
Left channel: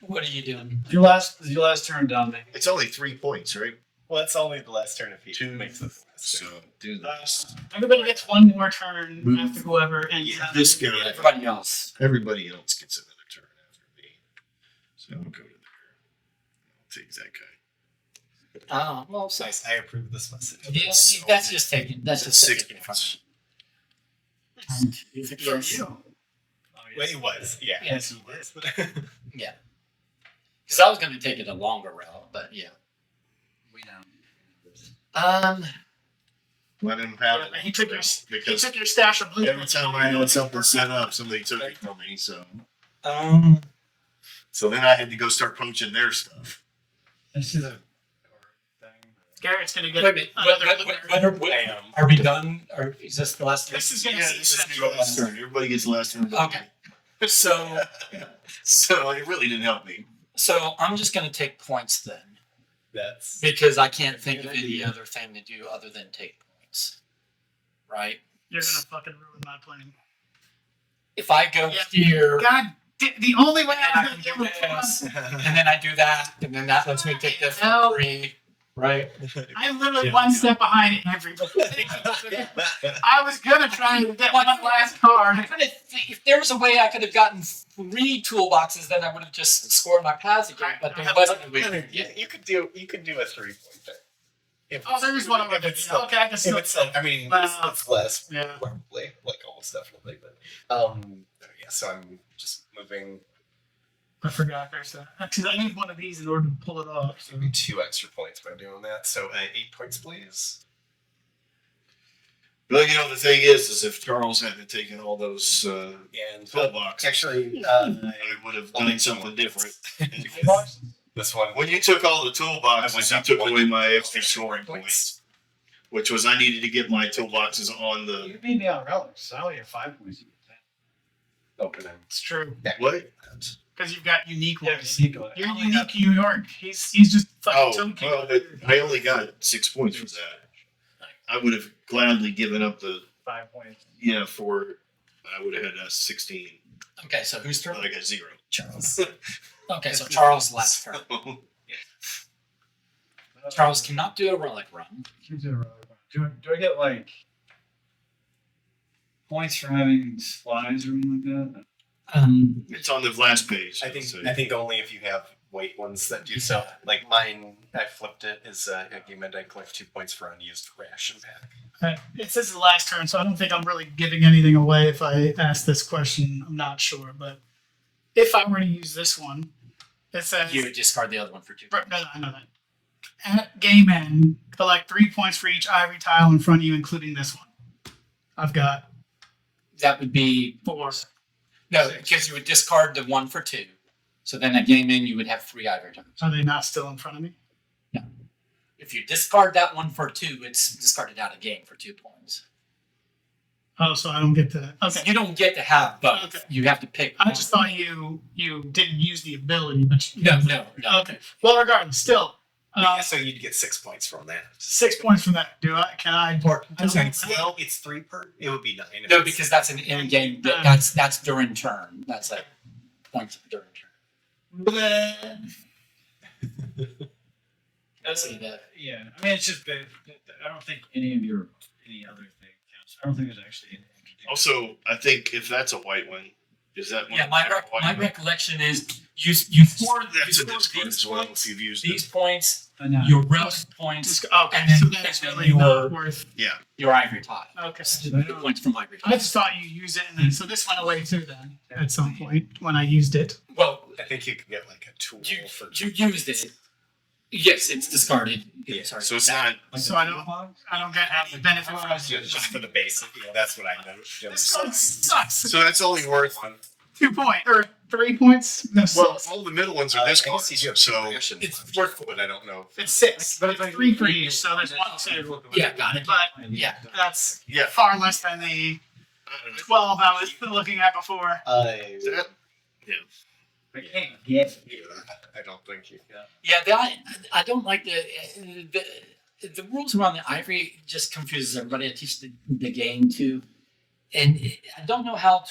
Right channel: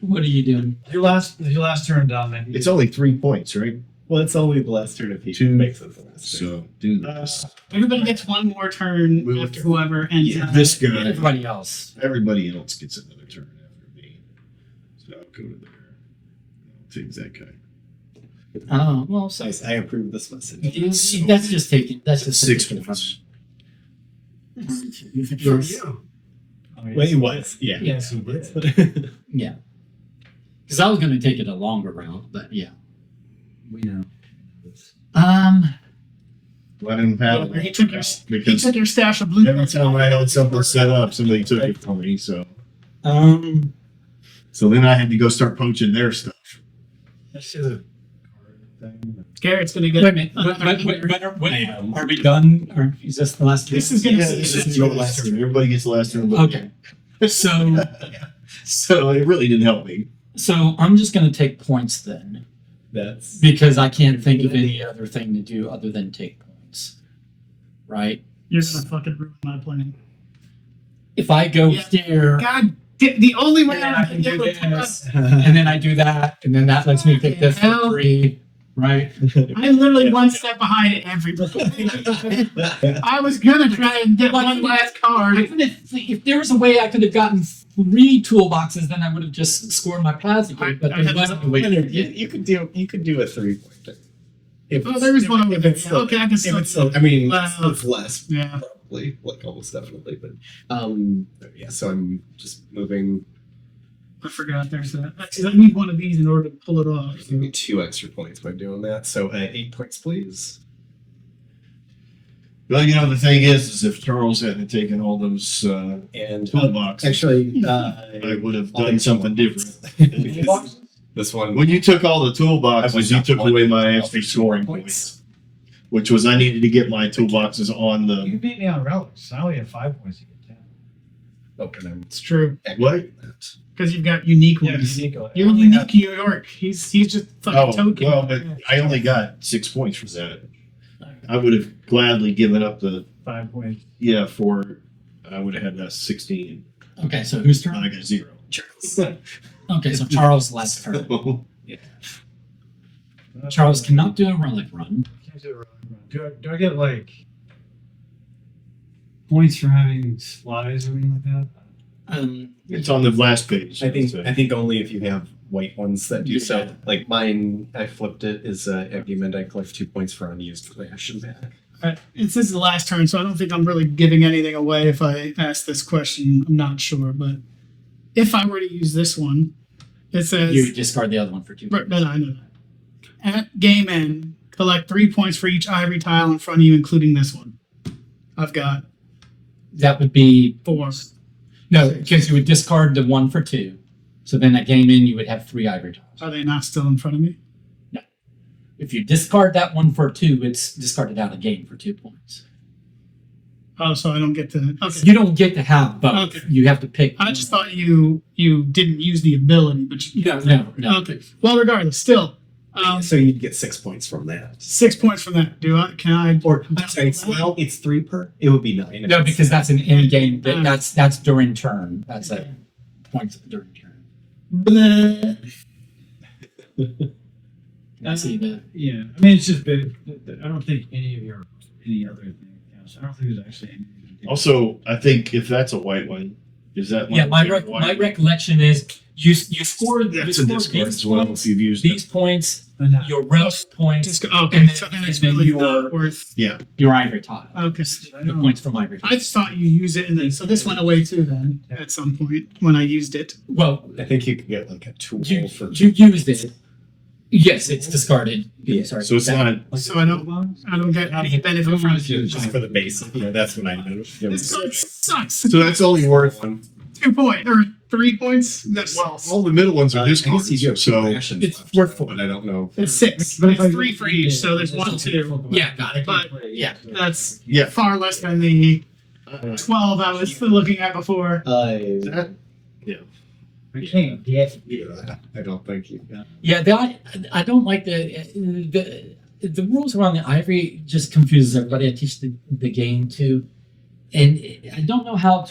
What are you doing? Your last turn, Dominic. It's only 3 points, right? Well, it's only the last turn if he Two. makes it the last turn. So do this. Everybody gets one more turn Move. after whoever ends. Yeah, this guy. Everybody else. Everybody else gets another turn after me. So I'll go to there. I'll take that guy. Oh, well, so Nice. I approve this message. yeah, that's just taking. That's just 6 taking it points. from me. From Yes. you. Oh, yes. Well, he was. Yeah. Yes, he did. Yeah. Because I was going to take it a longer route, but yeah. We know. Let him have He it. took your Because stash of blue. every time I had something set up, somebody took it from me. So then I had to go start poaching their stuff. That's just a card thing. Garrett's gonna Wait get a minute. Are we done? Or is this the last? This is gonna Yeah, be this is your last turn. Everybody gets the last turn. but Okay. So So it really didn't help me. I'm just going to take points then, That's because I can't think of any other thing to do other than take points. Right? You're gonna fucking ruin my plan. If I go Yeah. here God, the only way and then I'm I gonna can be do able to this, and then I do that, and then that lets me take this for Hell. free. Right? I'm literally one step behind everybody. I was gonna try and get one last I card. could have, if there was a way I could have gotten 3 toolboxes, then I would have just scored my passage. But I there have- wasn't a way to do you, it. you could do a 3-pointer. Oh, there is one with it. Still, Okay, I can still. I mean, Wow. it's less Yeah. probably, like almost definitely, but yeah. So I'm just moving. I forgot there's that. Because I need one of these in order to pull it off. Give me 2 extra points by doing that. So 8 points, please. Well, the thing is if Charles hadn't taken all those And toolboxes, actually, I would have done something different. this one. When you took all the toolboxes, you took away my I'll extra take scoring 4 points, which was I needed to get my toolboxes on the You beat me on relics. I only have 5 points. You get 10. Open them. It's true. what? Because you've got unique Yeah, ones. Nico. You're unique New York. He's just fucking Oh, token. well, but I only got 6 points for that. I would have gladly given up the 5 points. for I would have had 16. Okay, so whose And turn? I got 0. Charles. Okay, so Charles' last turn. Charles cannot do a relic run. Do I get like points for having supplies or anything like that? It's on the last page. I think so. only if you have white ones that do so. Yeah. Like mine, I flipped it. Is argument I collect 2 points for unused ration back. This is the last turn, so I don't think I'm really giving anything away if I ask this question. I'm not sure, but if I were to use this one, it says You discard the other one for 2. Right, no, I know that. At game end, collect 3 points for each ivory tile in front of you, including this one. I've got That would be 4. no, because you would discard the 1 for 2. So then at game in, you would have 3 ivory tiles. Are they not still in front of me? If you discard that 1 for 2, it's discarded out of game for 2 points. Oh, so I don't get to. Okay. You don't get to have both. Okay. You have to pick. I just thought you didn't use the ability, but you, No. Okay. Well, regardless, still, So you'd get 6 points from that. 6 points from that. Do I? Can I? Or I'm sorry, well, it's 3 per. It would be 9. if No, it's- because that's an in-game. That's during turn. That's a point during turn. Bleh. I see that. Yeah, I mean, it's just been, I don't think any other thing counts. I don't think there's actually any. Also, I think if that's a white one, is that one? Yeah, my white one? recollection is you score That's a score discard these as well points, if you've used these it. points, But no. your relic points, Okay, and then- so then it's and then really your- not worth. Yeah. your ivory tile. Okay. The points from ivory tile. I just thought you use it and then so this went away too then at some point when I used it. Well, I think you could get like a tool you for. used it. Yes, it's discarded. Yeah, Sorry. So it's not. So I don't get any benefit from it. Just for the basic. Yeah, that's what I know. This card sucks. So that's only worth. 2 points or 3 points? No, Well, 6. all the middle ones are discards. So It's worth 4. but I don't know. It's 6, but it's 3 for each, so there's 1, 2. Yeah, got it. But Yeah. that's yeah. far less than the 12 I was looking at before. That, I can't get. I don't think you got. Yeah, I don't like the rules around the ivory just confuses everybody. I teach the game too, and I don't know how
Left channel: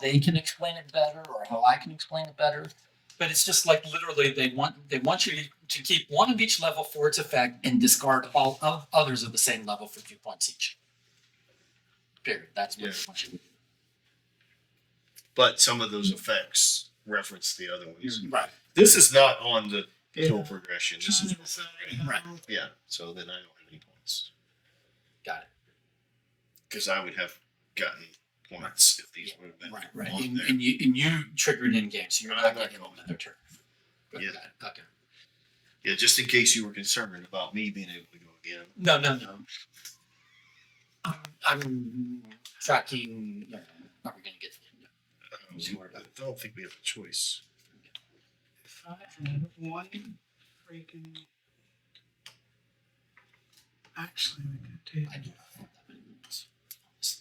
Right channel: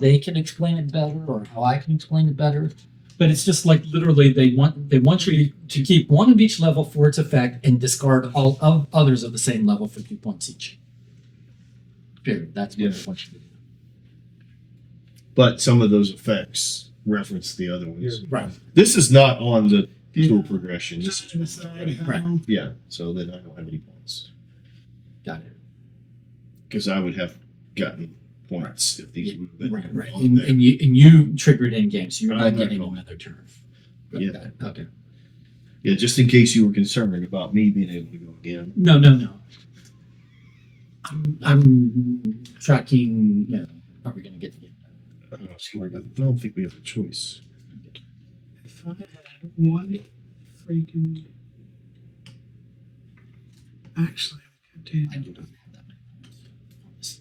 they can explain it better or how I can explain it better. But it's just like literally they want you to keep one of each level for its effect and discard all of others of the same level for 2 points each. Period. That's what they want you to do. but some of those effects reference the other ones. Right. This is not on the Yeah. tool progression. This Trying is to decide how- Right. yeah. So then I don't have any points Got it. because I would have gotten points if these would have been Right. on And, there. and you triggered in game, so you're I'm not not getting going. another turn. Yeah. Got it. Okay. Yeah, just in case you were concerned about me being able to go again. No. I'm tracking. You know, are we going to get to the I don't think we have a choice. If I had one freaking. Actually, we could I do. do not have that many points.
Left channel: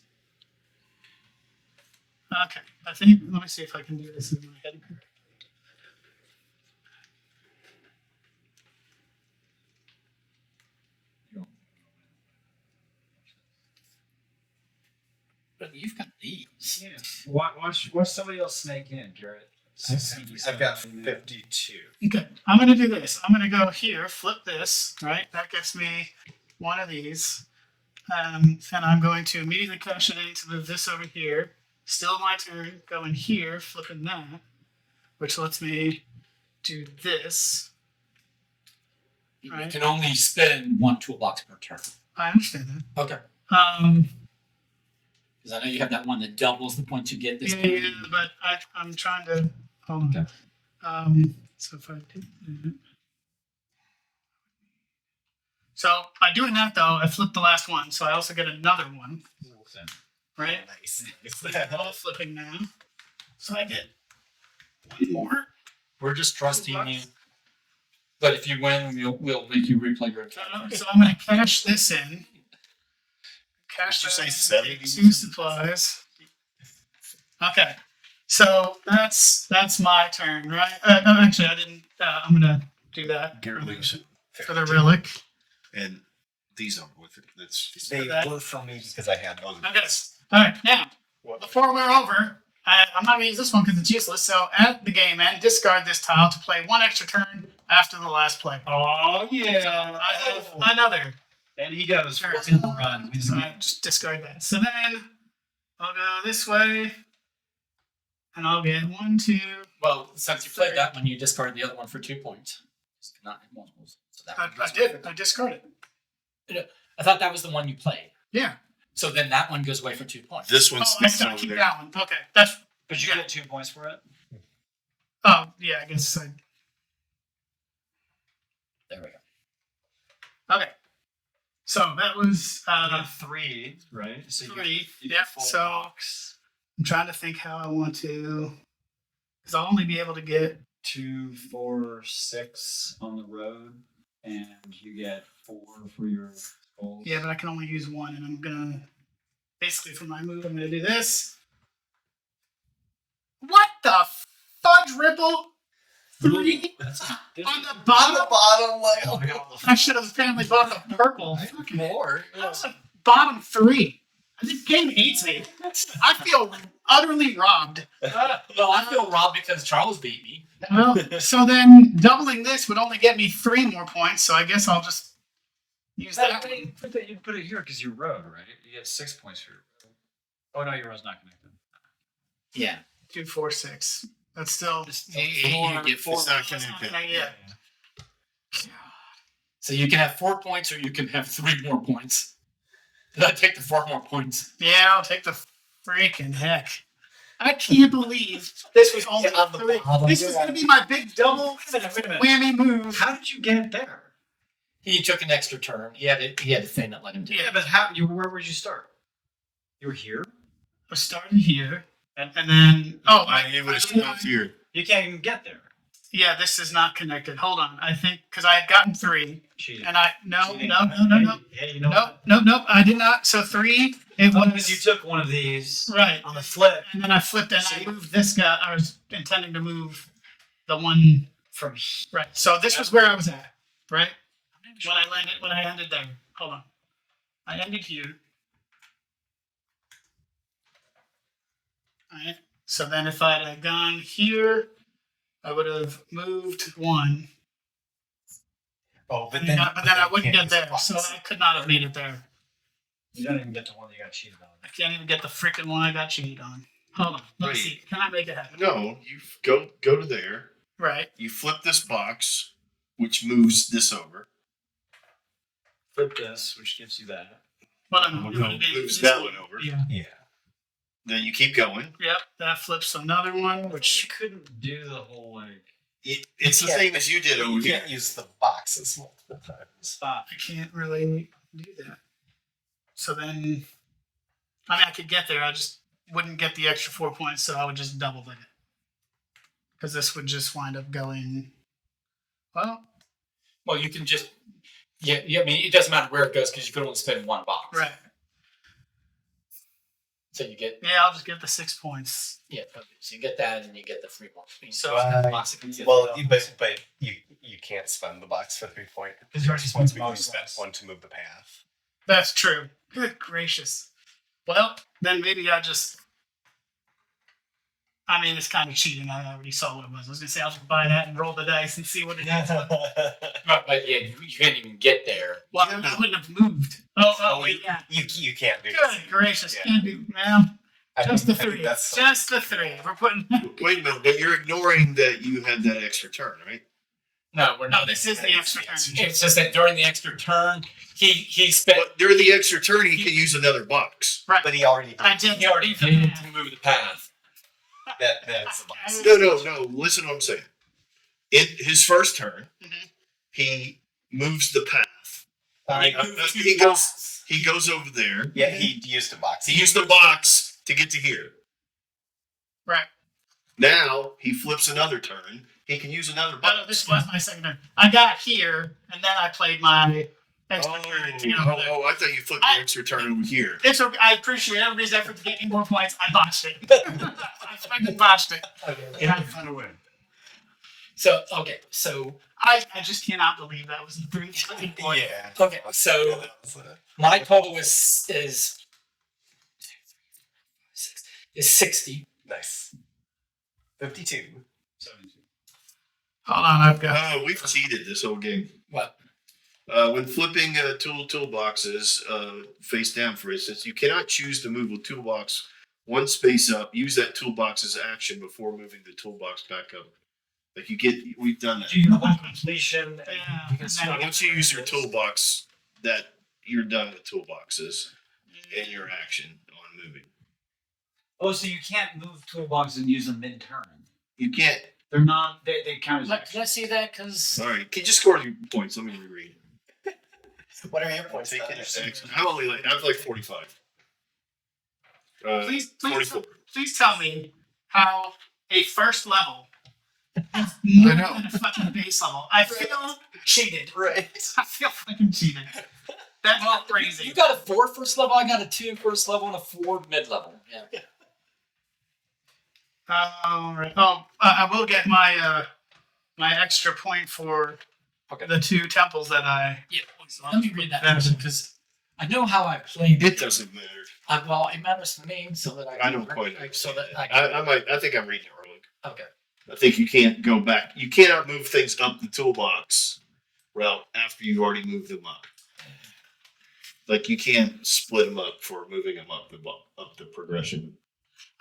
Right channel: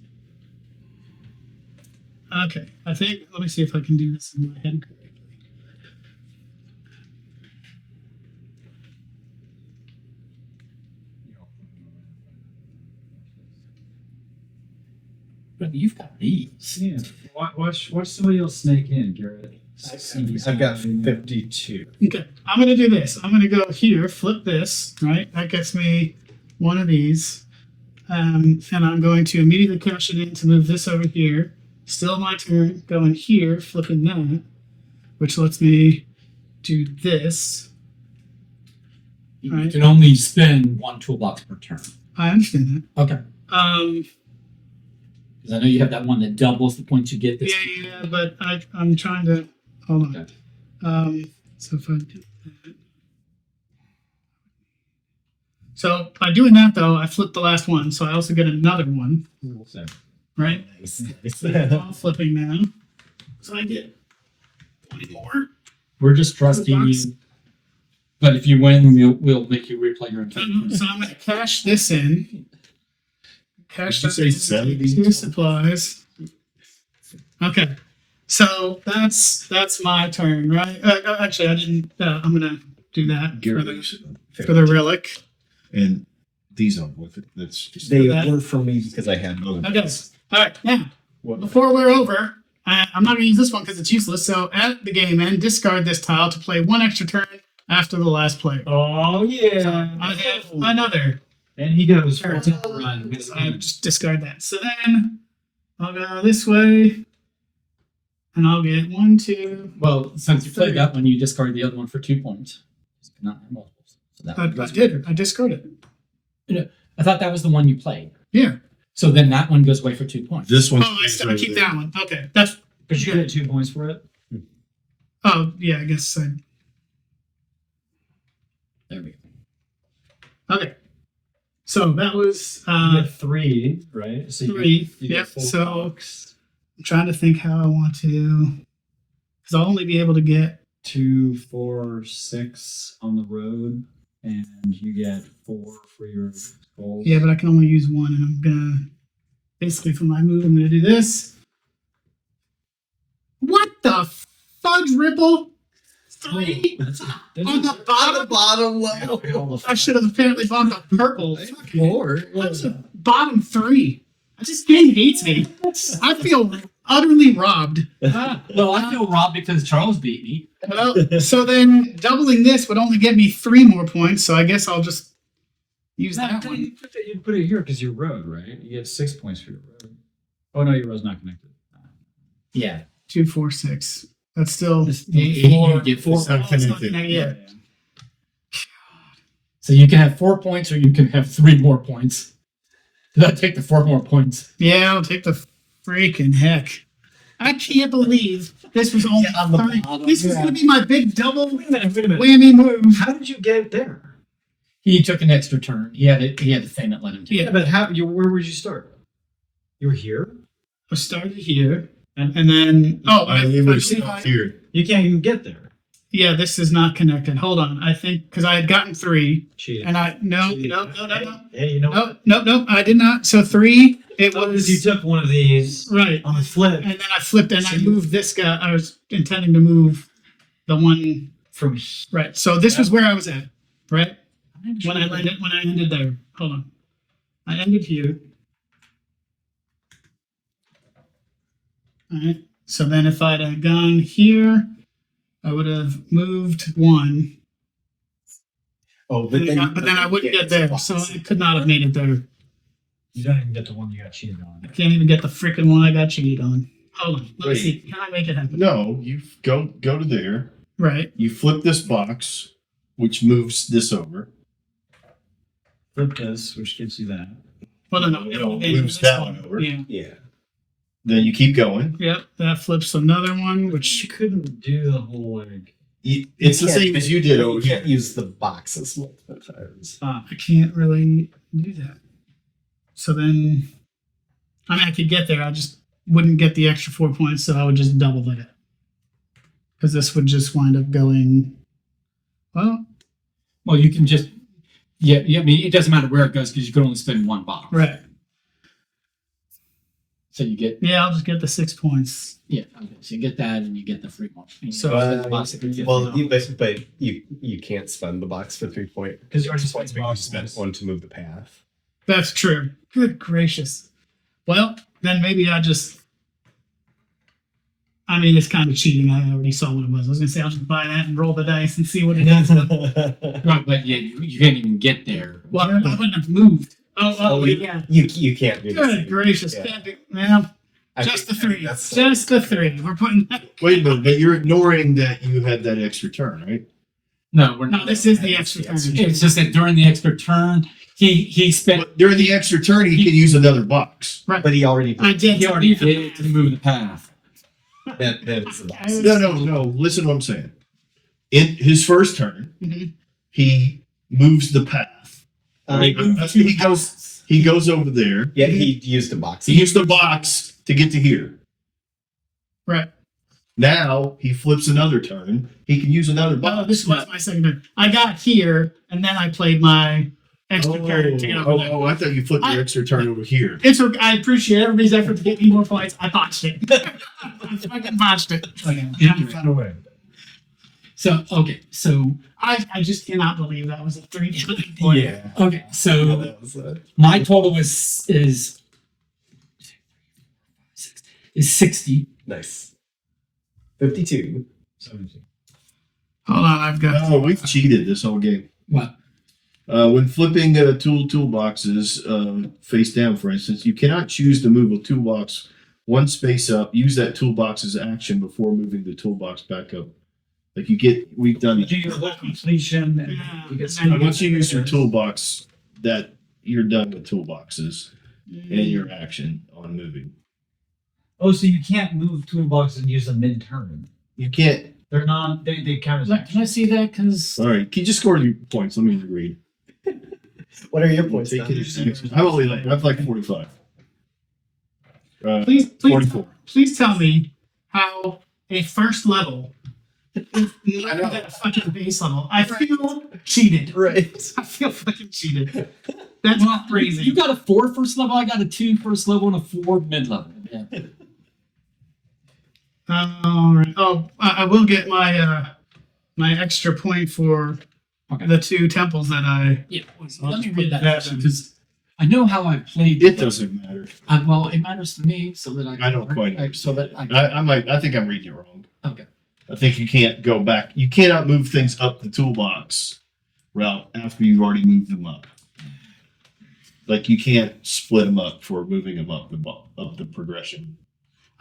Okay, I think. Let me see if I can do this in my head correctly. But you've got these. Yeah. Watch somebody else snake in, Garrett. I've got 52. Okay, I'm gonna do this. I'm gonna go here, flip this, right? That gets me one of these. And I'm going to immediately cash it in to move this over here. Still my turn, going here, flipping that, which lets me do this. You Right. can only spend 1 toolbox per turn. I understand Okay. that. Because I know you have that one that doubles the points you get. This time. Yeah, but I'm trying to hold on. Okay. So if I did that. So by doing that though, I flipped the last one, so I also get another one, right? Nice. All flipping now. So I get one more. We're just trusting Toolbox. you. But if you win, we'll make you replay your So encounter. so I'm gonna cash this in. Cash Did you that say in, 70? take 2 supplies. Okay. So that's my turn, right? Actually, I didn't. I'm gonna do that Gary for the, Leeson. for the relic. And these aren't with it. That's just They that. were for me because I had other. Okay. All right. Now, before we're over, I'm not gonna use this one because it's useless. So at the game end, discard this tile to play 1 extra turn after the last play. Oh yeah. I have another. And he goes Sure. 14 run. Wins the So I game. just discard that. So then I'll go this way, and I'll get 1, 2. Well, since you played that one, you discard the other one for 2 points. It's not have multiples. So that I goes did. I discarded. I thought that was the one you played. Yeah. So then that one goes away for 2 points. this one Oh, I stays still over keep there. that one. Okay. That's. But you get 2 points for it. Oh yeah. I guess I. There we go. Okay. So that was You get 3, right? So 3. You Yep. get full So box. I'm trying to think how I want to, because I'll only be able to get. 2, 4, 6 on the road, and you get 4 for your goals. Yeah, but I can only use 1, and I'm gonna basically for my move, I'm gonna do this. What the fudge ripple? 3 That's on the On the bottom. bottom level. I got all the I should have apparently bought the purple. More. That was a bottom 3. This game hates me. I feel utterly robbed. Well, I feel robbed because Charles beat me. Well, so then doubling this would only get me 3 more points. So I guess I'll just use that one. You put it here because you're road, right? You get 6 points for your road. Oh no, your road's not connected. Yeah. 2, 4, 6. That's still You get four. It's not Oh, it's not connected. connected yet. So you can have 4 points or you can have 3 more points. Did I take the 4 more points? Yeah, I'll take the freaking heck. I can't believe this was only Yeah, on the 3. bottom, This was yeah. going to be my big double Wait a minute. whammy move. How did you get there? He took an extra turn. He had a thing that let him do. Yeah. Yeah, but where would you start? You were here? I started here, and then It would have stopped here. You can't even get there. yeah, this is not connected. Hold on, I think because I had gotten 3, Cheating. and no, Hey, you know no, I did not. So 3, it Oh, was because you took one of these right, on the flip and then I flipped and So I you- moved this guy. I was intending to move the one from right. So this was where I was at, right? here. When I ended there. Hold on. I ended here. Alright. So then if I'd have gone here, I would have moved 1. Oh, But then I wouldn't get there. So I could not have made it there. You don't even get the one you got cheated I on. can't even get the freaking one I got cheated on. Hold on. Let me Wait. see. Can I make it happen? No, you go to there. Right. You flip this box, which moves this over. Flip this, which gives you that. Well, no, No, it would've been moves this that one over. Yeah. Yeah. Then you keep going. Yep. That flips another one, Which which you couldn't do the whole like. It's the same as you did over You here. can't use the boxes multiple times. I can't really do that. So then, I mean, I could get there. I just wouldn't get the extra 4 points, so I would just double it. Because this would just wind up going, well, Well, you can just yeah. I mean, it doesn't matter where it goes because you can only spend 1 box. right. So you get Yeah, I'll just get the 6 points. Okay. So you get that and you get the free one. So, Well, but you can't spend the box for 3 points. Because you already Points spent the because box you once. spent 1 to move the path. That's true. Good gracious. Well, then maybe I mean, it's kind of cheating. I already saw what it was. I was going to say, I'll just buy that and roll the dice and see what it is. Right, but yeah, you can't even get there. Well, I wouldn't have moved. Oh, you, yeah. you can't do this. Good gracious. Yeah. Can't do, well, I just think- the I think 3. that's Just the 3. We're putting. Wait a minute, but you're ignoring that you had that extra turn, right? No, we're No, not. this is the extra turn. It's just that during the extra turn, he spent. But during the extra turn, he can use another box. But he already did. I did. He already did it to move the path. That is the box. No. Listen to what I'm saying. In his first turn, Mhm. he moves the path. He goes over there. Yeah, he used a box. He used the box to get to here. Right. Now he flips another turn. He can use another box. No, this was my second turn. I got here, and then I played my extra turn to get over there. I thought you flipped the extra turn over here. It's okay. I appreciate everybody's effort to get me more points. I botched it. I fucking botched it. Find a way. So okay, so I just cannot believe that was a 3 point. Yeah. okay, so That was my total is 60. nice. 52. 72. Hold on, I've got. Oh, we've cheated this whole game. What? When flipping toolboxes face down, for instance, you cannot choose to move a toolbox 1 space up. Use that toolbox's action before moving the toolbox back up. Like we've done that. Do your whole completion. And Yeah. you get And stuck Once you in use your areas. toolbox, that you're done with toolboxes and your action on moving. Oh, so you can't move toolboxes and use them mid-turn. You can't. They're not. They count as. Can I see that? Because All right, can you just score your points? Let me read. What are your points? Take Don? it. How about we like? I'd like 45. Please 44. tell me how a first level is more than a fucking base level. I feel cheated. Right. I feel fucking cheated. That's not crazy. you got a 4 first level, I got a 2 first level, and a 4 mid level. Yeah. All right. Oh, I will get my my extra point for Okay. the two temples that I. Yeah. Let me read that question because I know how I played. It doesn't matter. Well, it matters to me so that I. I don't quite So that I. I think I'm reading it wrong. Okay. I think you can't go back. You cannot move things up the toolbox route after you've already moved them up. Like you can't split them up for moving them up the progression.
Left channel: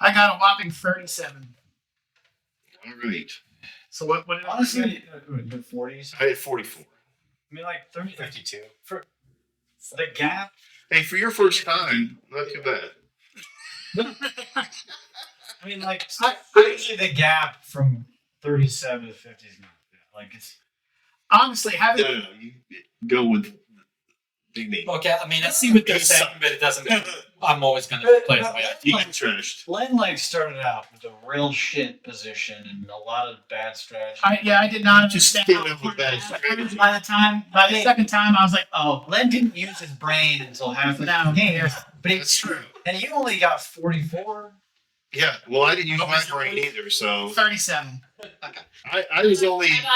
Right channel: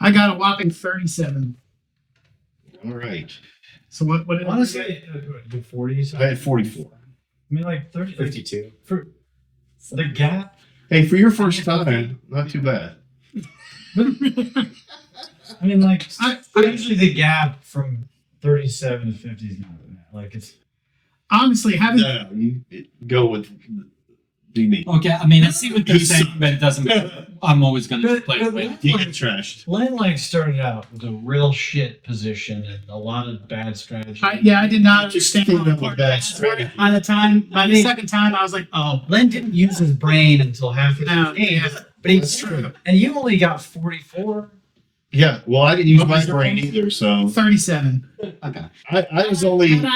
I got a whopping 37. All right. So what did I get? Honestly, the 40s. I had 44. I mean, like 30, 52. for the gap. Hey, for your first time, not too bad. I mean, like usually the gap from 37 to 50 is not that. Like it's Honestly, having No, you go with me. Okay, I mean, I see what they're You saying, suck. but it doesn't. I'm always going to But- play but the way I let's do. You get trashed. Len like started out with a real shit position and a lot of bad strategy. I did not Just understand. stand how up with it bad worked. strategy. By the second time, I was like, oh, Len didn't use his brain until halfway No, through the game, yeah. but he That's true. And you only got 44. Yeah, well, I didn't use my Nobody's brain brain? either, so 37. Okay. I was only. Had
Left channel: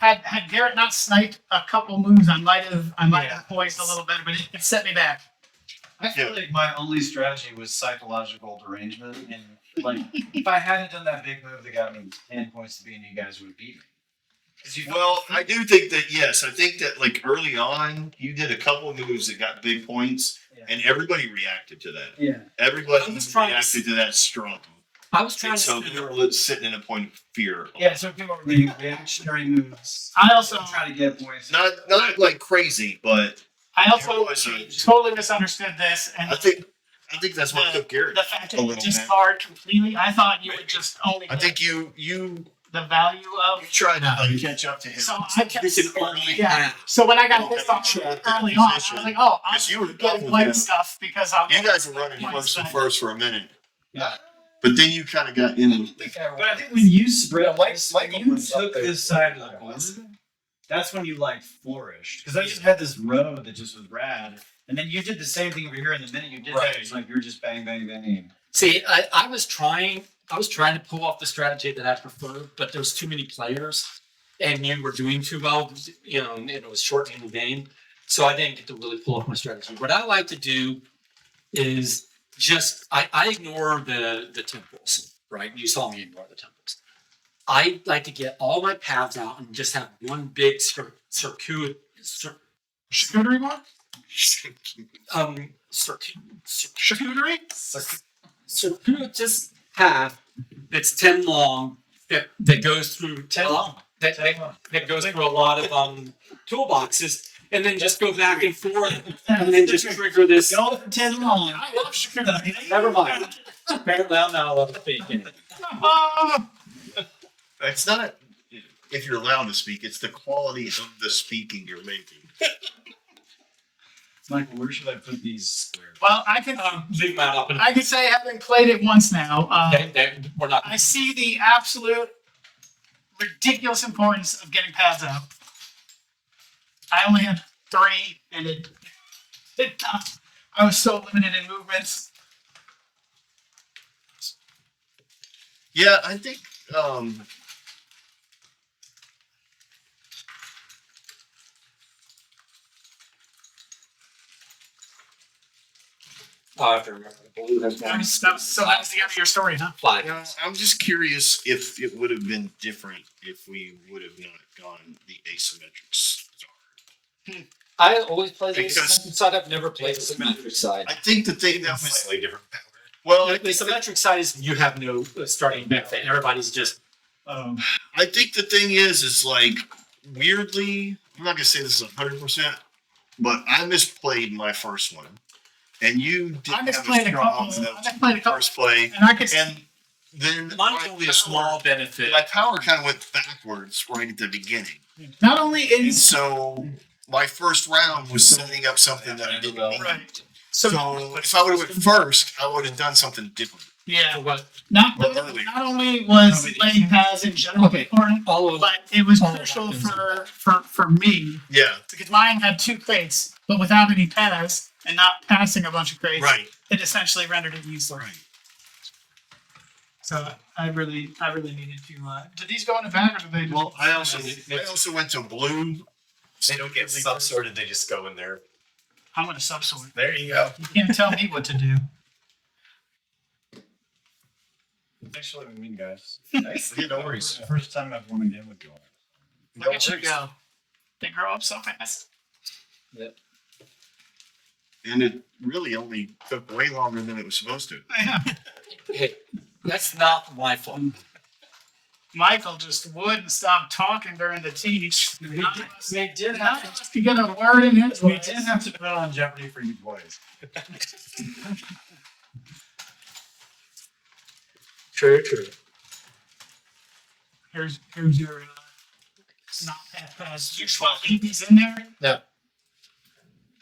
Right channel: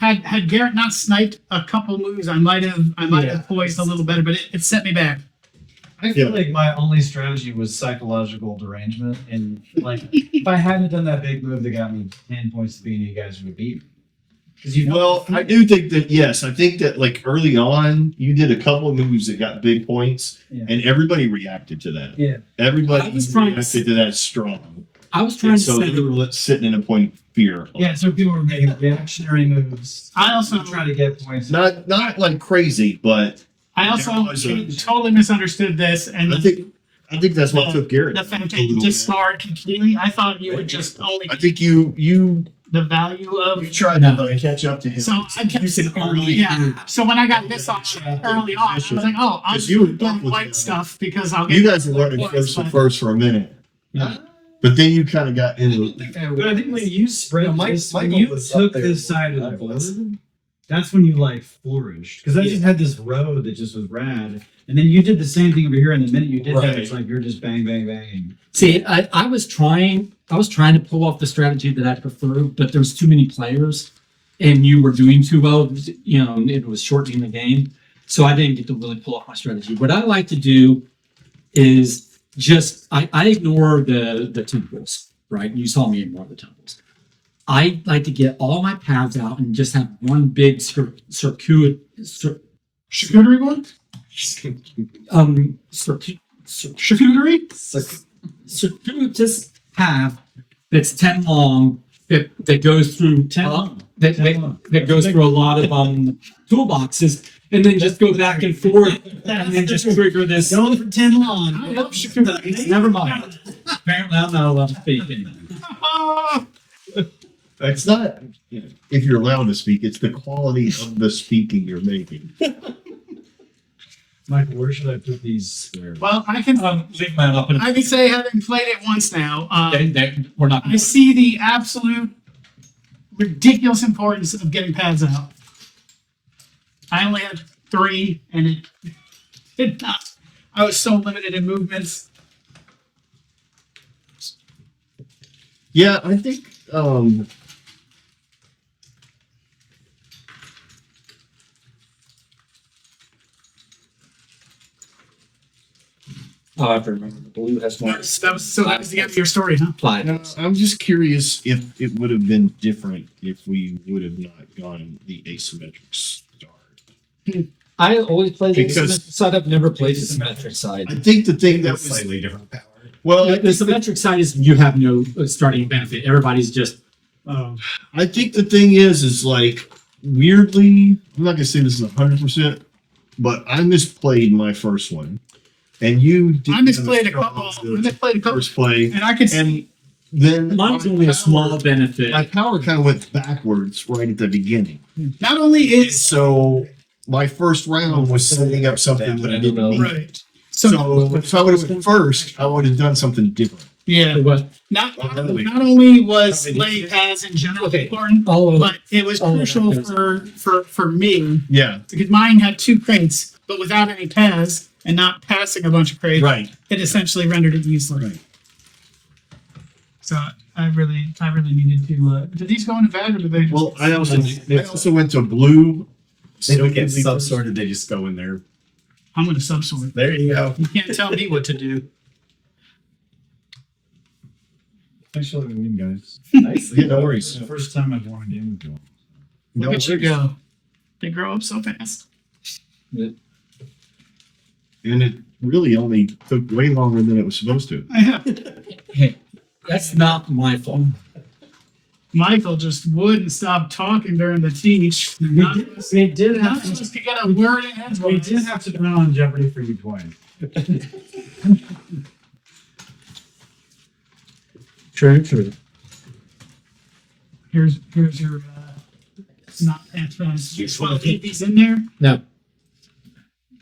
I had Garrett not sniped a couple moves, I might have poised a little better, but it set me back. I feel Yeah. like my only strategy was psychological derangement, and like if I hadn't done that big move that got me 10 points to beat, you guys would beat me. Because you Well, I do think that yes, I think that like early on, you did a couple of moves that got big points, Yeah. and everybody reacted to that. yeah. Everybody I was trying to reacted to that strong. I was trying And to so say they were sitting in a point of fear. Yeah, so people were making reactionary moves. I also trying to get points. Not like crazy, but I also There was a- totally misunderstood this, and I think that's what took Garrett the fact a that you little bit. discard completely. I thought you would just only I get think you the value of. tried to like, catch up to him. So I kept You can only yeah. So when I got Oh, this yeah, off sure. early on, I was like, oh, I'm 'Cause you were getting tough with white him. stuff because I'll. You get guys were running points, first and but- first for a minute, Yeah. but then you kind of got into. But I think when you spread Yeah, Mike- this, when Michael you was up took there this side of the I board, was. that's when you like flourished. Because I just had this road that just was rad, and then you did the same thing over here. And the minute you did that, Right. it's like you're just bang, bang, bang. See, I was trying to pull off the strategy that I preferred, but there's too many players, and you were doing too well. You know, and it was shortening the game, so I didn't get to really pull off my strategy. What I like to do is just I ignore the temples. Right, you saw me ignore the temples. I like to get all my paths out and just have one big Charcuterie board? Charcuterie? circuitous path that's 10 long that goes through 10 long. that, 10 that, long. that goes through a lot of toolboxes and then just go back and forth and then just trigger this. Going for 10 long. I love charcuterie. Never mind. Apparently I'm not allowed to speak anymore. It's not if you're allowed to speak; it's the quality of the speaking you're making. Michael, where should I put these squares? Well, I can Leave them out up and I can say having played it once now, we're not. I see the absolute ridiculous importance of getting paths out. I only had 3, and it did not. I was so limited in movements. Yeah, I think. I have to remember. The blue has That was the end of your story, huh? I'm just curious if it would have been different if we would have not gone the asymmetric start. I always play the Because- asymmetric side. I've never played the symmetric side. I think the thing that was slightly different power. well, The symmetric side is you have no starting benefit. Everybody's just I think the thing is like weirdly, I'm not gonna say this is 100%, but I misplayed my first one, and you didn't I misplayed have a a couple. strong I misplayed a couple, first play, and I could and then mine's my only a power- small benefit. My power kind of went backwards right at the beginning, not only and is so my first round was setting up something that I didn't need. right. So if I would have went first, I would have done something different. Yeah. For what? Not Well, early. not only was Probably laying paths in general Okay. important, All of but it was all of crucial that for me Yeah, because mine had 2 crates, but without any paths and not passing a bunch of crates, right. it essentially rendered it useless. Right. So I really needed to. Did these go into vat or did they just? Well, I also went to blue. They don't get sub-sorted, they just go in there. I'm gonna subsort. There you go. You can't tell me what to do. Thanks for letting me win, guys. Nice. Yeah, no worries. It's the first time I've won a game with you. No Look at you worries. go. They grow up so fast. And it really only took way longer than it was supposed to. Yeah. Hey, that's not my fault. Michael just wouldn't stop talking during the teach. We did have to. If you got a word in his We voice. did have to put on Jeopardy for you twice. True. Here's your not pass. You want to keep these in there? No.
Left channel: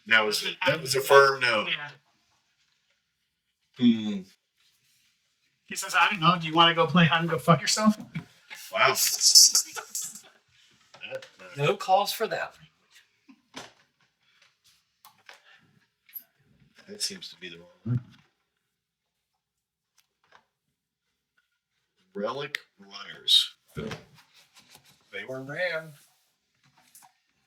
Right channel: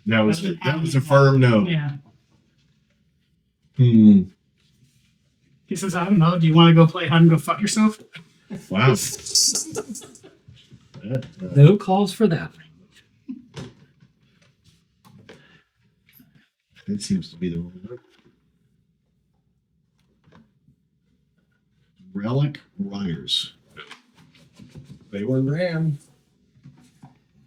That was a firm no. Yeah. Hmm. He says, I don't know. Do you want to go play hide and go fuck yourself? Wow. No calls for that. That seems to be the wrong one. Relic Runners. They were ran.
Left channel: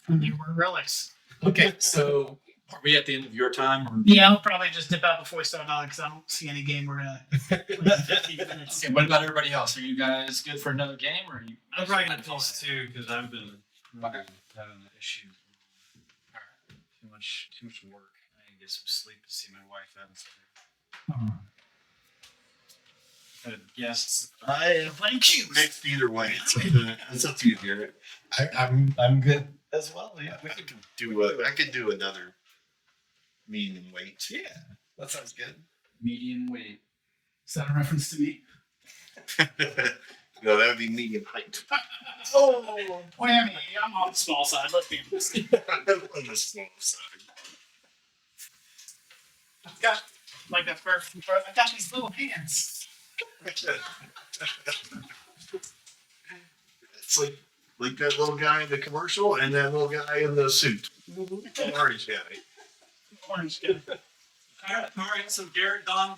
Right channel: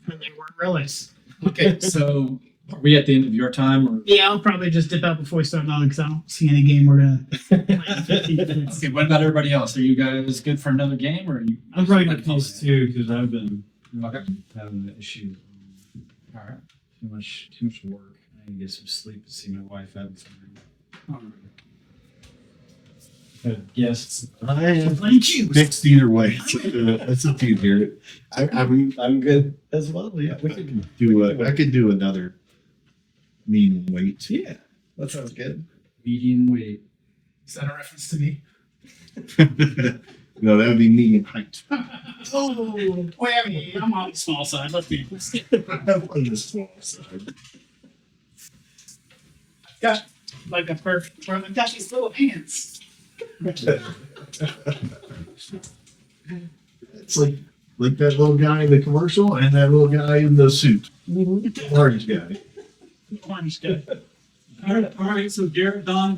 And they were relics. Okay, so are we at the end of your time or? Yeah, I'll probably just dip out before we start on because I don't see any game we're gonna play in 15 minutes. Okay, what about everybody else? Are you guys good for another game or are you? I'm probably gonna these two because I've been having an issue. All right. Too much work. I need to get some sleep to see my wife having some. Good guests. I am Thank you. mixed either way. It's up to you, Garrett. I'm good as well. Yeah. I could do another medium weight. Yeah. That sounds good. Medium weight. Is that a reference to me? No, that would be medium height. Oh, well, I mean, I'm on the small side. Let's be honest. On the small side. I've got like that perfect. I've got these little hands. It's like that little guy in the commercial and that little guy in the suit. Orange guy. Orange guy. All right. So Garrett, Don.